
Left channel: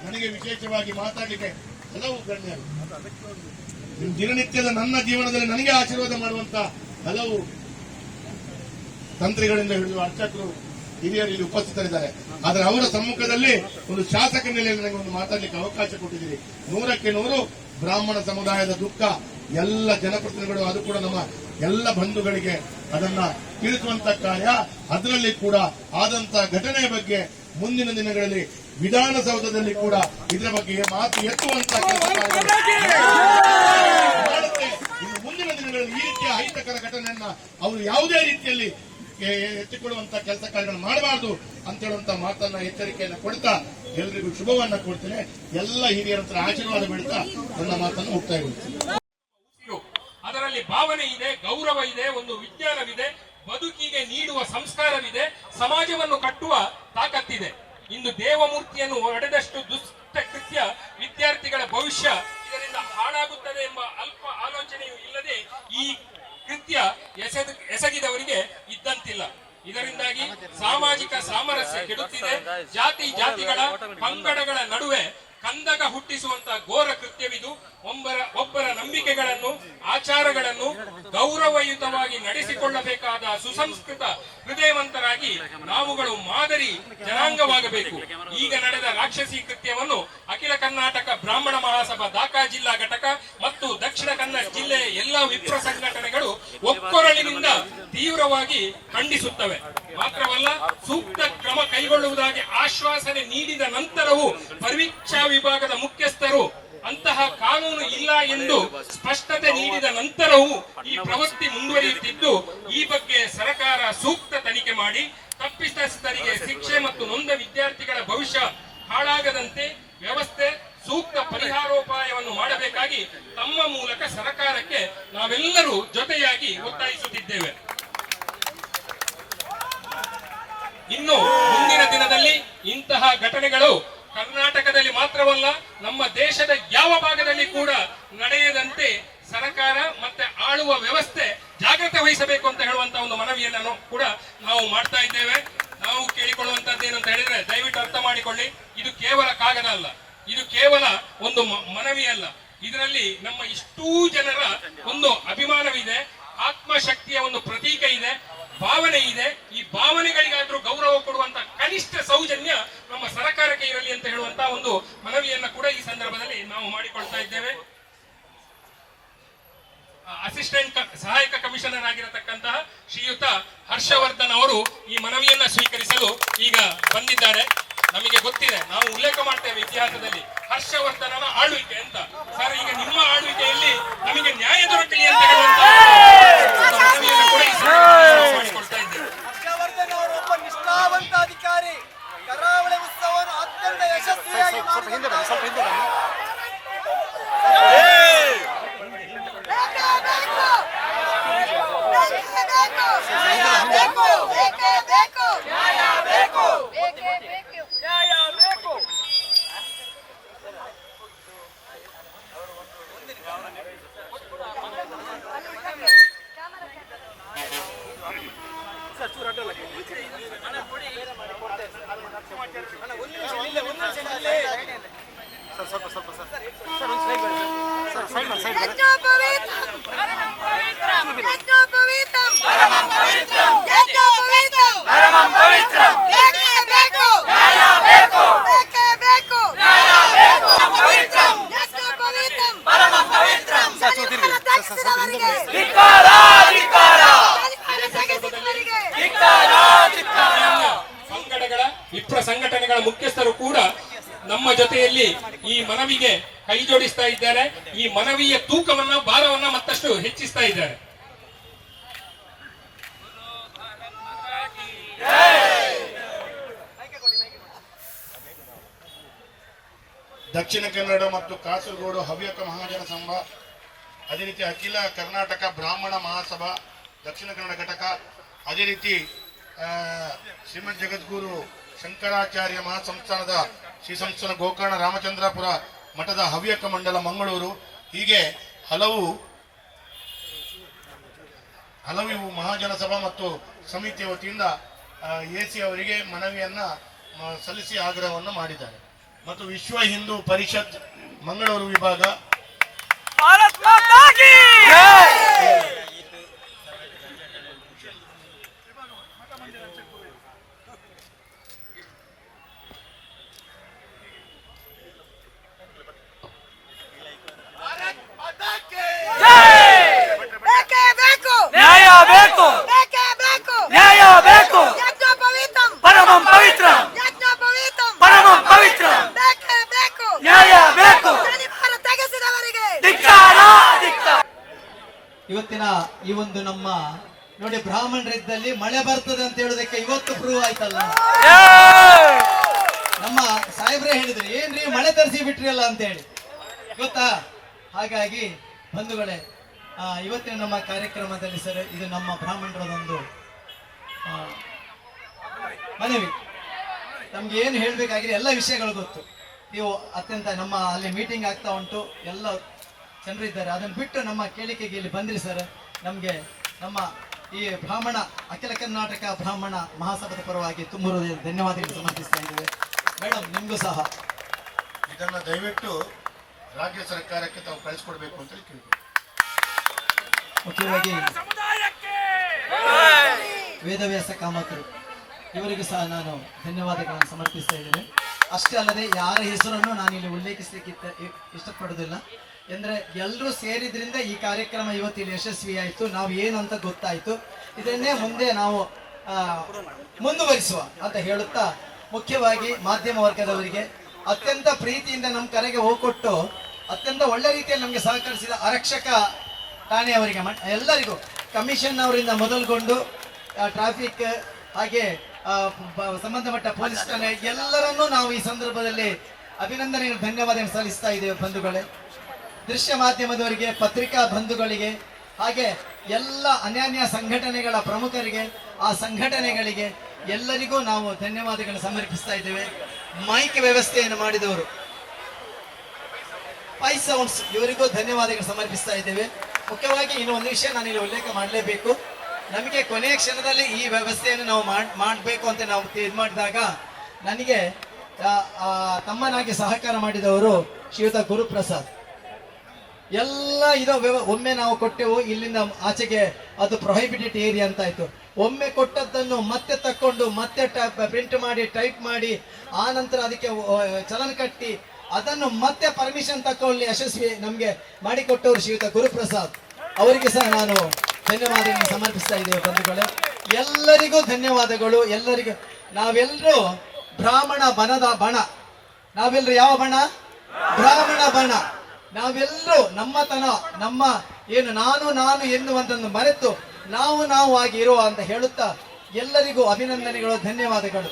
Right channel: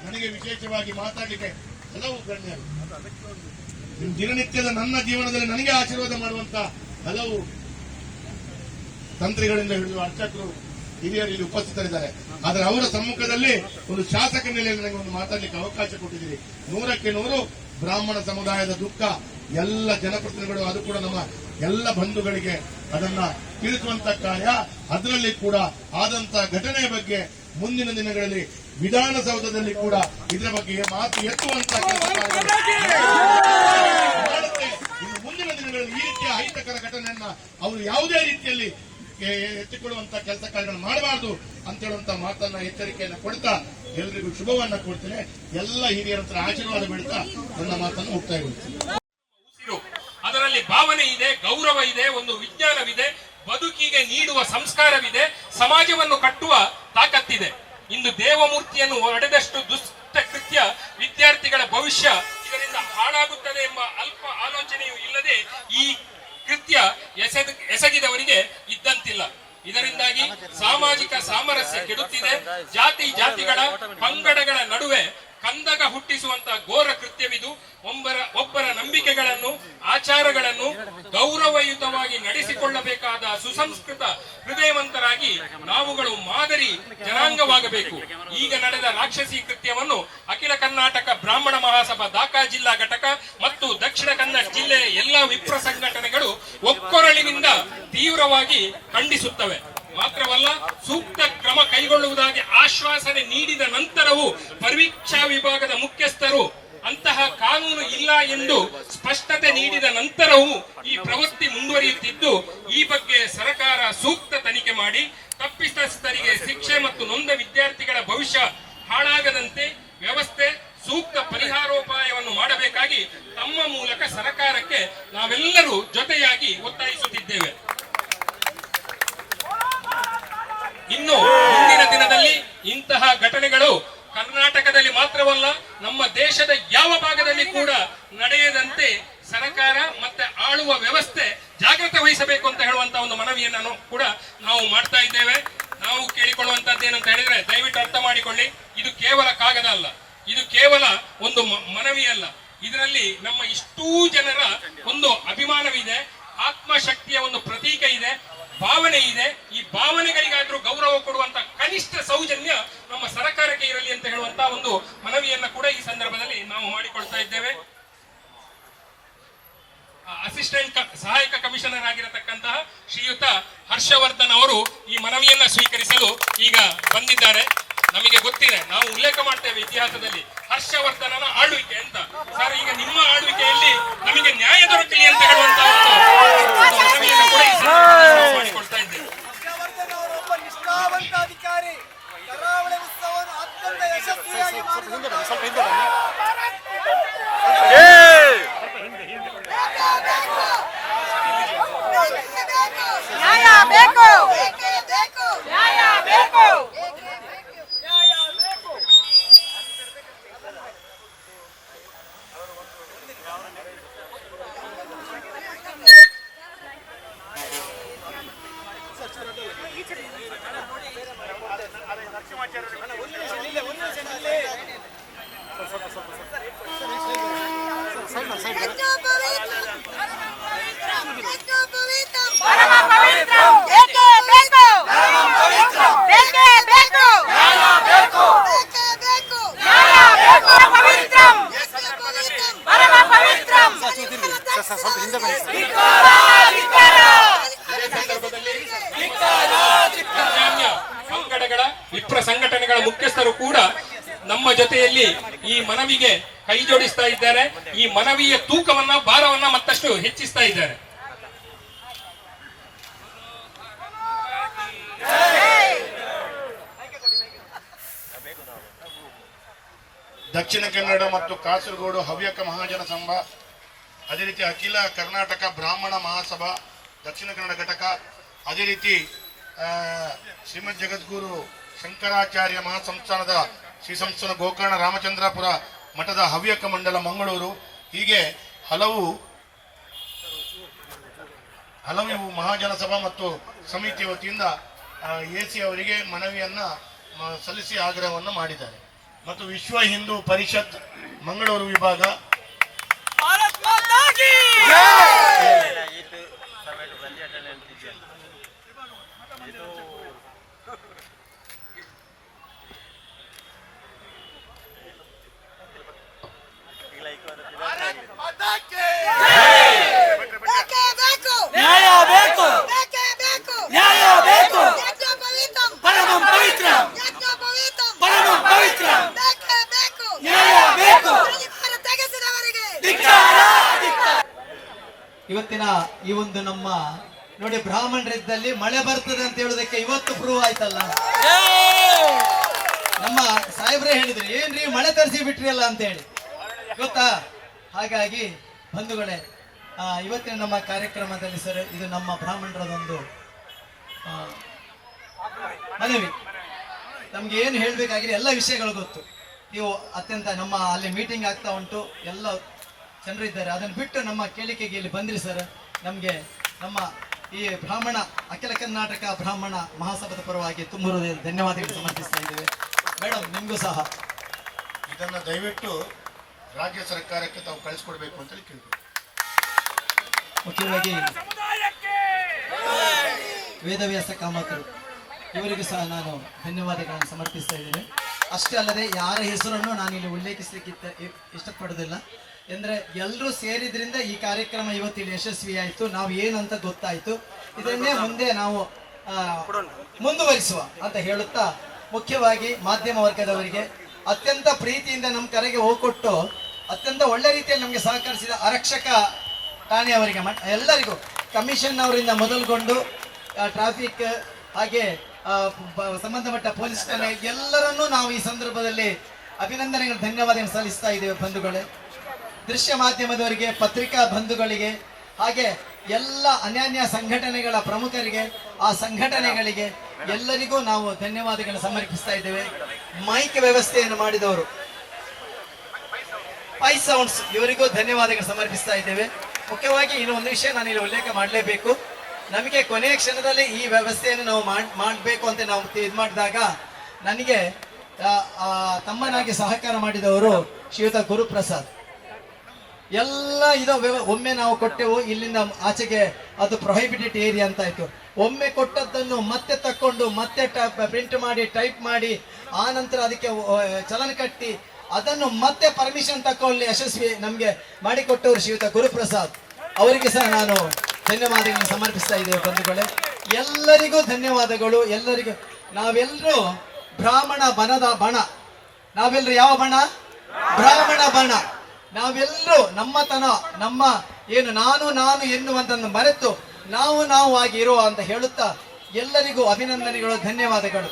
ನನಗೆ ವಿಶೇಷವಾಗಿ ಮಾತಾಡಲಿಕ್ಕೆ ಹಲವು ಗಣ್ಯರು, ದಿನನಿತ್ಯದ ನನ್ನ ಜೀವನದಲ್ಲಿ ನನಗೆ ಆಶೀರ್ವಾದ ಮಾಡುವಂತ ಹಲವು ತಂತ್ರಿಗಳಿಂದ ಹಿಡಿದು ಅರ್ಚಕರು ಹಿರಿಯರು ಇಲ್ಲಿ ಉಪಸ್ಥಿತರಿದ್ದಾರೆ. ಆದರೆ ಅವರ ಸಮ್ಮುಖದಲ್ಲಿ ಒಂದು ಶಾಸಕ ನೆಲೆಯಲ್ಲಿ ನನಗೆ ಒಂದು ಮಾತಾಡಲಿಕ್ಕೆ ಅವಕಾಶ ಕೊಟ್ಟಿದ್ದೀರಿ. 100ಕ್ಕೆ 100 ಬ್ರಾಹ್ಮಣ ಸಮುದಾಯದ ದುಃಖ ಎಲ್ಲ ಜನಪ್ರತಿನಿಧಿಗಳು, ಅದು ಕೂಡ ನಮ್ಮ ಎಲ್ಲ ಬಂಧುಗಳಿಗೆ ಅದನ್ನ ತಿಳಿಸುವಂತ ಕಾರ್ಯ, ಅದರಲ್ಲಿ ಕೂಡ ಆದಂತ ಘಟನೆಯ ಬಗ್ಗೆ ಮುಂದಿನ ದಿನಗಳಲ್ಲಿ ವಿಧಾನಸೌಧದಲ್ಲಿ ಕೂಡ ಇದರ ಬಗ್ಗೆ ಮಾತು ಎತ್ತುವಂತ ಕೆಲಸ ಮಾಡುತ್ತೆ. ಇನ್ನು ಮುಂದಿನ ದಿನಗಳಲ್ಲಿ ಈ ರೀತಿಯ ಅಹಿತಕರ ಘಟನೆಯನ್ನ ಅವರು ಯಾವುದೇ ರೀತಿಯಲ್ಲಿ ಎತ್ತಿಕೊಳ್ಳುವಂತ ಕೆಲಸ ಕಾರ್ಯಗಳನ್ನು ಮಾಡಬಾರದು ಅಂತ ಹೇಳುವಂತ ಮಾತನ್ನ ಎಚ್ಚರಿಕೆಯನ್ನು ಕೊಡ್ತಾ ಎಲ್ಲರಿಗೂ ಶುಭವನ್ನ ಕೊಡ್ತೇನೆ. ಎಲ್ಲ ಹಿರಿಯರ ಹತ್ರ ಆಶೀರ್ವಾದ ಬಿಡ್ತಾ ನನ್ನ ಮಾತನ್ನು ಮುಕ್ತಾಯಗೊಳಿಸ್ತೀನಿ. ಅದರಲ್ಲಿ ಭಾವನೆ ಇದೆ, ಗೌರವ ಇದೆ, ಒಂದು ವಿಜ್ಞಾನವಿದೆ, ಬದುಕಿಗೆ ನೀಡುವ ಸಂಸ್ಕಾರವಿದೆ, ಸಮಾಜವನ್ನು ಕಟ್ಟುವ ತಾಕತ್ತಿದೆ. ಇಂದು ದೇವಮೂರ್ತಿಯನ್ನು ಒಡೆದಷ್ಟು ದುಷ್ಟ ಕೃತ್ಯ ವಿದ್ಯಾರ್ಥಿಗಳ ಭವಿಷ್ಯ ಇದರಿಂದ ಹಾಳಾಗುತ್ತದೆ ಎಂಬ ಅಲ್ಪ ಆಲೋಚನೆಯೂ ಇಲ್ಲದೆ ಈ ಕೃತ್ಯ ಎಸಗಿದವರಿಗೆ ಇದ್ದಂತಿಲ್ಲ. ಇದರಿಂದಾಗಿ ಸಾಮಾಜಿಕ ಸಾಮರಸ್ಯ ಕೆಡುತ್ತಿದೆ. ಜಾತಿಗಳ ಪಂಗಡಗಳ ನಡುವೆ ಕಂದಕ ಹುಟ್ಟಿಸುವಂತ ಘೋರ ಕೃತ್ಯವಿದು. ಒಬ್ಬರ ನಂಬಿಕೆಗಳನ್ನು, ಆಚಾರಗಳನ್ನು ಗೌರವಯುತವಾಗಿ ನಡೆಸಿಕೊಳ್ಳಬೇಕಾದ ಸುಸಂಸ್ಕೃತ ಹೃದಯವಂತರಾಗಿ ನಾವುಗಳು ಮಾದರಿ ಜನಾಂಗವಾಗಬೇಕು. ಈಗ ನಡೆದ ರಾಕ್ಷಸಿ ಕೃತ್ಯವನ್ನು ಅಖಿಲ ಕರ್ನಾಟಕ ಬ್ರಾಹ್ಮಣ ಮಹಾಸಭಾ ದಾಖಾ ಜಿಲ್ಲಾ ಘಟಕ ಮತ್ತು ದಕ್ಷಿಣ ಕನ್ನಡ ಜಿಲ್ಲೆಯ ಎಲ್ಲಾ ವಿಪ್ರ ಸಂಘಟನೆಗಳು ಒಕ್ಕೊರಳಿನಿಂದ ತೀವ್ರವಾಗಿ ಖಂಡಿಸುತ್ತವೆ. ಮಾತ್ರವಲ್ಲ, ಸೂಕ್ತ ಕ್ರಮ ಕೈಗೊಳ್ಳುವುದಾಗಿ ಆಶ್ವಾಸನೆ ನೀಡಿದ ನಂತರವೂ ಪರೀಕ್ಷಾ ವಿಭಾಗದ ಮುಖ್ಯಸ್ಥರು ಅಂತಹ ಕಾನೂನು ಇಲ್ಲ ಎಂದು ಸ್ಪಷ್ಟತೆ ನೀಡಿದ ನಂತರವೂ ಈ ಪ್ರವೃತ್ತಿ ಮುಂದುವರಿಯುತ್ತಿದ್ದು, ಈ ಬಗ್ಗೆ ಸರ್ಕಾರ ಸೂಕ್ತ ತನಿಖೆ ಮಾಡಿ ತಪ್ಪಿತಸ್ಥರಿಗೆ ಶಿಕ್ಷೆ ಮತ್ತು ನೊಂದ ವಿದ್ಯಾರ್ಥಿಗಳ ಭವಿಷ್ಯ ಹಾಳಾಗದಂತೆ ವ್ಯವಸ್ಥೆ ಸೂಕ್ತ ಪರಿಹಾರೋಪಾಯವನ್ನು ಮಾಡಬೇಕಾಗಿ ತಮ್ಮ ಮೂಲಕ ಸರ್ಕಾರಕ್ಕೆ ನಾವೆಲ್ಲರೂ ಜೊತೆಯಾಗಿ ಒತ್ತಾಯಿಸುತ್ತಿದ್ದೇವೆ. ಇನ್ನು ಮುಂದಿನ ದಿನದಲ್ಲಿ ಇಂತಹ ಘಟನೆಗಳು ಕರ್ನಾಟಕದಲ್ಲಿ ಮಾತ್ರವಲ್ಲ, ನಮ್ಮ ದೇಶದ ಯಾವ ಭಾಗದಲ್ಲಿ ಕೂಡ ನಡೆಯದಂತೆ ಸರ್ಕಾರ ಮತ್ತೆ ಆಳುವ ವ್ಯವಸ್ಥೆ ಜಾಗ್ರತೆ ವಹಿಸಬೇಕು ಅಂತ ಹೇಳುವಂತ ಒಂದು ಮನವಿಯನ್ನು ಕೂಡ ನಾವು ಮಾಡ್ತಾ ಇದ್ದೇವೆ. ನಾವು ಕೇಳಿಕೊಳ್ಳುವಂತದ್ದು ಏನಂತ ಹೇಳಿದ್ರೆ, ದಯವಿಟ್ಟು ಅರ್ಥ ಮಾಡಿಕೊಳ್ಳಿ, ಇದು ಕೇವಲ ಕಾಗದ ಅಲ್ಲ, ಇದು ಕೇವಲ ಒಂದು ಮನವಿ ಅಲ್ಲ. ಇದರಲ್ಲಿ ನಮ್ಮ ಇಷ್ಟೂ ಜನರ ಒಂದು ಅಭಿಮಾನವಿದೆ, ಆತ್ಮಶಕ್ತಿಯ ಒಂದು ಪ್ರತೀಕ ಇದೆ, ಭಾವನೆ ಇದೆ. ಈ ಭಾವನೆಗಳಿಗಾದ್ರೂ ಗೌರವ ಕೊಡುವಂತ ಕನಿಷ್ಠ ಸೌಜನ್ಯ ನಮ್ಮ ಸರ್ಕಾರಕ್ಕೆ ಇರಲಿ ಅಂತ ಹೇಳುವಂತ ಒಂದು ಮನವಿಯನ್ನ ಕೂಡ ಈ ಸಂದರ್ಭದಲ್ಲಿ ನಾವು ಮಾಡಿಕೊಳ್ತಾ ಇದ್ದೇವೆ. ಅಸಿಸ್ಟೆಂಟ್ ಸಹಾಯಕ ಕಮಿಷನರ್ ಆಗಿರತಕ್ಕಂತಹ ಶ್ರೀಯುತ ಹರ್ಷವರ್ಧನ್ ಅವರು ಈ ಮನವಿಯನ್ನ ಸ್ವೀಕರಿಸಲು ಈಗ ಬಂದಿದ್ದಾರೆ. ನಮಗೆ ಗೊತ್ತಿದೆ, ನಾವು ಉಲ್ಲೇಖ ಮಾಡ್ತೇವೆ ಇತಿಹಾಸದಲ್ಲಿ ಹರ್ಷವರ್ಧನನ ಆಳ್ವಿಕೆ ಅಂತ. ಸರ್, ಈಗ ನಿಮ್ಮ ಆಳ್ವಿಕೆಯಲ್ಲಿ ನಮಗೆ ನ್ಯಾಯ ದೊರಕಲಿ ಅಂತ ಹೇಳುವಂತಹ ಮನವಿಯನ್ನು ಕೂಡ ಪಂಗಡಗಳ ವಿಪ್ರ ಸಂಘಟನೆಗಳ ಮುಖ್ಯಸ್ಥರು ಕೂಡ ನಮ್ಮ ಜೊತೆಯಲ್ಲಿ ಈ ಮನವಿಗೆ ಕೈ ಜೋಡಿಸ್ತಾ ಇದ್ದಾರೆ. ಈ ಮನವಿಯ ತೂಕವನ್ನ ಭಾರವನ್ನ ಮತ್ತಷ್ಟು ಹೆಚ್ಚಿಸ್ತಾ ಇದ್ದಾರೆ. ದಕ್ಷಿಣ ಕನ್ನಡ ಮತ್ತು ಕಾಸರಗೋಡು ಹವ್ಯಕ ಮಹಾಜನ ಸಂಘ, ಅದೇ ರೀತಿ ಅಖಿಲ ಕರ್ನಾಟಕ ಬ್ರಾಹ್ಮಣ ಮಹಾಸಭಾ ದಕ್ಷಿಣ ಕನ್ನಡ ಘಟಕ, ಅದೇ ರೀತಿ ಶ್ರೀಮದ್ ಜಗದ್ಗುರು ಶಂಕರಾಚಾರ್ಯ ಮಹಾಸಂಸ್ಥಾನದ ಶ್ರೀ ಸಂಸ್ಥಾನ ಗೋಕರ್ಣ ರಾಮಚಂದ್ರಾಪುರ ಮಠದ ಹವ್ಯಕ ಮಂಡಲ ಮಂಗಳೂರು, ಹೀಗೆ ಹಲವು ಮಹಾಜನ ಸಭಾ ಮತ್ತು ಸಮಿತಿಯ ವತಿಯಿಂದ ಎಸಿ ಅವರಿಗೆ ಮನವಿಯನ್ನ ಸಲ್ಲಿಸಿ ಆಗ್ರಹವನ್ನು ಮಾಡಿದ್ದಾರೆ. ಮತ್ತು ವಿಶ್ವ ಹಿಂದೂ ಪರಿಷತ್ ಮಂಗಳೂರು ವಿಭಾಗ ಇವತ್ತಿನ ಈ ಒಂದು ನಮ್ಮ ನೋಡಿ ಬ್ರಾಹ್ಮಣರಿದ್ದಲ್ಲಿ ಮಳೆ ಬರ್ತದೆ ಅಂತ ಹೇಳೋದಕ್ಕೆ ಇವತ್ತು ಪ್ರೂವ್ ಆಯ್ತಲ್ಲ. ನಮ್ಮ ಸಾಹೇಬ್ರೇ ಹೇಳಿದ್ರು ಏನ್ರಿ ಮಳೆ ತರಿಸಿ ಬಿಟ್ರಿ ಅಲ್ಲ ಅಂತ ಹೇಳಿ, ಗೊತ್ತಾ? ಹಾಗಾಗಿ ಬಂಧುಗಳೇ, ಇವತ್ತಿನ ನಮ್ಮ ಕಾರ್ಯಕ್ರಮದಲ್ಲಿ ಸರ್ ಇದು ನಮ್ಮ ಬ್ರಾಹ್ಮಣರದೊಂದು ಮನವಿ. ನಮ್ಗೆ ಏನು ಹೇಳ್ಬೇಕಾಗಿದೆ ಎಲ್ಲ ವಿಷಯಗಳು ಗೊತ್ತು. ನೀವು ಅತ್ಯಂತ ನಮ್ಮ ಅಲ್ಲಿ ಮೀಟಿಂಗ್ ಆಗ್ತಾ ಉಂಟು, ಎಲ್ಲ ಜನರು ಇದ್ದಾರೆ. ಅದನ್ನು ಬಿಟ್ಟು ನಮ್ಮ ಕೇಳಿಕೆಗೆ ಇಲ್ಲಿ ಬಂದ್ರಿ ಸರ್. ನಮಗೆ ನಮ್ಮ ಈ ಬ್ರಾಹ್ಮಣ ಅಖಿಲ ಕರ್ನಾಟಕ ಬ್ರಾಹ್ಮಣ ಮಹಾಸಭಾದ ಪರವಾಗಿ ತುಂಬ ಧನ್ಯವಾದಗಳು ಸಮರ್ಪಿಸ್ತಾ ಇದ್ದೇವೆ. ಮೇಡಮ್, ನಿಮಗೂ ಸಹ ಇದನ್ನ ದಯವಿಟ್ಟು ರಾಜ್ಯ ಸರ್ಕಾರಕ್ಕೆ ತಾವು ಕಳಿಸ್ಕೊಡ್ಬೇಕು ಅಂತ ಕೇಳ್ತೀವಿ. ಮುಖ್ಯವಾಗಿ ವೇದವ್ಯಾಸ ಕಾಮಕರು ಇವರಿಗೂ ಸಹ ನಾನು ಧನ್ಯವಾದಗಳನ್ನು ಸಮರ್ಪಿಸ್ತಾ ಇದ್ದೇನೆ. ಅಷ್ಟೇ ಅಲ್ಲದೆ ಯಾರ ಹೆಸರನ್ನು ನಾನಿಲ್ಲಿ ಉಲ್ಲೇಖಿಸಲಿಕ್ಕೆ ಇಷ್ಟಪಡೋದಿಲ್ಲ. ಅಂದರೆ ಎಲ್ಲರೂ ಸೇರಿದ್ರಿಂದ ಈ ಕಾರ್ಯಕ್ರಮ ಇವತ್ತಿಲ್ಲಿ ಯಶಸ್ವಿ ಆಯಿತು. ನಾವು ಏನಂತ ಗೊತ್ತಾಯಿತು. ಇದನ್ನೇ ಮುಂದೆ ನಾವು ಮುಂದುವರಿಸುವ ಅಂತ ಹೇಳುತ್ತಾ, ಮುಖ್ಯವಾಗಿ ಮಾಧ್ಯಮ ವರ್ಗದವರಿಗೆ ಅತ್ಯಂತ ಪ್ರೀತಿಯಿಂದ ನಮ್ಮ ಕರೆಗೆ ಹೋಗ್ಕೊಟ್ಟು ಅತ್ಯಂತ ಒಳ್ಳೆ ರೀತಿಯಲ್ಲಿ ನಮಗೆ ಸಹಕರಿಸಿದ ಆರಕ್ಷಕ ಠಾಣೆಯವರಿಗೆ, ಎಲ್ಲರಿಗೂ ಕಮಿಷನ್ ಅವರಿಂದ ಮೊದಲುಗೊಂಡು ಟ್ರಾಫಿಕ್ ಹಾಗೆ ಸಂಬಂಧಪಟ್ಟ ಪೊಲೀಸ್ ಠಾಣೆ ಎಲ್ಲರನ್ನೂ ನಾವು ಈ ಸಂದರ್ಭದಲ್ಲಿ ಅಭಿನಂದನೆಗಳು ಧನ್ಯವಾದ ಸಲ್ಲಿಸ್ತಾ ಇದ್ದೇವೆ. ಬಂಧುಗಳೇ, ದೃಶ್ಯ ಮಾಧ್ಯಮದವರಿಗೆ, ಪತ್ರಿಕಾ ಬಂಧುಗಳಿಗೆ, ಹಾಗೆ ಎಲ್ಲ ಅನ್ಯಾನ್ಯ ಸಂಘಟನೆಗಳ ಪ್ರಮುಖರಿಗೆ, ಆ ಸಂಘಟನೆಗಳಿಗೆ ಎಲ್ಲರಿಗೂ ನಾವು ಧನ್ಯವಾದಗಳನ್ನು ಸಮರ್ಪಿಸ್ತಾ ಇದ್ದೇವೆ. ಮೈಕ್ ವ್ಯವಸ್ಥೆಯನ್ನು ಮಾಡಿದವರು ಪೈ ಸೌಂಡ್ಸ್ ಇವರಿಗೂ ಧನ್ಯವಾದಗಳು ಸಮರ್ಪಿಸ್ತಾ ಇದ್ದೇವೆ. ಮುಖ್ಯವಾಗಿ ಇನ್ನೊಂದು ವಿಷಯ ನಾನು ಇಲ್ಲಿ ಉಲ್ಲೇಖ ಮಾಡಲೇಬೇಕು. ನಮಗೆ ಕೊನೆಯ ಕ್ಷಣದಲ್ಲಿ ಈ ವ್ಯವಸ್ಥೆಯನ್ನು ನಾವು ಮಾಡಬೇಕು ಅಂತ ನಾವು ಇದು ಮಾಡಿದಾಗ ನನಗೆ ತಮ್ಮನಾಗಿ ಸಹಕಾರ ಮಾಡಿದವರು ಶ್ರೀಯುತ ಗುರುಪ್ರಸಾದ್. ಎಲ್ಲ ಇದು ಒಮ್ಮೆ ನಾವು ಕೊಟ್ಟೆವು, ಇಲ್ಲಿಂದ ಆಚೆಗೆ ಅದು ಪ್ರೊಹಿಬಿಟೆಡ್ ಏರಿಯಾ ಅಂತ ಆಯ್ತು. ಒಮ್ಮೆ ಕೊಟ್ಟದ್ದನ್ನು ಮತ್ತೆ ತಕ್ಕೊಂಡು ಮತ್ತೆ ಪ್ರಿಂಟ್ ಮಾಡಿ ಟೈಪ್ ಮಾಡಿ ಆ ನಂತರ ಅದಕ್ಕೆ ಚಲನ ಕಟ್ಟಿ ಅದನ್ನು ಮತ್ತೆ ಪರ್ಮಿಷನ್ ತಕ್ಕೊಳ್ಳಿ ಯಶಸ್ವಿ ನಮಗೆ ಮಾಡಿಕೊಟ್ಟವರು ಶ್ರೀಯುತ ಗುರುಪ್ರಸಾದ್. ಅವರಿಗೆ ಸಹ ನಾನು ಧನ್ಯವಾದಗಳನ್ನು ಸಮರ್ಪಿಸ್ತಾ ಇದ್ದೇವೆ. ಬಂಧುಗಳೇ, ಎಲ್ಲರಿಗೂ ಧನ್ಯವಾದಗಳು. ಎಲ್ಲರಿಗೂ ನಾವೆಲ್ಲರೂ ಬ್ರಾಹ್ಮಣ ಬಣದ ಬಣ, ನಾವೆಲ್ಲರೂ ಯಾವ ಬಣ? ಬ್ರಾಹ್ಮಣ ಬಣ. ನಾವೆಲ್ಲರೂ ನಮ್ಮತನ, ನಮ್ಮ ಏನು ನಾನು ಎನ್ನುವಂತನ್ನು ಮರೆತು ನಾವು ಆಗಿ ಇರುವ ಅಂತ ಹೇಳುತ್ತಾ ಎಲ್ಲರಿಗೂ ಅಭಿನಂದನೆಗಳು, ಧನ್ಯವಾದಗಳು.